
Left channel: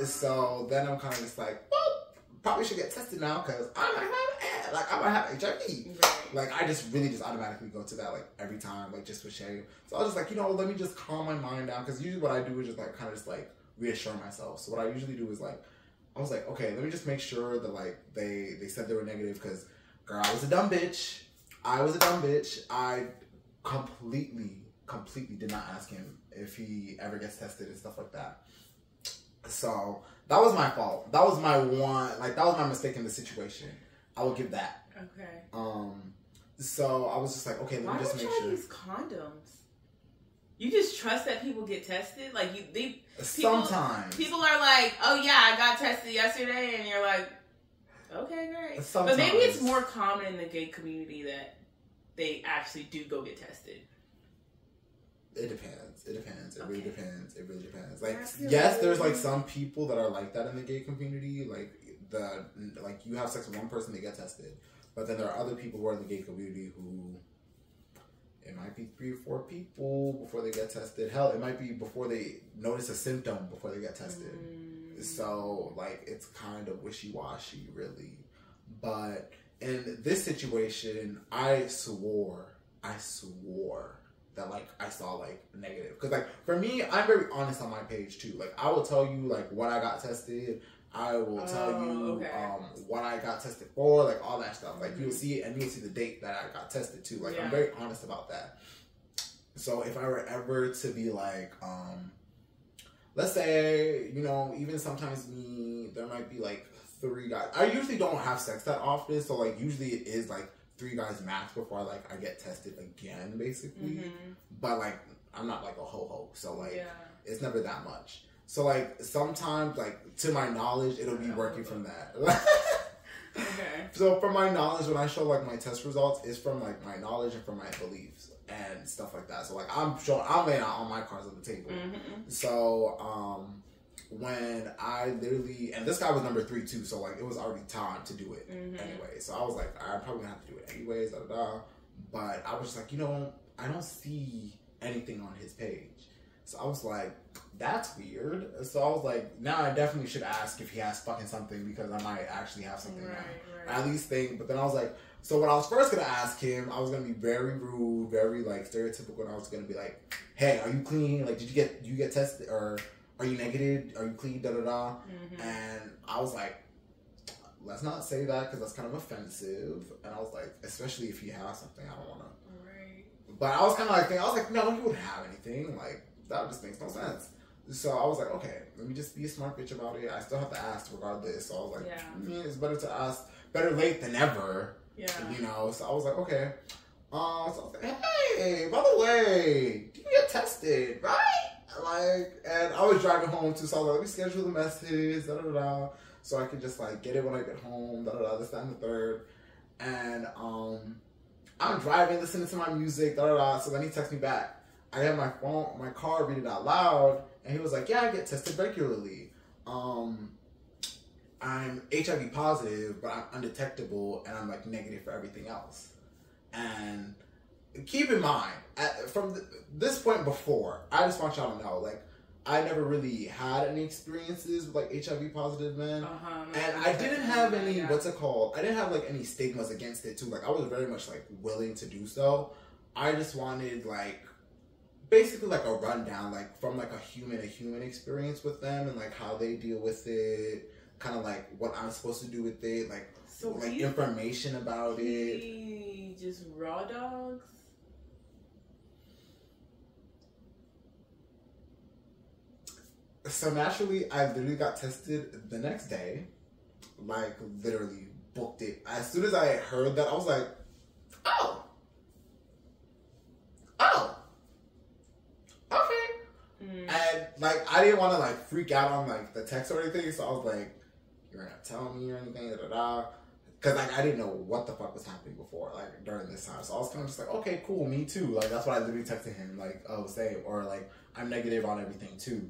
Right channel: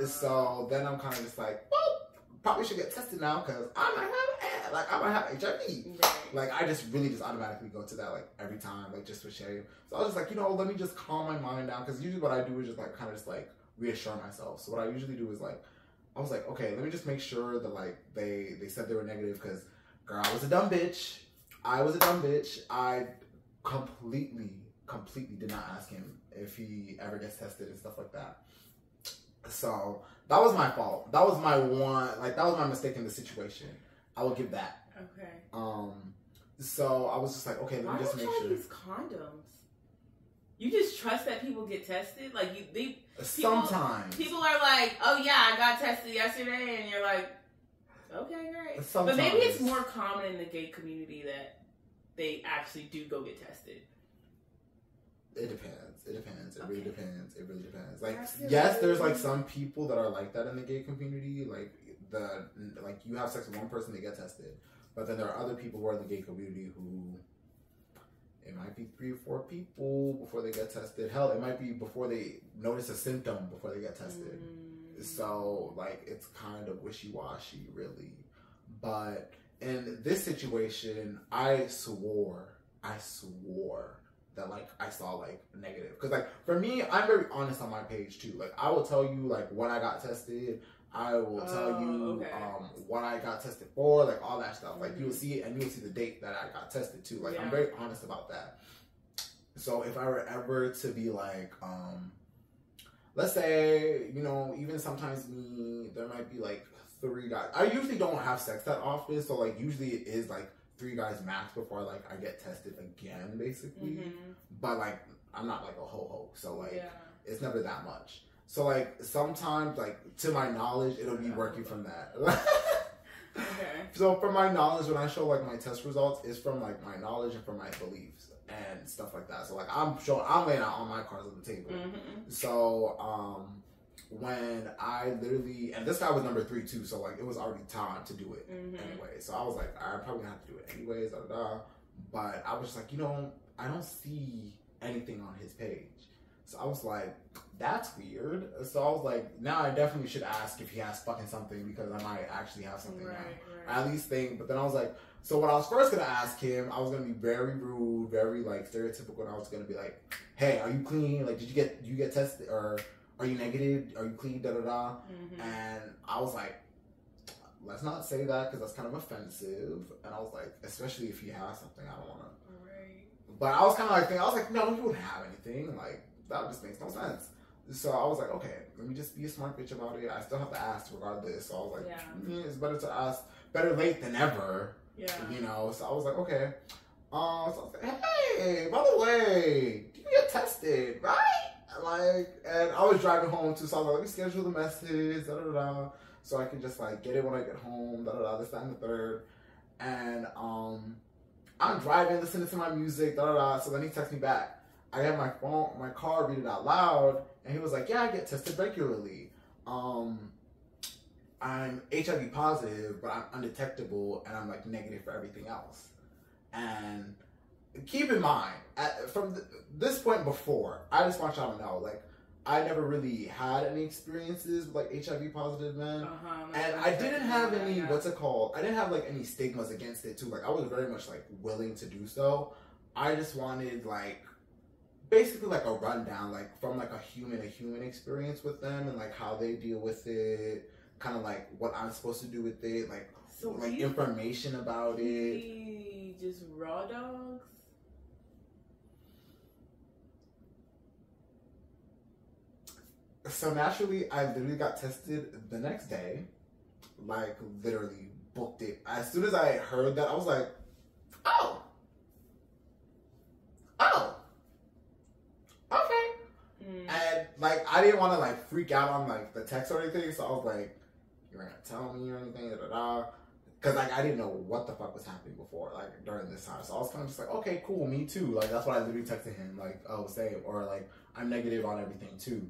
So then I'm kind of just like, well, probably should get tested now because I might have HIV. Like, I just automatically go to that, like, every time, like, just for shame. So I was just like, you know, let me just calm my mind down. Because usually what I do is just, like, kind of just, like, reassure myself. So what I usually do is, like, I was like, okay, let me just make sure that, like, they said they were negative. Because, girl, I was a dumb bitch. I completely completely did not ask him if he ever gets tested and stuff like that. So that was my fault. That was my that was my mistake in the situation. I will give that. Okay. So I was just like, okay, let me just make sure. Why don't you use condoms? You just trust that people get tested? Like, sometimes. People are like, oh yeah, I got tested yesterday, and you're like, okay, great. Sometimes. But maybe it's more common in the gay community that they actually do go get tested. It depends. It really depends. It really depends. Like, yes, there's like some people that are like that in the gay community. Like you have sex with one person, they get tested. But then there are other people who are in the gay community who, it might be 3 or 4 people before they get tested. Hell, it might be before they notice a symptom before they get tested. So, like, it's kind of wishy-washy, really. But in this situation, I swore that, like, I saw, like, negative. Because, like, for me, I'm very honest on my page, too. Like, I will tell you, like, when I got tested. I will tell you what I got tested for, like, all that stuff. Like, you'll see it, and you'll see the date that I got tested, too. Like, I'm very honest about that. So, if I were ever to be, like, let's say, you know, even sometimes there might be, like, 3 guys. I usually don't have sex that often, so, like, usually it is, like, 3 guys max before, like, I get tested again, basically. But, like, I'm not, like, a ho-ho, so, like, it's never that much. So, like, sometimes, like, to my knowledge, it'll be working from that. Okay. So, from my knowledge, when I show, like, my test results, it's from, like, my knowledge and from my beliefs and stuff like that. So, like, I'm laying out all my cards on the table. So, when I literally, and this guy was number 3, too, so, like, it was already time to do it anyway. So, I was like, I'm probably gonna have to do it anyways, But I was just like, you know, I don't see anything on his page. So, I was like, that's weird. So I was like, now I definitely should ask if he has fucking something because I might actually have something now. At least think. But then I was like, so when I was first going to ask him, I was going to be very rude, very like stereotypical. And I was going to be like, hey, are you clean? Like, did you get tested? Or are you negative? Are you clean? Da da da. And I was like, let's not say that because that's kind of offensive. And I was like, especially if he has something, I don't want to. But I was kind of like thinking, I was like, no, he wouldn't have anything. Like, that just makes no sense. So I was like, okay, let me just be a smart bitch about it. I still have to ask regardless. So I was like, it's better to ask. Better late than never. Yeah. You know, so I was like, okay. So I was like, hey, by the way, do you get tested, right? Like, and I was driving home too, so I was like, let me schedule the message, da da da, so I could just like get it when I get home, da da da, this, that, and the third. And I'm driving, listening to my music, da da da. So then he texts me back. I had my car, read it out loud, and he was like, yeah, I get tested regularly. I'm HIV positive, but I'm undetectable, and I'm like negative for everything else. And keep in mind, from this point before, I just want y'all to know, like, I never really had any experiences with like HIV positive men, and I didn't have any, what's it called? I didn't have like any stigmas against it too. Like, I was very much like willing to do so. I just wanted like, basically like a rundown, like from like a human experience with them and like how they deal with it, kind of like what I'm supposed to do with it, like so like information about it. Just raw dogs. So naturally, I literally got tested the next day, like literally booked it. As soon as I heard that, I was like, oh. And like I didn't want to like freak out on like the text or anything, so I was like, "You're not telling me or anything?" Because like I didn't know what the fuck was happening before, like during this time. So I was kind of just like, "Okay, cool, me too." Like that's what I literally texted him, like, "Oh, same," or like, "I'm negative on everything too."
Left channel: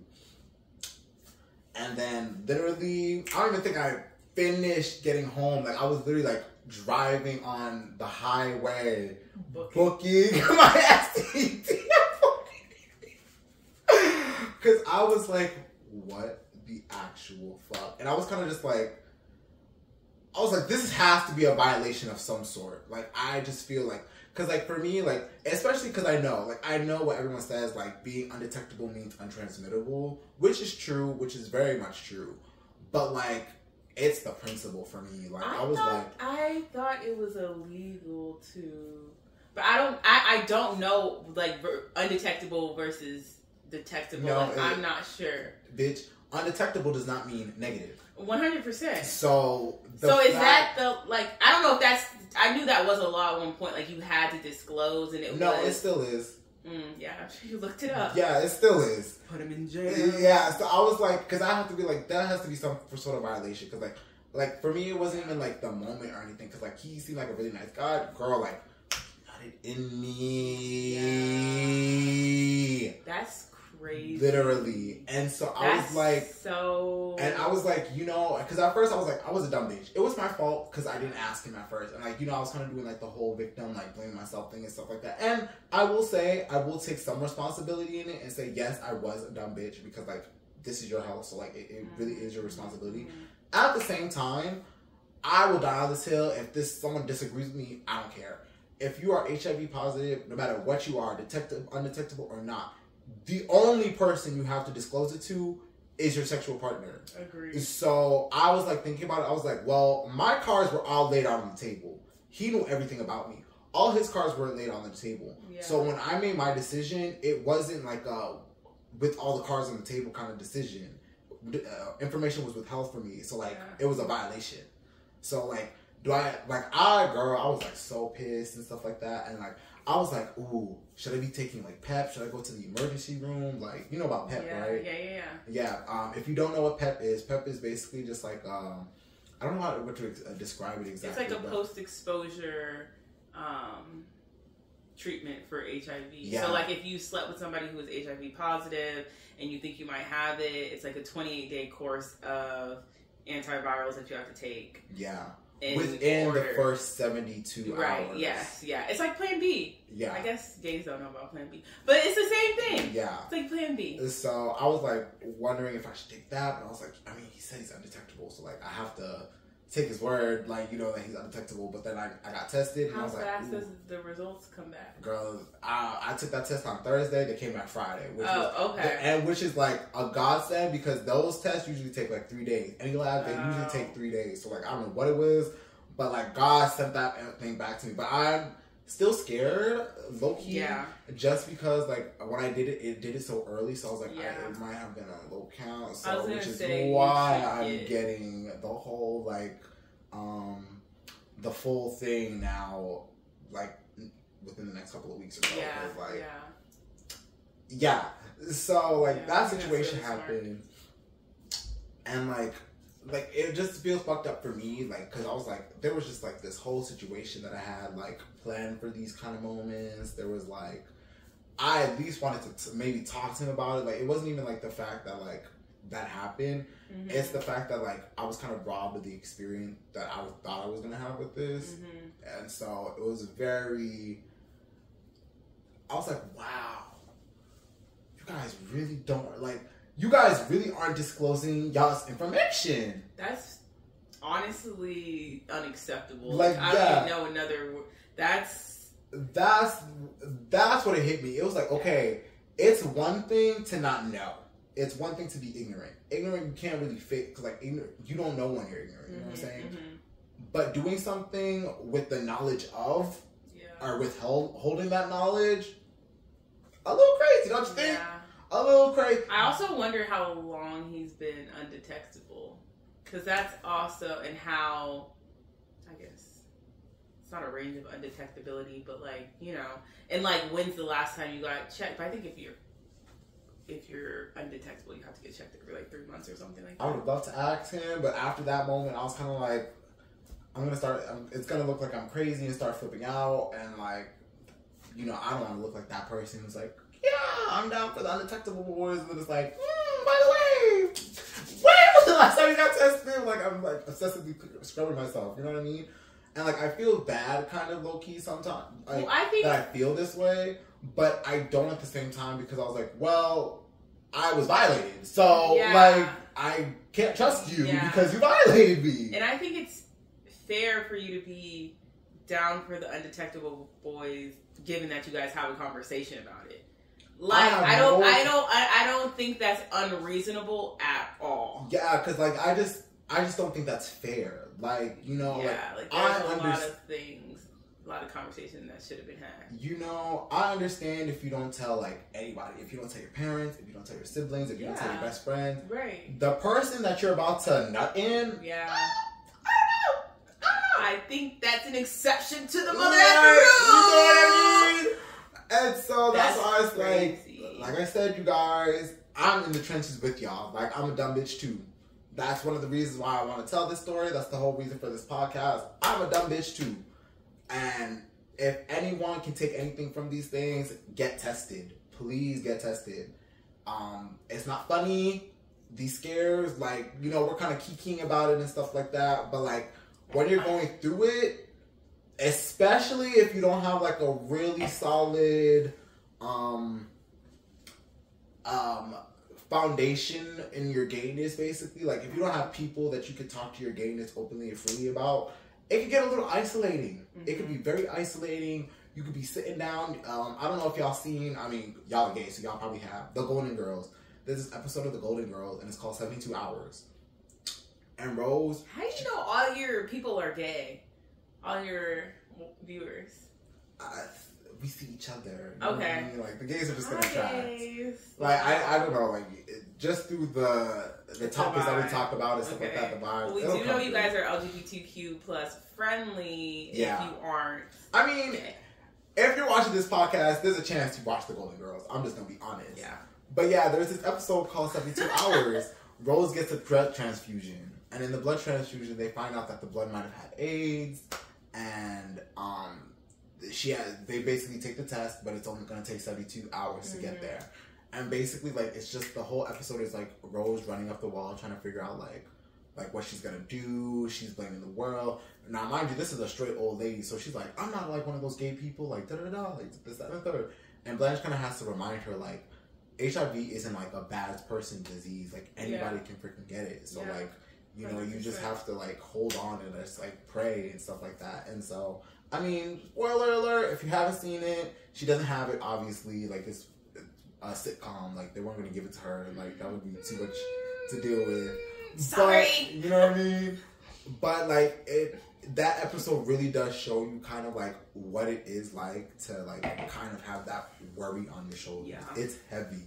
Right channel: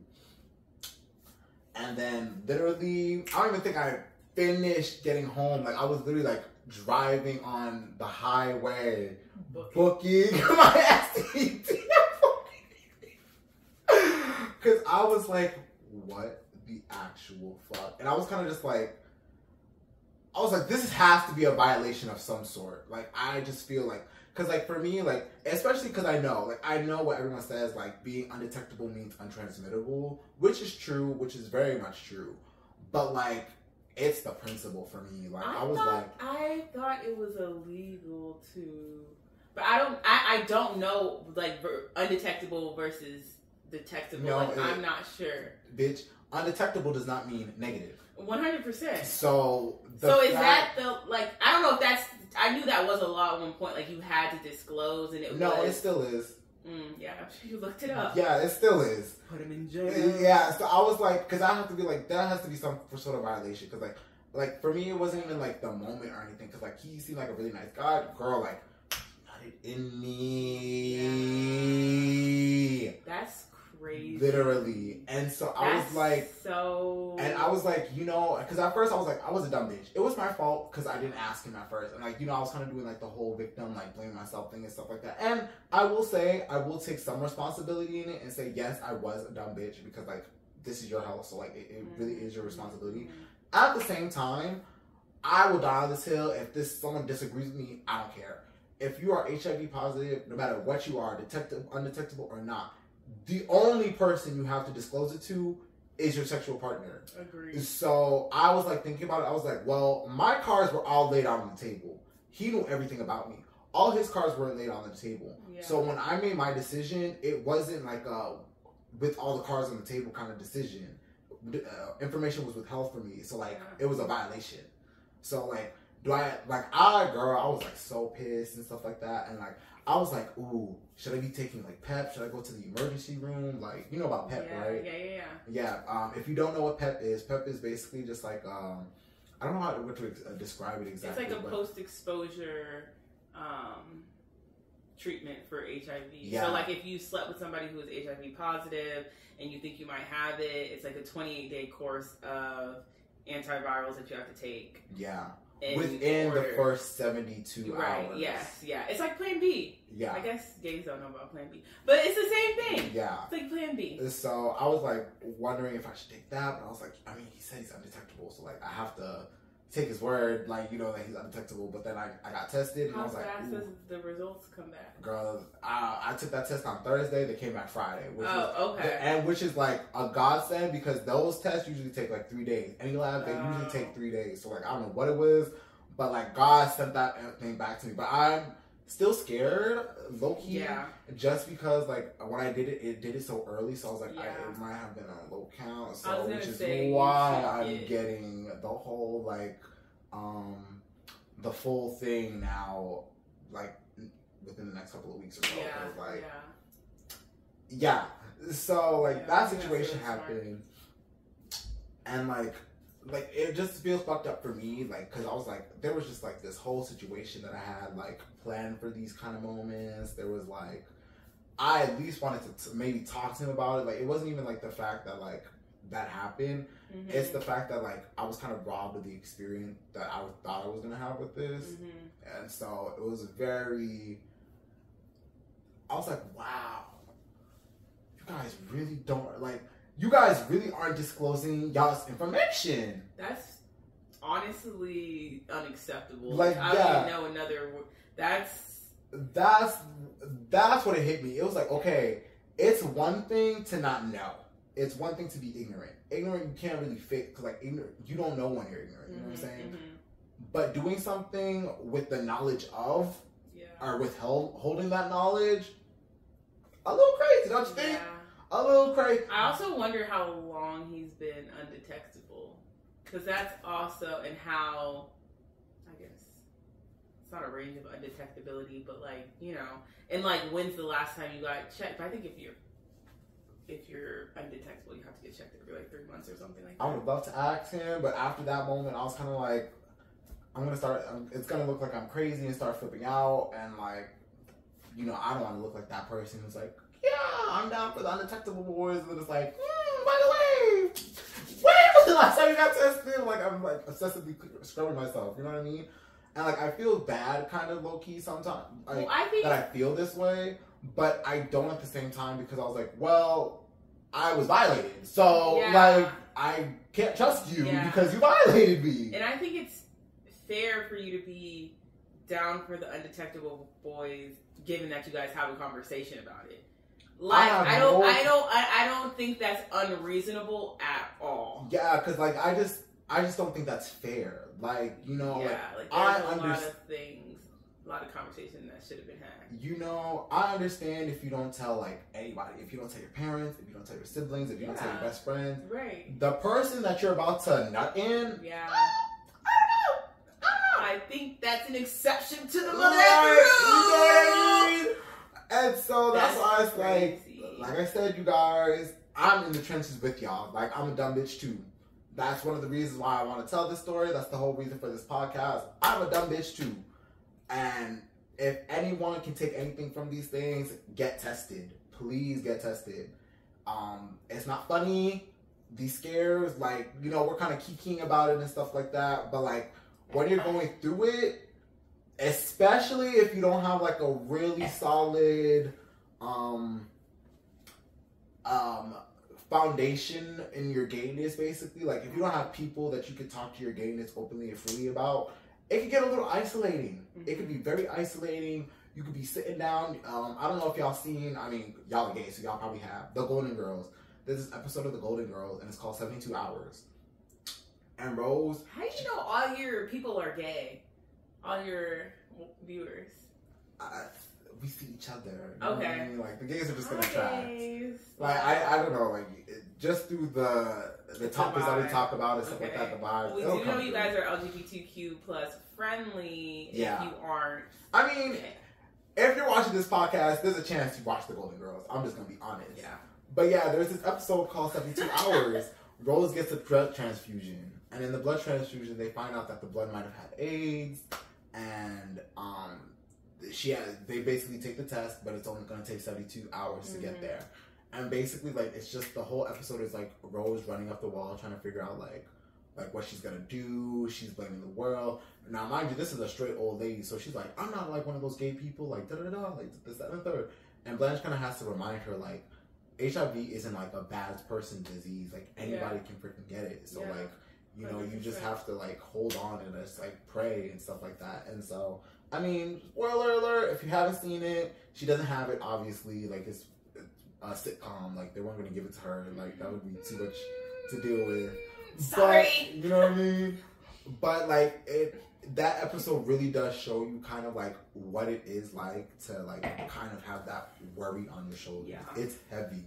And then literally, I don't even think I finished getting home. Like I was literally like driving on the highway, booking my STD. Because I was like, what the actual fuck? And I was kind of just like, I was like, this has to be a violation of some sort. Like, I just feel like, because like for me, like, especially because I know what everyone says, like being undetectable means untransmittable, which is true, which is very much true. But like, it's the principle for me. Like, I thought it was illegal to, But I don't know, like, undetectable versus detectable. No, like, I'm not sure. Bitch, undetectable does not mean negative. 100%. So is that the, like, I don't know if that's, I knew that was a law at one point, like, you had to disclose, and it still is. Yeah, I'm sure you looked it up. Yeah, it still is. Put him in jail. Yeah, so I was like, because I have to be like, that has to be some sort of violation, because like for me, it wasn't even like the moment or anything, because like he seemed like a really nice guy. Girl, like, got it in me. Yeah. That's crazy. Literally. And so I was like, and I was like, you know, because at first I was like, I was a dumb bitch. It was my fault because I didn't ask him at first. And like, you know, I was kind of doing like the whole victim, like blaming myself thing and stuff like that. And I will say, I will take some responsibility in it and say, yes, I was a dumb bitch because like, this is your health. So like, it really is your responsibility. At the same time, I will die on this hill. If someone disagrees with me, I don't care. If you are HIV positive, no matter what you are, undetectable or not, the only person you have to disclose it to is your sexual partner. Agreed. So I was like thinking about it. I was like, well, my cards were all laid out on the table. He knew everything about me. All his cards were laid on the table. Yeah. So when I made my decision, it wasn't like with all the cards on the table kind of decision. Information was withheld from me. So like it was a violation. So like, I was like so pissed and stuff like that. And like, I was like, ooh, should I be taking like PEP? Should I go to the emergency room? Like, you know about PEP, right? Yeah. If you don't know what PEP is basically just like, I don't know how to describe it exactly. It's like a post-exposure treatment for HIV. Yeah. So like if you slept with somebody who is HIV positive and you think you might have it, it's like a 28-day course of antivirals that you have to take. Yeah. Within the first 72 hours. Yes, yeah. It's like Plan B. Yeah. I guess gays don't know about Plan B. But it's the same thing. Yeah. It's like Plan B. So I was like wondering if I should take that, but I was like, I mean, he said he's undetectable, so like I have to take his word, like, you know, that he's undetectable. But then I got tested, and I was like, how fast does the results come back? Girl, I took that test on Thursday. They came back Friday. Okay. Which is like a godsend because those tests usually take like 3 days. Any lab, they usually take 3 days. So like, I don't know what it was, but like God sent that thing back to me. But I'm still scared, low key. Yeah. Just because like when I did it did it so early. So I was like, it might have been a low count. So which is why I'm getting the whole like, the full thing now, like within the next couple of weeks or so. So like that situation happened, and like it just feels fucked up for me, like, because I was like, there was just like this whole situation that I had like planned for these kind of moments. There was like, I at least wanted to maybe talk to him about it. Like, it wasn't even like the fact that like that happened. Mm-hmm. It's the fact that like I was kind of robbed of the experience that I thought I was gonna have with this. Mm-hmm. And so it was I was like, wow, you guys really don't, like, you guys really aren't disclosing y'all's information. That's honestly unacceptable. Like, I don't even know another word. That's what it hit me. It was like, okay, it's one thing to not know. It's one thing to be ignorant. Ignorant, you can't really fake, because like, ignorant, you don't know when you're ignorant. You know what I'm saying? Mm-hmm. But doing something with the knowledge of, or withholding that knowledge, a little crazy, don't you think? A little crazy. I also wonder how long he's been undetectable, because that's also, and how, I guess it's not a range of undetectability, but like, you know, and like, when's the last time you got checked? But I think if you're undetectable, you have to get checked every like 3 months or something like that. I would have loved to ask him, but after that moment, I was kind of like, it's gonna look like I'm crazy and start flipping out, and like, you know, I don't want to look like that person who's like, yeah, I'm down for the undetectable boys, but it's like, by the way, when was the last time you got tested? Like, I'm like obsessively scrubbing myself, you know what I mean? And like, I feel bad, kind of low key sometimes, like, that I feel this way, but I don't at the same time, because I was like, well, I was violated, so like, I can't trust you because you violated me. And I think it's fair for you to be down for the undetectable boys, given that you guys have a conversation about it. Like, I don't think that's unreasonable at all. Yeah, because like I just don't think that's fair. Like, you know, like there's a lot of things. lot of conversation that should have been had. You know, I understand if you don't tell like anybody, if you don't tell your parents, if you don't tell your siblings, if you don't tell your best friends. Right. The person that you're about to nut in. Yeah. I think that's an exception to the rule. You know what I mean? And so that's why it's like I said, you guys, I'm in the trenches with y'all. Like, I'm a dumb bitch too. That's one of the reasons why I want to tell this story. That's the whole reason for this podcast. I'm a dumb bitch too. And if anyone can take anything from these things, get tested. Please get tested. It's not funny. These scares, like, you know, we're kind of kikiing about it and stuff like that. But, like, when you're going through it, especially if you don't have, like, a really solid foundation in your gayness, basically. Like, if you don't have people that you can talk to your gayness openly and freely about, it can get a little isolating. It can be very isolating. You could be sitting down. I don't know if y'all seen, I mean, y'all are gay, so y'all probably have, The Golden Girls. There's this episode of The Golden Girls, and it's called 72 Hours. And Rose... How do you know all your people are gay? All your viewers? We see each other. Okay. Know what I mean? Like, the gays are just gonna try. Gays. Like, I don't know, like, just through the topics that we talk about and stuff like that, the vibes. Well, we do know you guys are LGBTQ plus friendly. Yeah. If you aren't. I mean, if you're watching this podcast, there's a chance you watch The Golden Girls. I'm just gonna be honest. Yeah. But yeah, there's this episode called 72 Hours. Rose gets a blood transfusion. And in the blood transfusion, they find out that the blood might have had AIDS. And they basically take the test, but it's only going to take 72 hours to get there. And basically, like, it's just the whole episode is like Rose running up the wall trying to figure out like what she's going to do. She's blaming the world. Now, mind you, this is a straight old lady. So she's like, I'm not like one of those gay people, like, da-da-da, like this, that, and the third. And Blanche kind of has to remind her, like, HIV isn't like a bad person disease. Like, anybody can freaking get it. So like, you know, 100%. You just have to like hold on and just like pray and stuff like that. And so, I mean, spoiler alert, if you haven't seen it, she doesn't have it, obviously. Like, it's a sitcom. Like, they weren't going to give it to her. Like, that would be too much to deal with. Sorry. But, you know what I mean? But like, that episode really does show you kind of like what it is like to like kind of have that worry on your shoulders. Yeah. It's heavy.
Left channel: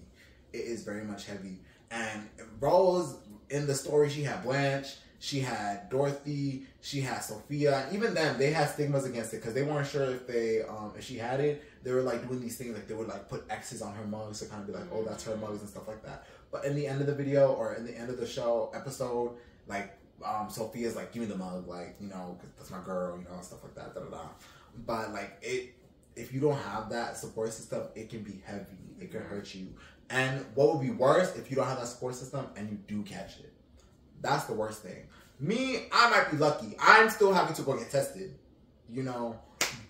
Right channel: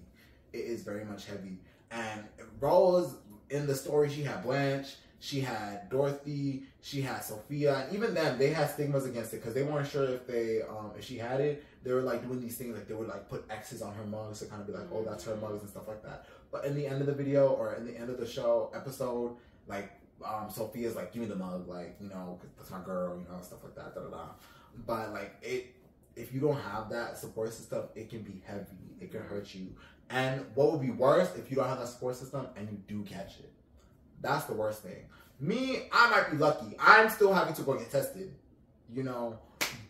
It is very much heavy. And Rose, in the story, she had Blanche, she had Dorothy, she had Sophia, and even then they had stigmas against it because they weren't sure if she had it. They were like doing these things, like they would like put X's on her mugs to kind of be like, oh, that's her mugs and stuff like that. But in the end of the video or in the end of the show episode, like Sophia's like, give me the mug, like, you know, 'cause that's my girl, you know, stuff like that, da da da. But like, if you don't have that support system, it can be heavy. It can hurt you. And what would be worse if you don't have that support system and you do catch it? That's the worst thing. Me, I might be lucky. I'm still having to go get tested, you know.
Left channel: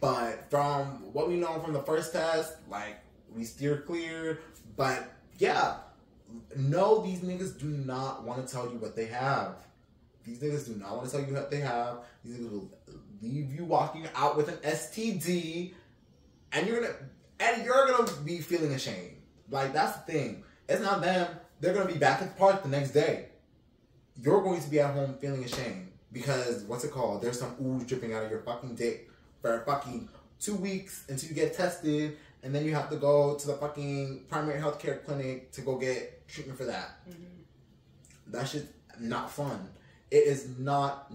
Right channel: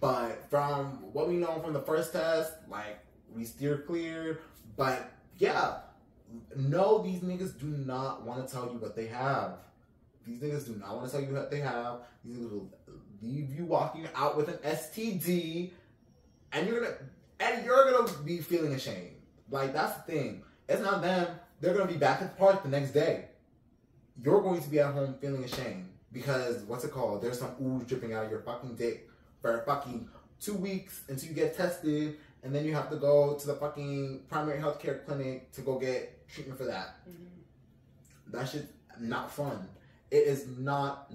But from what we know from the first test, like, we steer clear. But yeah, no, these niggas do not want to tell you what they have. These niggas do not want to tell you what they have. These niggas will leave you walking out with an STD, and you're gonna be feeling ashamed. Like, that's the thing. It's not them. They're gonna be back at the park the next day. You're going to be at home feeling ashamed because, what's it called? There's some ooze dripping out of your fucking dick for fucking 2 weeks until you get tested, and then you have to go to the fucking primary healthcare clinic to go get treatment for that. That shit's not fun. It is not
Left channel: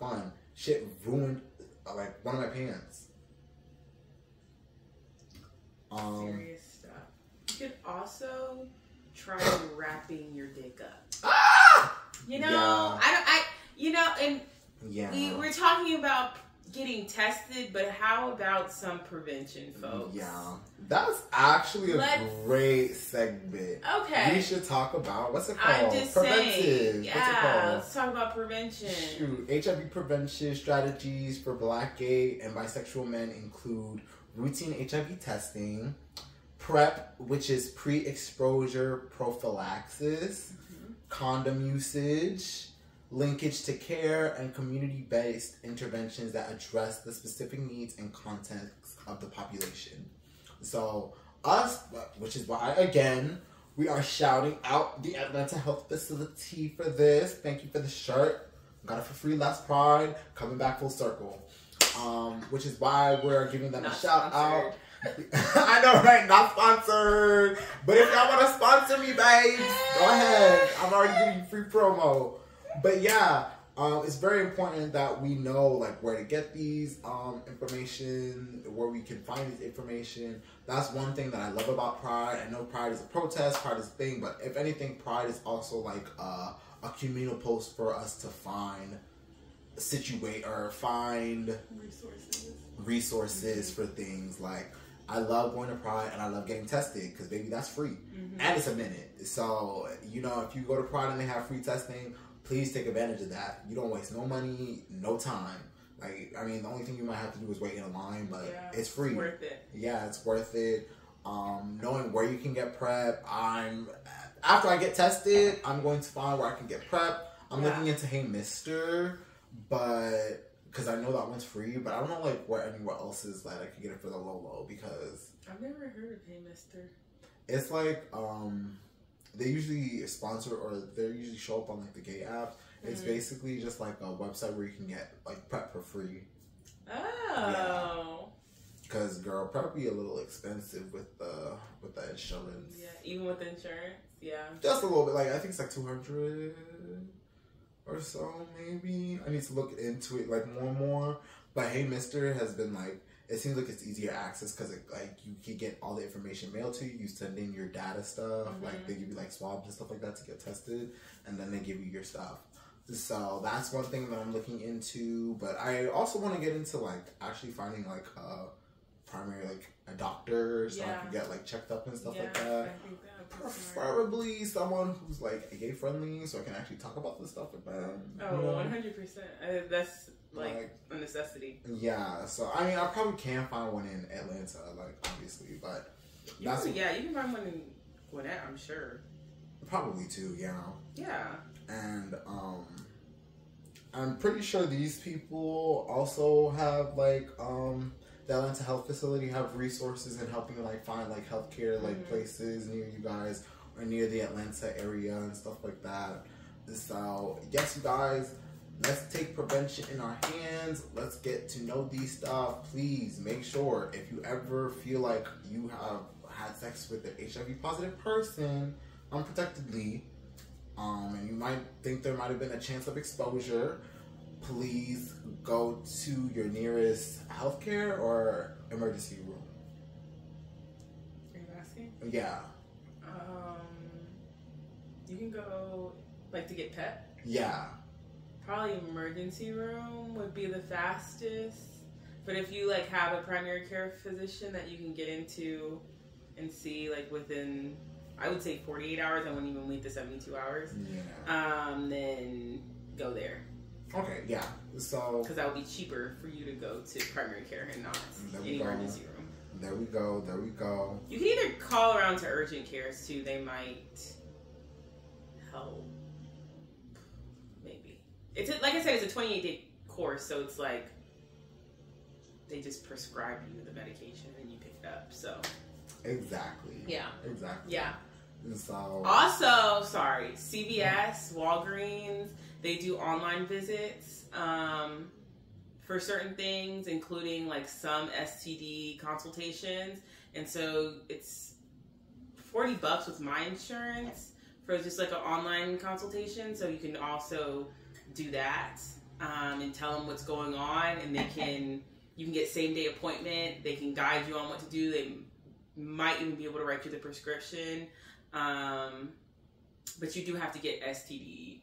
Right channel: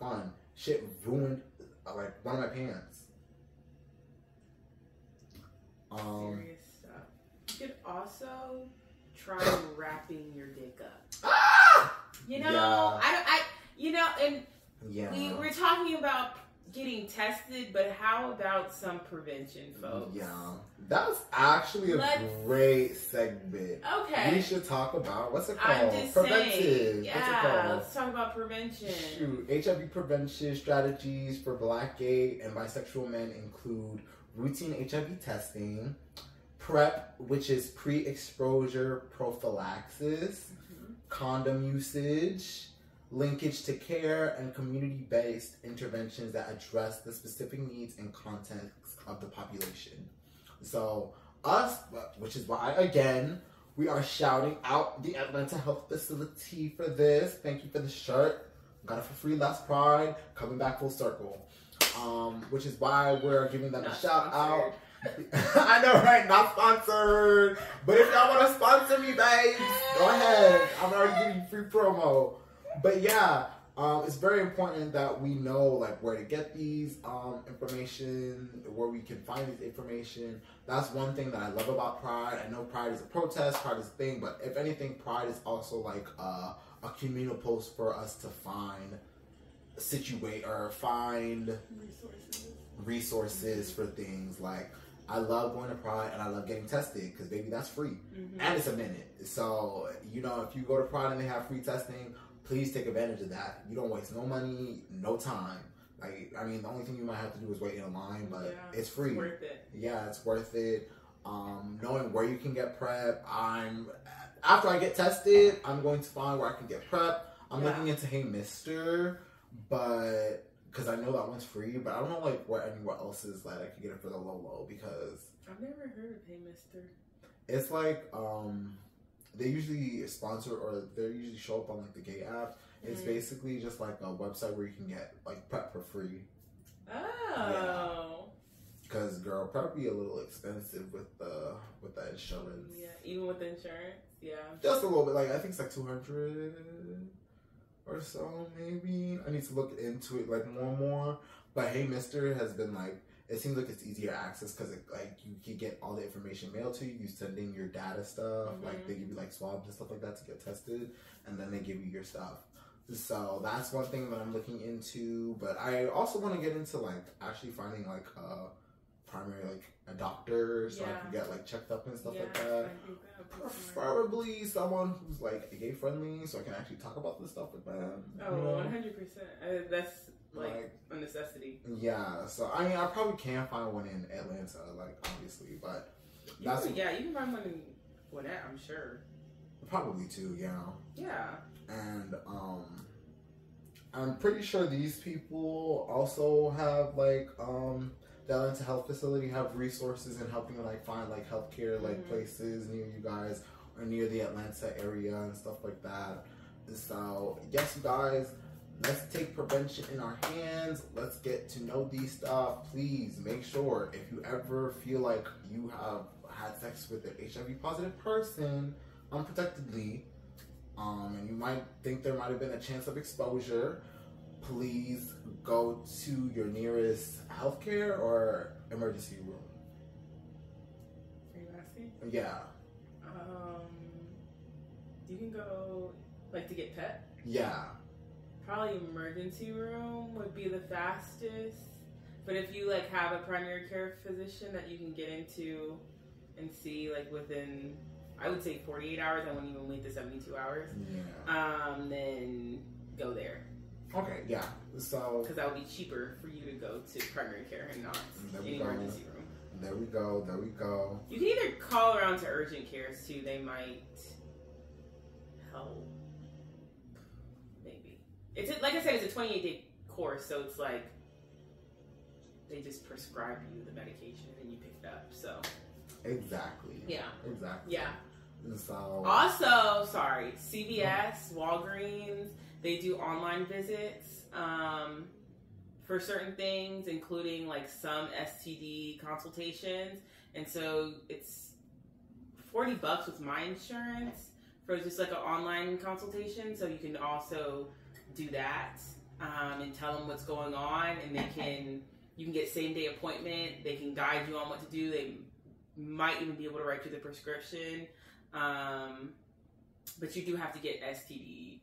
fun. Shit ruined like one of my pants. Serious stuff. You could also try wrapping your dick up. You know, we're talking about getting tested, but how about some prevention, folks? Yeah, that's actually a great segment. Okay, we should talk about what's it called? I'm just Preventive. Saying, yeah, let's talk about prevention. Shoot, HIV prevention strategies for Black, gay, and bisexual men include routine HIV testing, PrEP, which is pre-exposure prophylaxis, condom usage, linkage to care, and community-based interventions that address the specific needs and context of the population. So us, which is why, again, we are shouting out the Atlanta Health Facility for this. Thank you for the shirt. Got it for free last Pride. Coming back full circle. which is why we're giving them a shout out. I know, right? Not sponsored. But if y'all want to sponsor me, babes, go ahead. I'm already giving you free promo. But yeah, it's very important that we know like where to get these information, where we can find this information. That's one thing that I love about Pride. I know Pride is a protest, Pride is a thing, but if anything, Pride is also like a communal post for us to find resources for things. Like, I love going to Pride and I love getting tested because baby, that's free and it's a minute. So you know, if you go to Pride and they have free testing, please take advantage of that. You don't waste no money, no time. Like, I mean, the only thing you might have to do is wait in a line, but it's free. It's worth it. Yeah, it's worth it. Knowing where you can get PrEP. After I get tested, I'm going to find where I can get PrEP. I'm looking into Hey Mister, but because I know that one's free, but I don't know like where anywhere else is that I can get it for the low because I've never heard of Hey Mister. It's like they usually sponsor or they usually show up on like the gay apps. It's basically just like a website where you can get like PrEP for free. Oh. Because girl, PrEP be a little expensive with the insurance. Yeah, even with the insurance. Yeah. Just a little bit. Like I think it's like $200 or so, maybe. I need to look into it like more and more. But Hey Mister has been like, it seems like it's easier access because like you can get all the information mailed to you. You send in your data stuff. Like they give you like swabs and stuff like that to get tested, and then they give you your stuff. So that's one thing that I'm looking into. But I also want to get into like actually finding like primary like a doctor so I can get like checked up and stuff like that. Preferably someone who's like gay friendly so I can actually talk about this stuff with them. Oh, 100%. That's like a necessity. Yeah, so I mean I probably can find one in Atlanta, like obviously, but that's you can find one in Gwinnett, I'm sure. Probably too, yeah. Yeah. And I'm pretty sure these people also have like the Atlanta Health Facility have resources in helping like find like healthcare like places near you guys or near the Atlanta area and stuff like that. So yes, you guys, let's take prevention in our hands. Let's get to know these stuff. Please make sure if you ever feel like you have had sex with an HIV positive person unprotectedly, and you might think there might have been a chance of exposure, please go to your nearest healthcare or emergency room. Are you asking? Yeah. You can go like to get PEP. Yeah. Probably emergency room would be the fastest. But if you like have a primary care physician that you can get into and see like within, I would say 48 hours. I wouldn't even wait the 72 hours. Yeah. Then go there. Okay, yeah. So because that would be cheaper for you to go to primary care and not any emergency room. There we go. There we go. You can either call around to urgent cares too. They might help. Maybe it's like I said, it's a 28-day course, so it's like they just prescribe you the medication and you pick it up. So exactly. Yeah. Exactly. Yeah. And so also, sorry, CVS, Walgreens. They do online visits for certain things, including like some STD consultations. And so it's $40 with my insurance for just like an online consultation. So you can also do that and tell them what's going on, and you can get same day appointment. They can guide you on what to do. They might even be able to write you the prescription. But you do have to get STD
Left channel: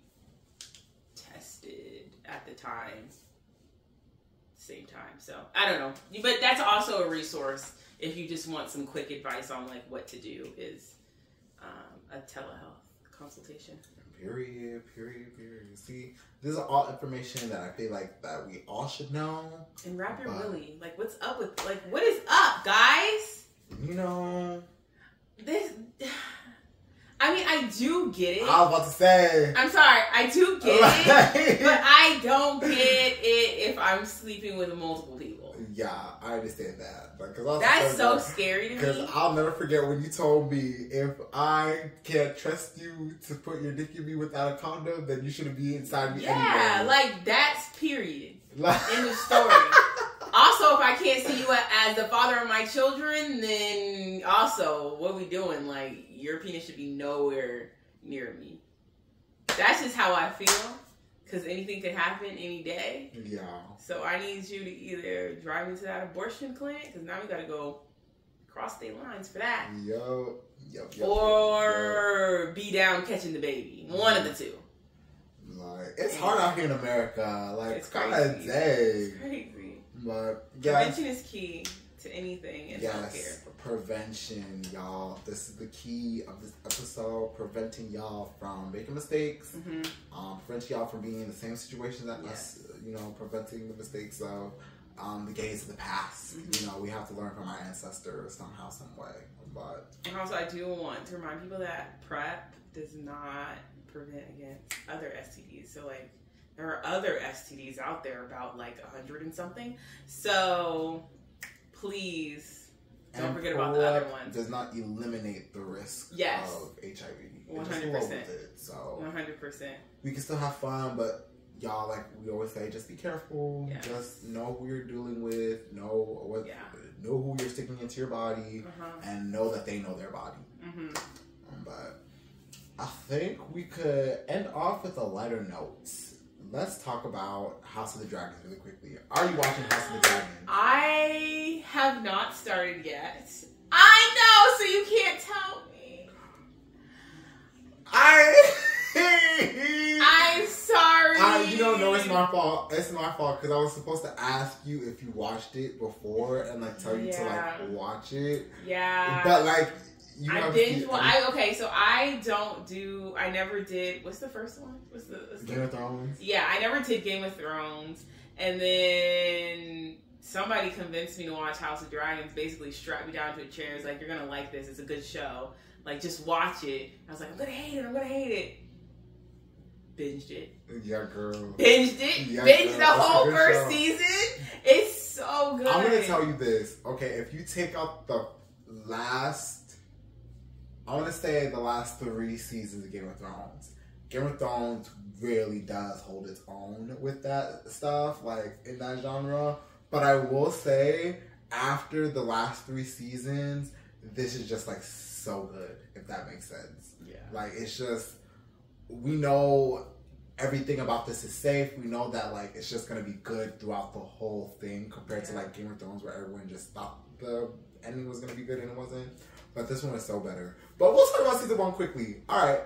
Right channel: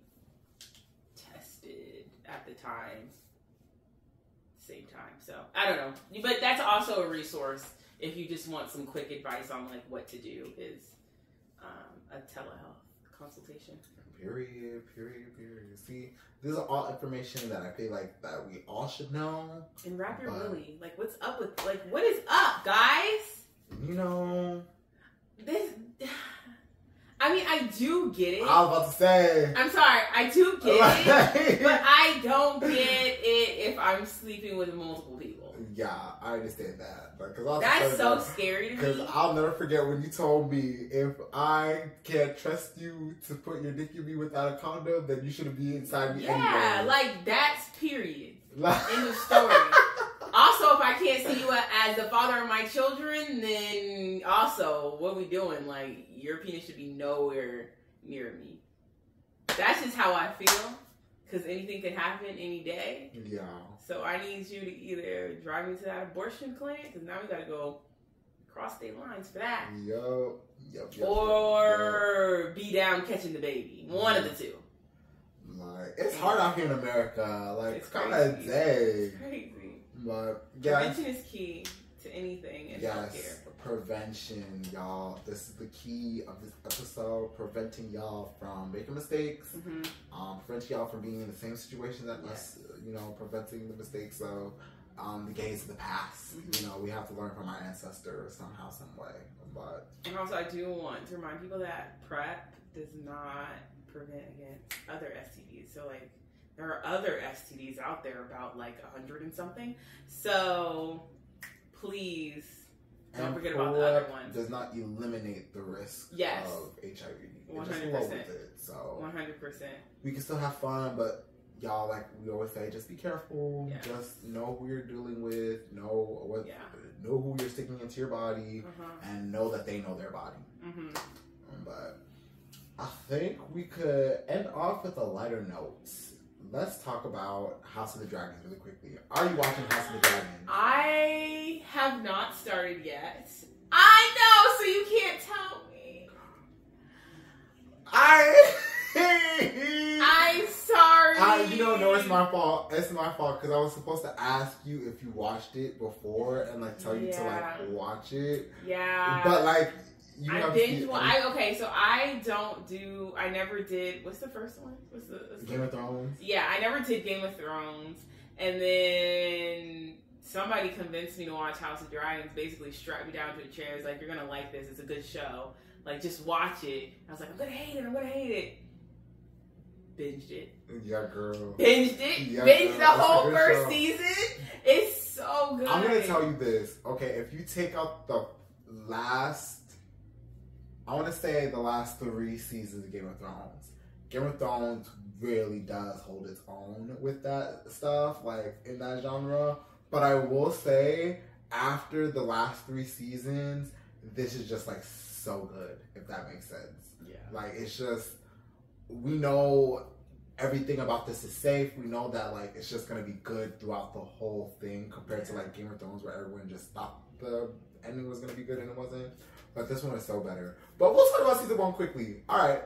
tested at the same time. So I don't know, but that's also a resource if you just want some quick advice on like what to do. Is a telehealth consultation. Period. See, these are all information that I feel like that we all should know. And wrap your willy. Like, what's up with like what is up, guys? You know this. I mean, I do get it. I was about to say. I'm sorry, I do get it, but I don't get it if I'm sleeping with multiple people. Yeah, I understand that. That's so scary to me. Because I'll never forget when you told me, if I can't trust you to put your dick in me without a condom, then you shouldn't be inside me anyway. Yeah, like that's period. In the story. Also, if I can't see you as the father of my children, then also, what are we doing? Like, your penis should be nowhere near me. That's just how I feel. Because anything can happen any day. Yeah. So I need you to either drive me to that abortion clinic, because now we got to go cross state lines for that. Or be down catching the baby. One of the two. Like, it's hard out here in America. Like, it's kind of dang. It's crazy. But prevention is key to anything in healthcare. Prevention, y'all. This is the key of this episode. Preventing y'all from making mistakes. Preventing y'all from being in the same situation that us. You know, preventing the mistakes of the gays of the past. You know, we have to learn from our ancestors somehow, some way. But and also, I do want to remind people that PrEP does not prevent against other STDs. So, like, there are other STDs out there, about like 100 and something. So, please don't forget about the other ones. Does not eliminate the risk of HIV. 100%. So 100%. We can still have fun, but y'all, like we always say, just be careful. Yeah. Just know who you're dealing with. Know who you're sticking into your body, and know that they know their body. But I think we could end off with a lighter note. Let's talk about House of the Dragons really quickly. Are you watching House of the Dragons? I have not started yet. I know, so you can't tell me. I'm sorry. You don't know it's my fault. It's my fault because I was supposed to ask you if you watched it before and like tell you to like watch it. Yeah. But like I binge watch. Okay, so I never did. What's the first one? What's the Game of Thrones? Yeah, I never did Game of Thrones, and then somebody convinced me to watch House of Dragons. Basically, strapped me down to a chair. It's like, you're gonna like this. It's a good show. Like, just watch it. I was like, I'm gonna hate it. Binged it. Yeah, girl. Binged it. Yeah, binged the whole first season. It's so good. I'm gonna tell you this. Okay, if you take out the last. I want to say the last 3 seasons of Game of Thrones. Game of Thrones really does hold its own with that stuff, like in that genre. But I will say, after the last 3 seasons, this is just like so good, if that makes sense. Yeah. Like, it's just, we know everything about this is safe. We know that like it's just gonna be good throughout the whole thing, compared to like Game of Thrones, where everyone just thought the ending was gonna be good and it wasn't. But this one is so better. But we'll talk about season 1 quickly. All right.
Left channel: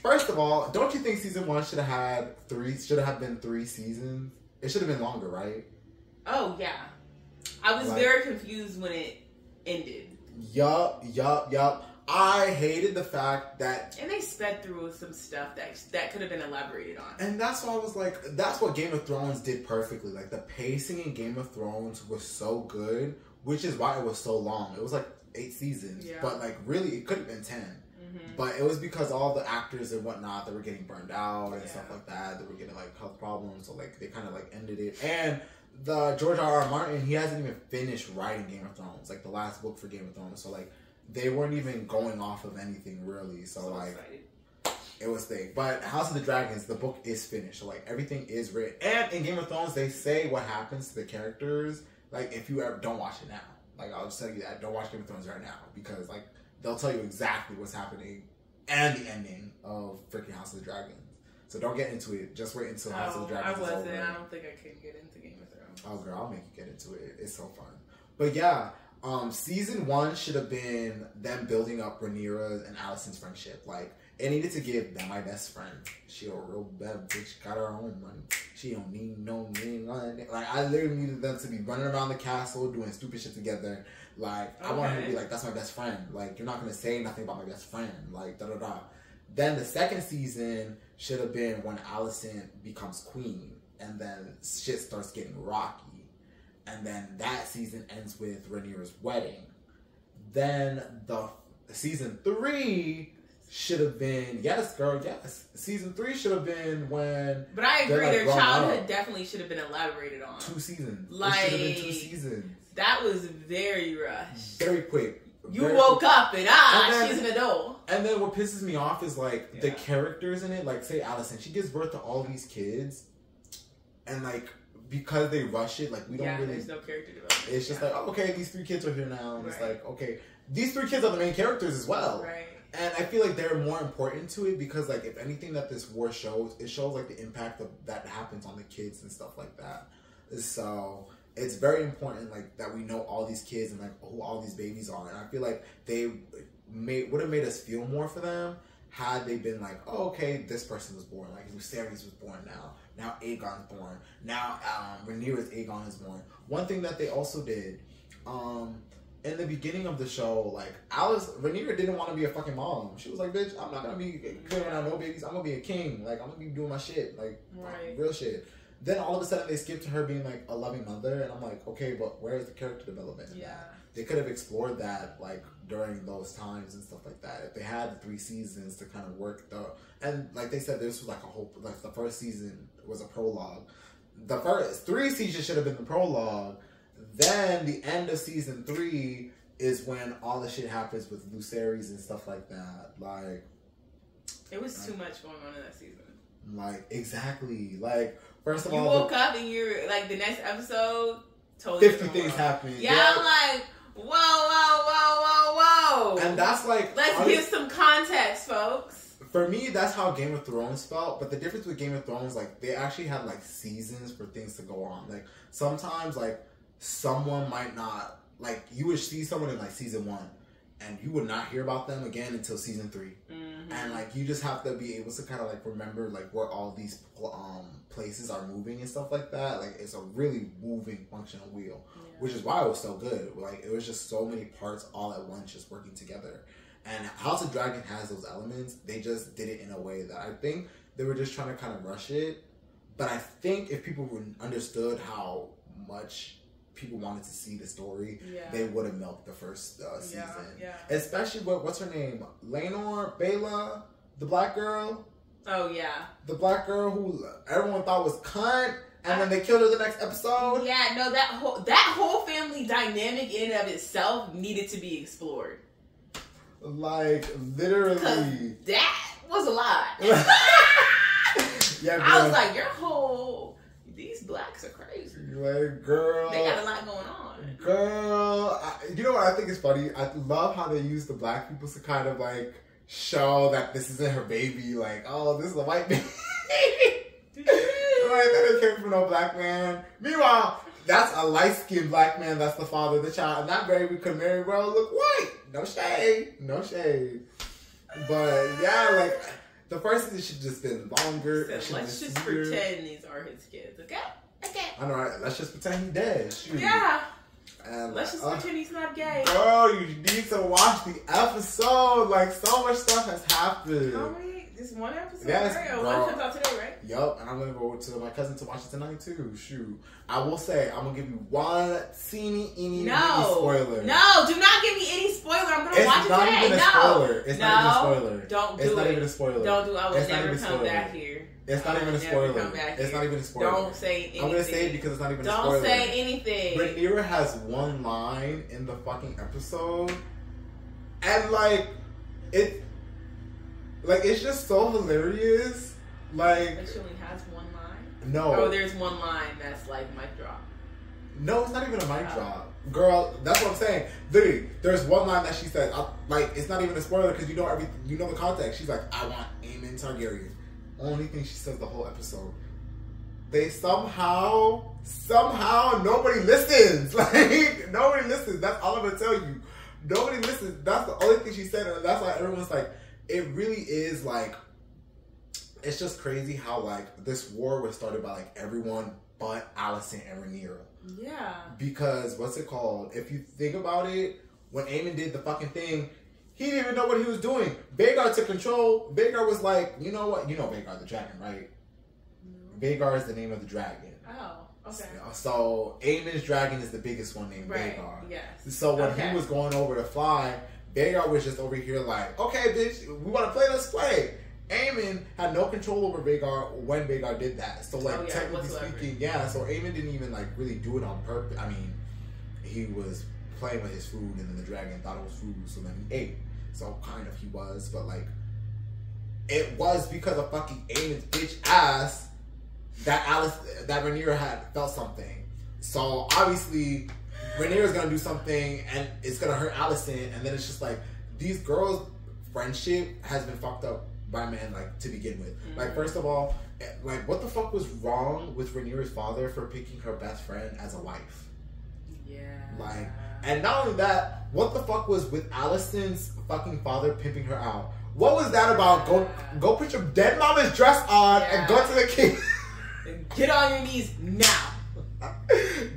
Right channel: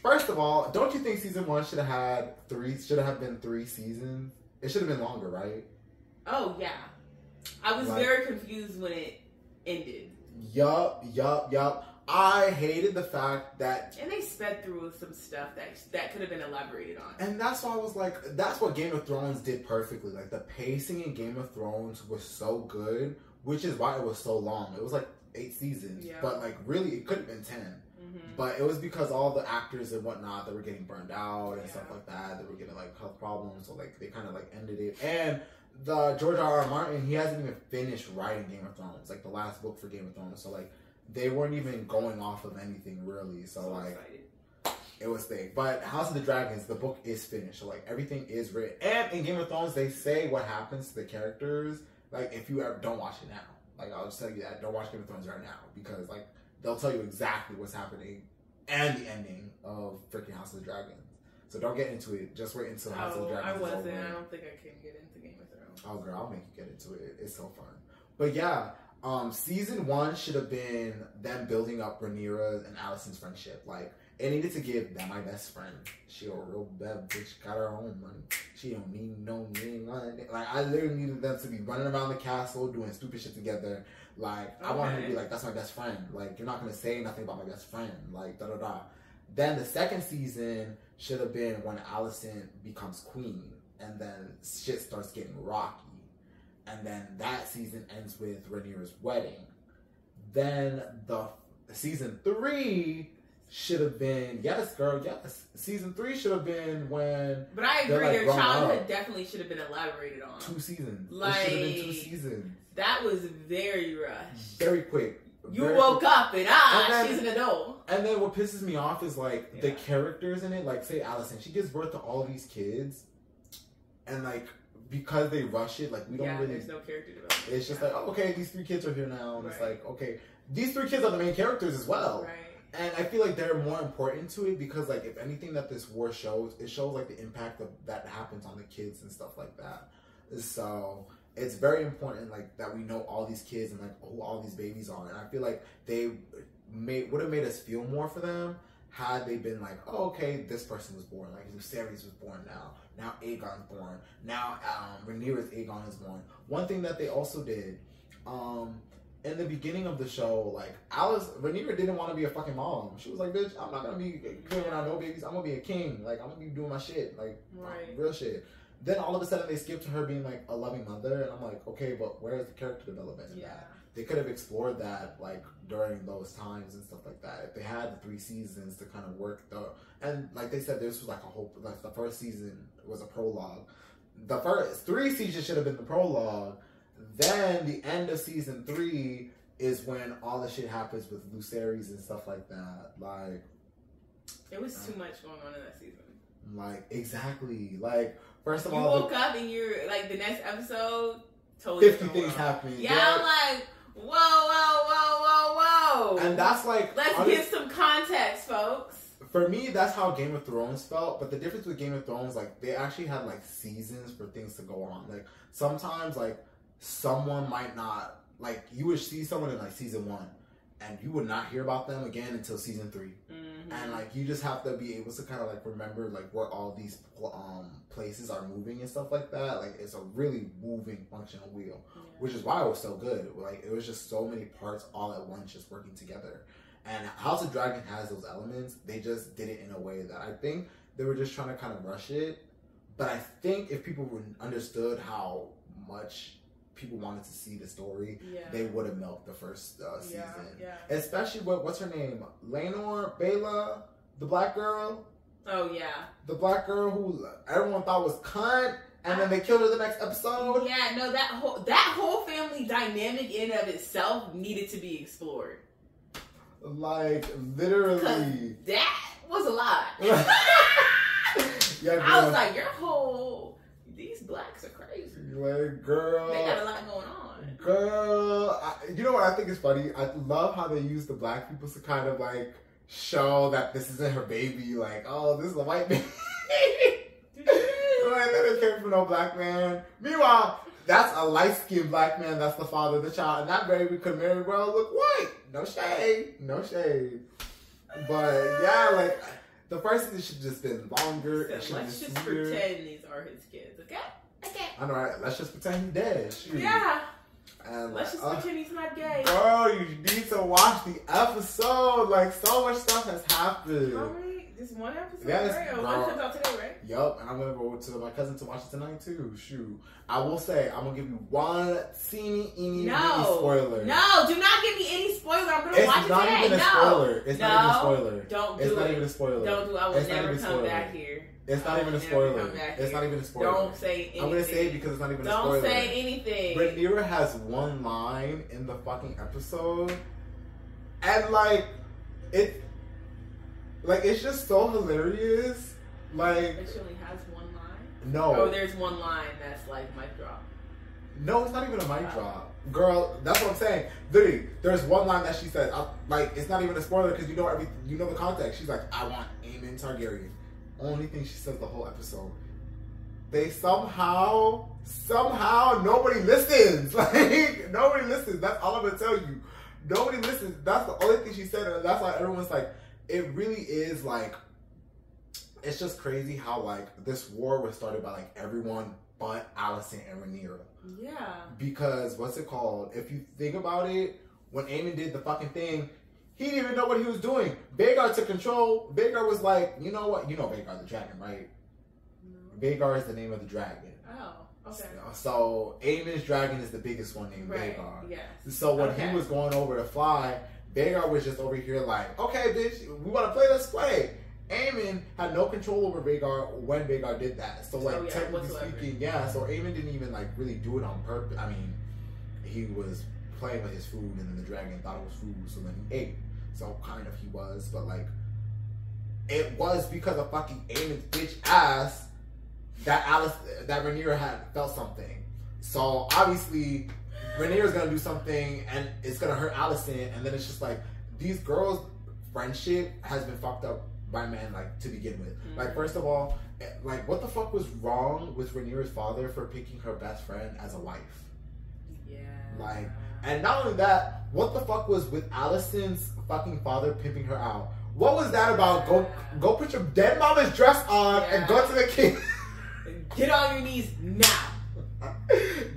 First of all, don't you think season 1 should have been 3 seasons? It should have been longer, right? Oh yeah. I was very confused when it ended. Yup. I hated the fact that... And they sped through some stuff that could have been elaborated on. And that's why I was like, that's what Game of Thrones did perfectly. Like, the pacing in Game of Thrones was so good, which is why it was so long. It was like 8 seasons, but like really it could have been 10. But it was because all the actors and whatnot that were getting burned out and stuff like that, they were getting like health problems, so like they kind of like ended it. And the George R.R. Martin, he hasn't even finished writing Game of Thrones, like the last book for Game of Thrones, so like they weren't even going off of anything really, so like excited. It was thick. But House of the Dragons, the book is finished, so like everything is written. And in Game of Thrones, they say what happens to the characters, like if you ever don't watch it now. Like, I'll just tell you that. Don't watch Game of Thrones right now. Because, like, they'll tell you exactly what's happening and the ending of freaking House of the Dragons. So don't get into it. Just wait until House of the Dragons is over. I wasn't. I don't think I could get into Game of Thrones. Oh, girl, I'll make you get into it. It's so fun. But, yeah. Season 1 should have been them building up Rhaenyra and Alicent's friendship. Like, it needed to give them my best friend. She a real bad bitch, got her own money. She don't need no name. Like, I literally needed them to be running around the castle, doing stupid shit together. Like, I want her to be like, that's my best friend. Like, you're not going to say nothing about my best friend. Like, da-da-da. Then the second season should have been when Alicent becomes queen. And then shit starts getting rocky. And then that season ends with Rhaenyra's wedding. Then the season 3... should have been, yes, girl, yes. Season 3 should have been when... But I agree, like, their childhood definitely should have been elaborated on. 2 seasons. Like, it should have been 2 seasons. That was very rushed. Very quick. You woke up and she's an adult. And then what pisses me off is, like, the characters in it. Like, say Alicent, she gives birth to all these kids. And, like, because they rush it, like we don't really. There's no character development. It's just like, oh, okay, these 3 kids are here now, and it's like, okay, these 3 kids are the main characters as well. Right. And I feel like they're more important to it because, like, if anything that this war shows, it shows like the impact of that happens on the kids and stuff like that. So it's very important, like, that we know all these kids and like who all these babies are. And I feel like they would have made us feel more for them had they been like, oh, okay, this person was born. Like, Lucerys was born now. Now Aegon's born. Now Rhaenyra's Aegon is born. One thing that they also did, in the beginning of the show, like, Rhaenyra didn't want to be a fucking mom. She was like, bitch, I'm not going to be killing out no babies. I'm going to be a king. Like, I'm going to be doing my shit. Like, real shit. Then all of a sudden they skipped to her being like a loving mother. And I'm like, okay, but where's the character development in that? They could have explored that, like, during those times and stuff like that. If they had the 3 seasons to kind of work and like they said, this was like a whole, like, the first season was a prologue. The first 3 seasons should have been the prologue. Then the end of season 3 is when all the shit happens with Lucerys and stuff like that. Like, it was too much going on in that season. Like, exactly. Like, first of all, you woke up and you're like, the next episode, totally 50 things happening. Yeah, I'm like, whoa. And that's like, let's give some context, folks. For me, that's how Game of Thrones felt. But the difference with Game of Thrones, like, they actually had like seasons for things to go on. Like, sometimes, like, someone might not, like, you would see someone in like season 1 and you would not hear about them again until season 3. And like, you just have to be able to kind of like remember like where all these places are moving and stuff like that. Like, it's a really moving functional wheel, which is why it was so good. Like, it was just so many parts all at once just working together. And House of Dragon has those elements. They just did it in a way that I think they were just trying to kind of rush it. But I think if people understood how much people wanted to see the story, they would have milked the first season. Especially what's her name? Baela, the black girl. Oh yeah. The black girl who everyone thought was cunt, and then they killed her the next episode. Yeah, no, that whole family dynamic in and of itself needed to be explored. Like, literally. That was a lot. Yeah, I was like, these blacks are crazy. Like, girl. They got a lot going on. Girl. You know what I think is funny? I love how they use the black people to kind of, like, show that this isn't her baby. Like, oh, this is a white baby. Like, that didn't came from no black man. Meanwhile, that's a light-skinned black man that's the father of the child. And that baby could very well look white. No shade. No shade. But, yeah, like, the first thing should just been longer. So let's just pretend these are his kids, okay? Okay. I know, right? Let's just pretend he's dead. Shoot. Yeah. And let's just pretend he's not gay. Bro, you need to watch the episode. Like, so much stuff has happened. All right. Just one episode, yes, right? Or one comes out today, right? Yup. And I'm going to go to my cousin to watch it tonight, too. Shoot. I will say, I'm going to give you one teeny spoiler. No, do not give me any spoiler. I'm going to watch it today. It's not even a spoiler. It's not even a spoiler. Don't do it. It's not even a spoiler. Don't do it. I will never come back here. It's not even a spoiler. It's not even a spoiler. Don't say anything. I'm going to say it because it's not even a spoiler. Don't say anything. Rhaenyra has one line in the fucking episode. And, like, it's just so hilarious. Like, she only has one line? No. Oh, there's one line that's like mic drop. No, it's not even a mic drop. Girl, that's what I'm saying. Literally, there's one line that she said. Like, it's not even a spoiler because you know everything. You know the context. She's like, I want Aemon Targaryen. Only thing she says the whole episode. They somehow, nobody listens. Like, nobody listens. That's all I'm going to tell you. Nobody listens. That's the only thing she said. And that's why everyone's like, it really is like, it's just crazy how like this war was started by like everyone but Alicent and Rhaenyra. Yeah. Because what's it called? If you think about it, when Aemon did the fucking thing, he didn't even know what he was doing. Vhagar took control. Vhagar was like, you know what? You know Vhagar the dragon, right? No. Vhagar is the name of the dragon. Oh, okay. So Aemon's dragon is the biggest one named Vhagar. Yes. So when he was going over to fly, Vhagar was just over here like, okay, bitch, we want to play, let's play. Aemon had no control over Vhagar when Vhagar did that. So, like, technically speaking, so Aemon didn't even, like, really do it on purpose. I mean, he was playing with his food, and then the dragon thought it was food, so then he ate. So, kind of, he was, but, like, it was because of fucking Aemon's bitch ass that Rhaenyra had felt something. So obviously Rhaenyra's gonna do something and it's gonna hurt Alicent, and then it's just like these girls' friendship has been fucked up by men, like, to begin with. Like, first of all, like, what the fuck was wrong with Rhaenyra's father for picking her best friend as a wife? Yeah. Like, and not only that, what the fuck was with Alicent's fucking father pimping her out? What was that about? Go put your dead mama's dress on and go to the king. Get on your knees now.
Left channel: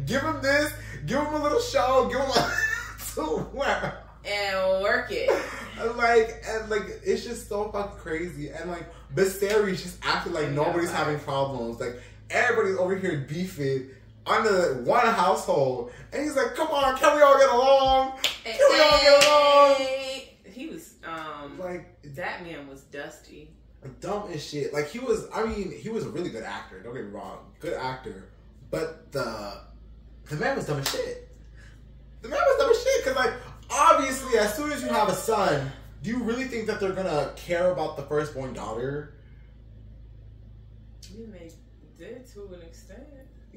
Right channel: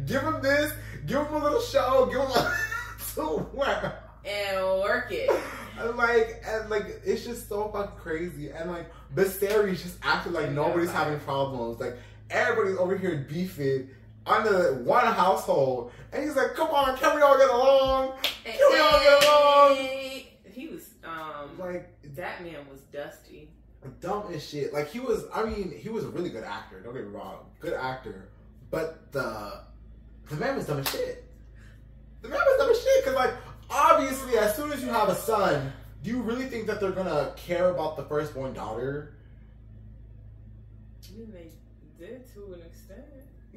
Give him this. Give him a little show. Give him a to wear. And work it. And like, it's just so fucking crazy. And like, Viserys just acted like nobody's having problems. Like, everybody's over here beefing under one household. And he's like, come on, can we all get along? Can we all get along? He was, like, that man was dusty. Dumb as shit. Like, he was a really good actor. Don't get me wrong. Good actor. But the man was dumb as shit. The man was dumb as shit. Because, like, obviously, as soon as you have a son, do you really think that they're gonna care about the firstborn daughter? You may did to an extent.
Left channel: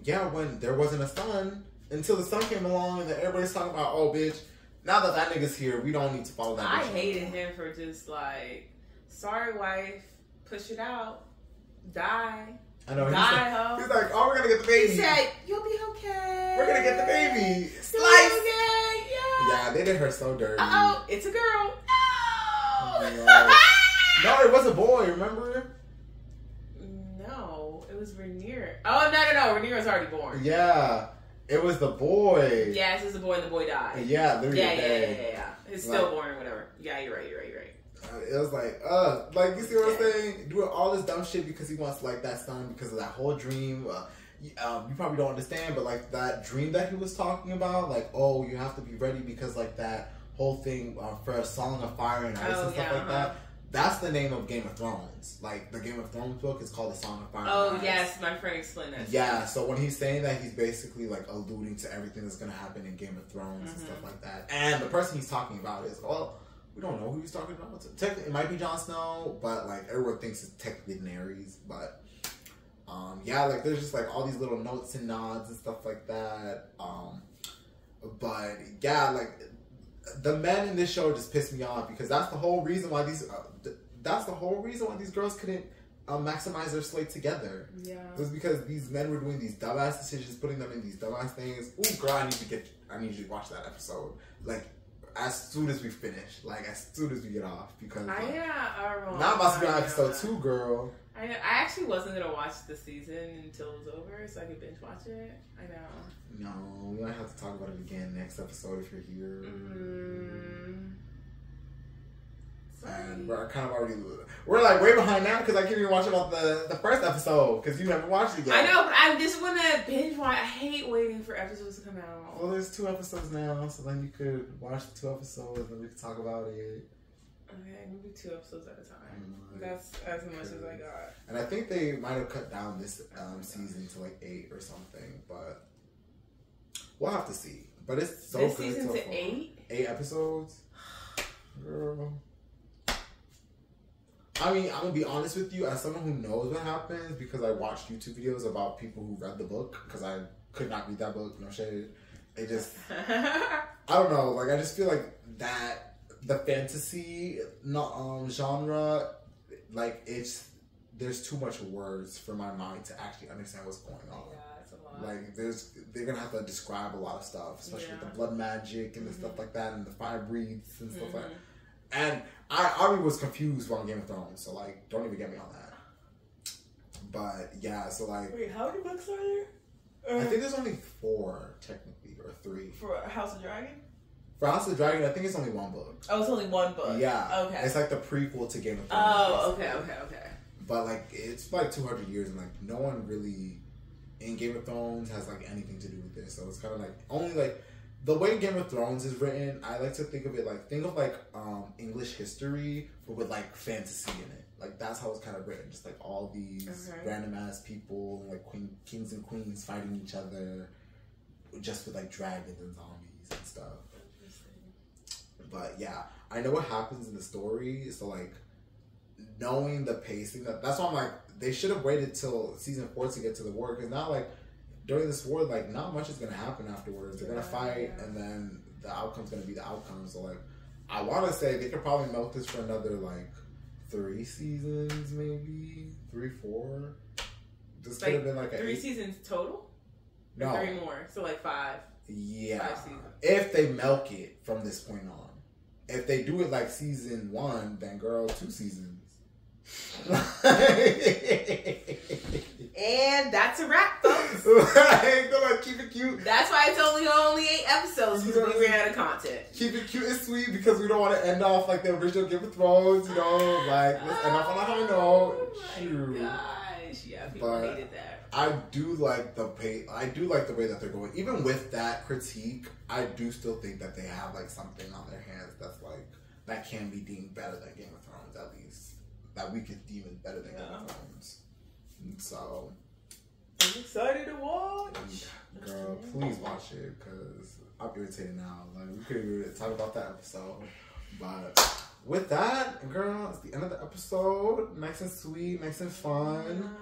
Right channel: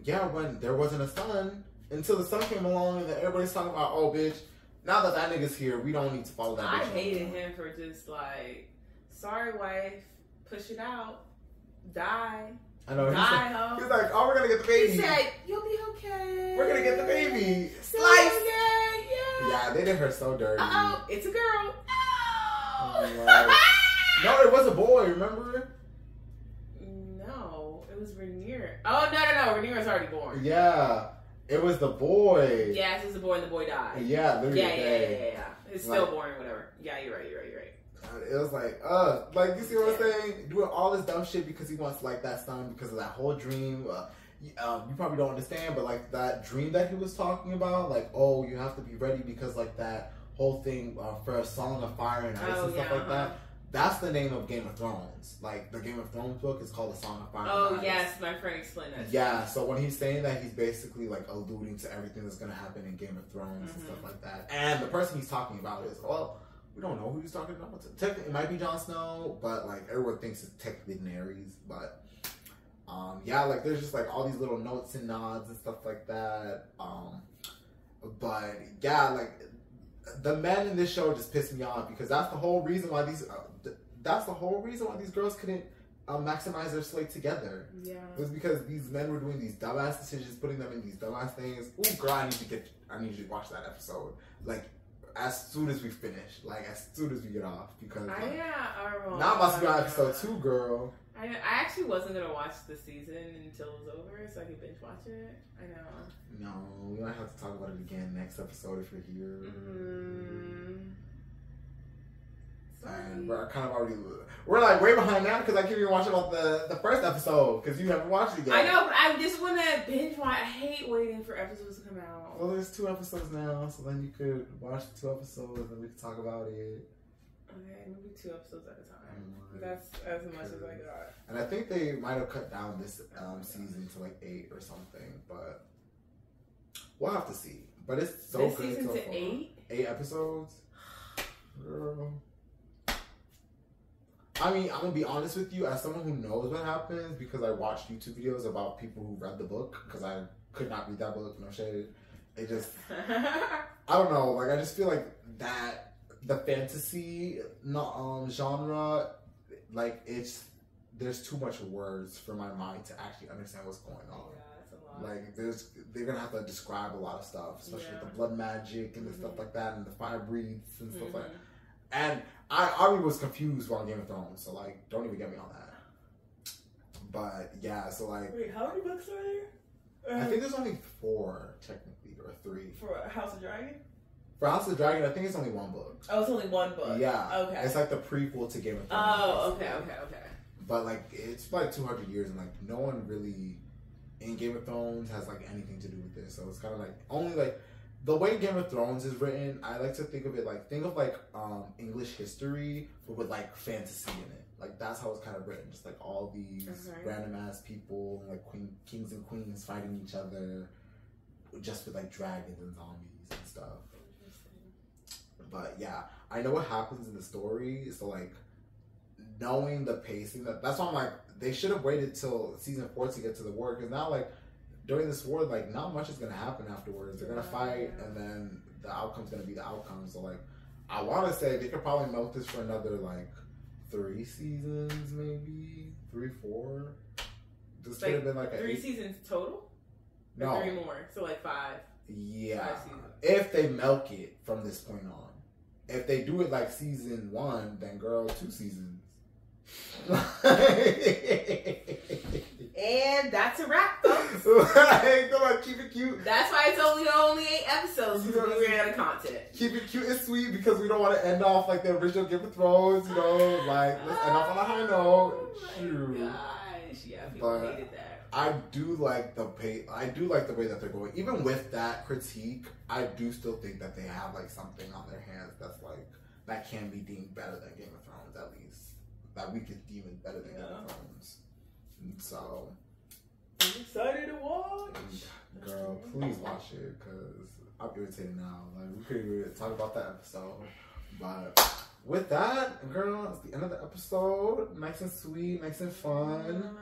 Yeah, when there wasn't a son, until the son came along, and then everybody's talking about, oh, bitch, now that nigga's here, we don't need to follow that bitch. I hated him for just like, sorry, wife, push it out, die. I know. Die, he's like, oh, we're gonna get the baby. He said, you'll be okay. We're gonna get the baby. Slice. Okay, yeah. Yeah, they did her so dirty. Uh-oh, it's a girl. Oh. No, it was a boy, remember? No, it was Rhaenyra. Oh, no. Rhaenyra's already born. Yeah, it was the boy. Yes, it was the boy and the boy died. Yeah, literally. Yeah. It's stillborn or whatever. Yeah, you're right. It was like, you see what I'm saying? Doing all this dumb shit because he wants, like, that son because of that whole dream. You probably don't understand, but, like, that dream that he was talking about, like, oh, you have to be ready because, like, that whole thing for a Song of Fire and Ice and stuff like that. That's the name of Game of Thrones. Like, the Game of Thrones book is called The Song of Fire and Ice. Yes, my friend explained that. Yeah, so when he's saying that, he's basically, like, alluding to everything that's going to happen in Game of Thrones and stuff like that. And the person he's talking about is, well, we don't know who he's talking about. Technically, it might be Jon Snow, but, like, everyone thinks it's technically Daenerys. But, yeah, like, there's just, like, all these little notes and nods and stuff like that. But, yeah, like, the men in this show just piss me off because that's the whole reason why these girls couldn't maximize their slate together. Yeah, it was because these men were doing these dumbass decisions, putting them in these dumbass things. Ooh, girl, I need you to watch that episode. Like, as soon as we finish, like, as soon as we get off, because now I'm about to be on episode 2, girl. I actually wasn't gonna watch the season until it was over, so I could binge watch it. I know. No, we might have to talk about it again next episode if you're here. And we're kind of already, we're like way behind now because I keep watching about the first episode because you haven't watched it yet. I know, but I just want to binge watch. I hate waiting for episodes to come out. Well, there's 2 episodes now, so then you could watch the 2 episodes and we can talk about it. Okay, maybe 2 episodes at a time. That's as much as I got. And I think they might have cut down this season to like 8 or something, but we'll have to see. But it's so this good. Season so to far. 8? 8 episodes. Girl. I mean, I'm gonna be honest with you, as someone who knows what happens, because I watched YouTube videos about people who read the book, because I could not read that book, no shade. It just, I don't know, like, I just feel like that, the fantasy genre, like, there's too much words for my mind to actually understand what's going on. Yeah, that's a lot. Like, they're gonna have to describe a lot of stuff, especially with the blood magic and the stuff like that, and the fire breathes and stuff like that. And I already was confused on Game of Thrones, so, like, don't even get me on that. But, yeah, so, like... Wait, how many books are there? I think there's only 4, technically, or 3. For House of Dragon? For House of Dragon, I think it's only 1 book. Oh, it's only 1 book? Yeah. Okay. It's like the prequel to Game of Thrones. Oh, okay. But, like, it's like 200 years, and, like, no one really in Game of Thrones has, like, anything to do with this. So it's kind of, like, only, like... The way Game of Thrones is written, I like to think of it like, English history, but with, like, fantasy in it. Like, that's how it's kind of written. Just, like, all these random-ass people, like, kings and queens fighting each other, just with, like, dragons and zombies and stuff. But, yeah, I know what happens in the story, so, like, knowing the pacing, that's why I'm like, they should have waited till season 4 to get to the war, because now, like, during this war, like, not much is gonna happen afterwards. They're gonna fight, and then the outcome's gonna be the outcome. So, like, I want to say they could probably milk this for another, like, 3 seasons, maybe 3, 4. This could have been like 3 seasons total. No, 3 more, so like 5. Yeah, 5 seasons. If they milk it from this point on. If they do it like season 1, then girl, 2 seasons. And that's a wrap, folks. Like, come on, keep it cute. That's why it's only 8 episodes, because we ran out of content. Keep it cute and sweet, because we don't want to end off like the original Game of Thrones, you know, like, let's end off on a high note. Oh my gosh, yeah, people hated that. I do like the way that they're going. Even with that critique, I do still think that they have like something on their hands that's like, that can be deemed better than Game of Thrones, at least. That we could deem it better than Game of Thrones. And so, I'm excited to watch. Girl, please watch it, because I'm irritated now. Like, we could talk about that episode. But with that, girl, it's the end of the episode. Nice and sweet, nice and fun.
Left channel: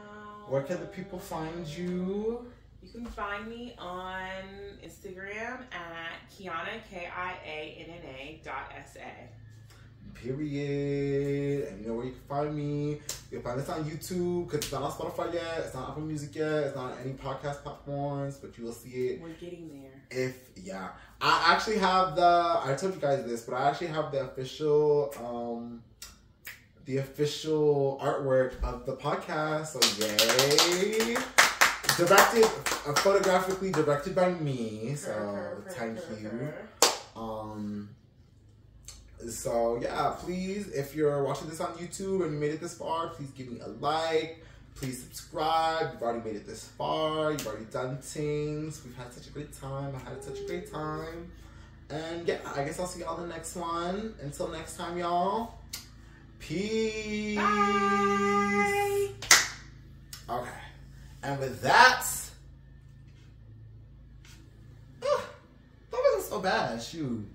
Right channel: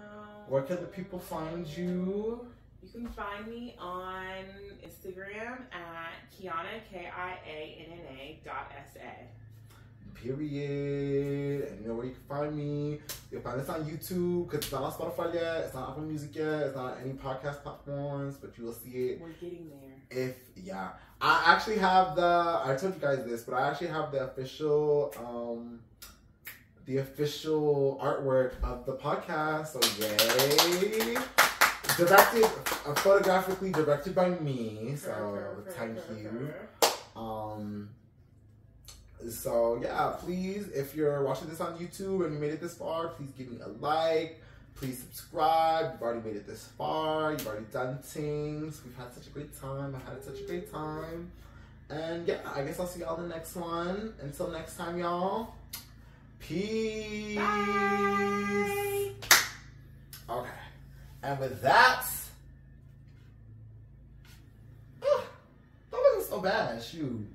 Where can the people find you? You can find me on Instagram at Kiana, KIANNA.SA. Period. And you know where you can find me. You'll find this on YouTube, because it's not on Spotify yet. It's not on Apple Music yet. It's not on any podcast platforms, but you will see it. We're getting there. I actually have I told you guys this, but I actually have the official artwork of the podcast. So yay. Photographically directed by me. So thank you. So yeah, please, if you're watching this on YouTube and you made it this far, please give me a like. Please subscribe. You've already made it this far. You've already done things. We've had such a great time. I had such a great time. And yeah, I guess I'll see y'all in the next one. Until next time, y'all. Peace. Bye. Okay. And with that, that wasn't so bad. Shoot.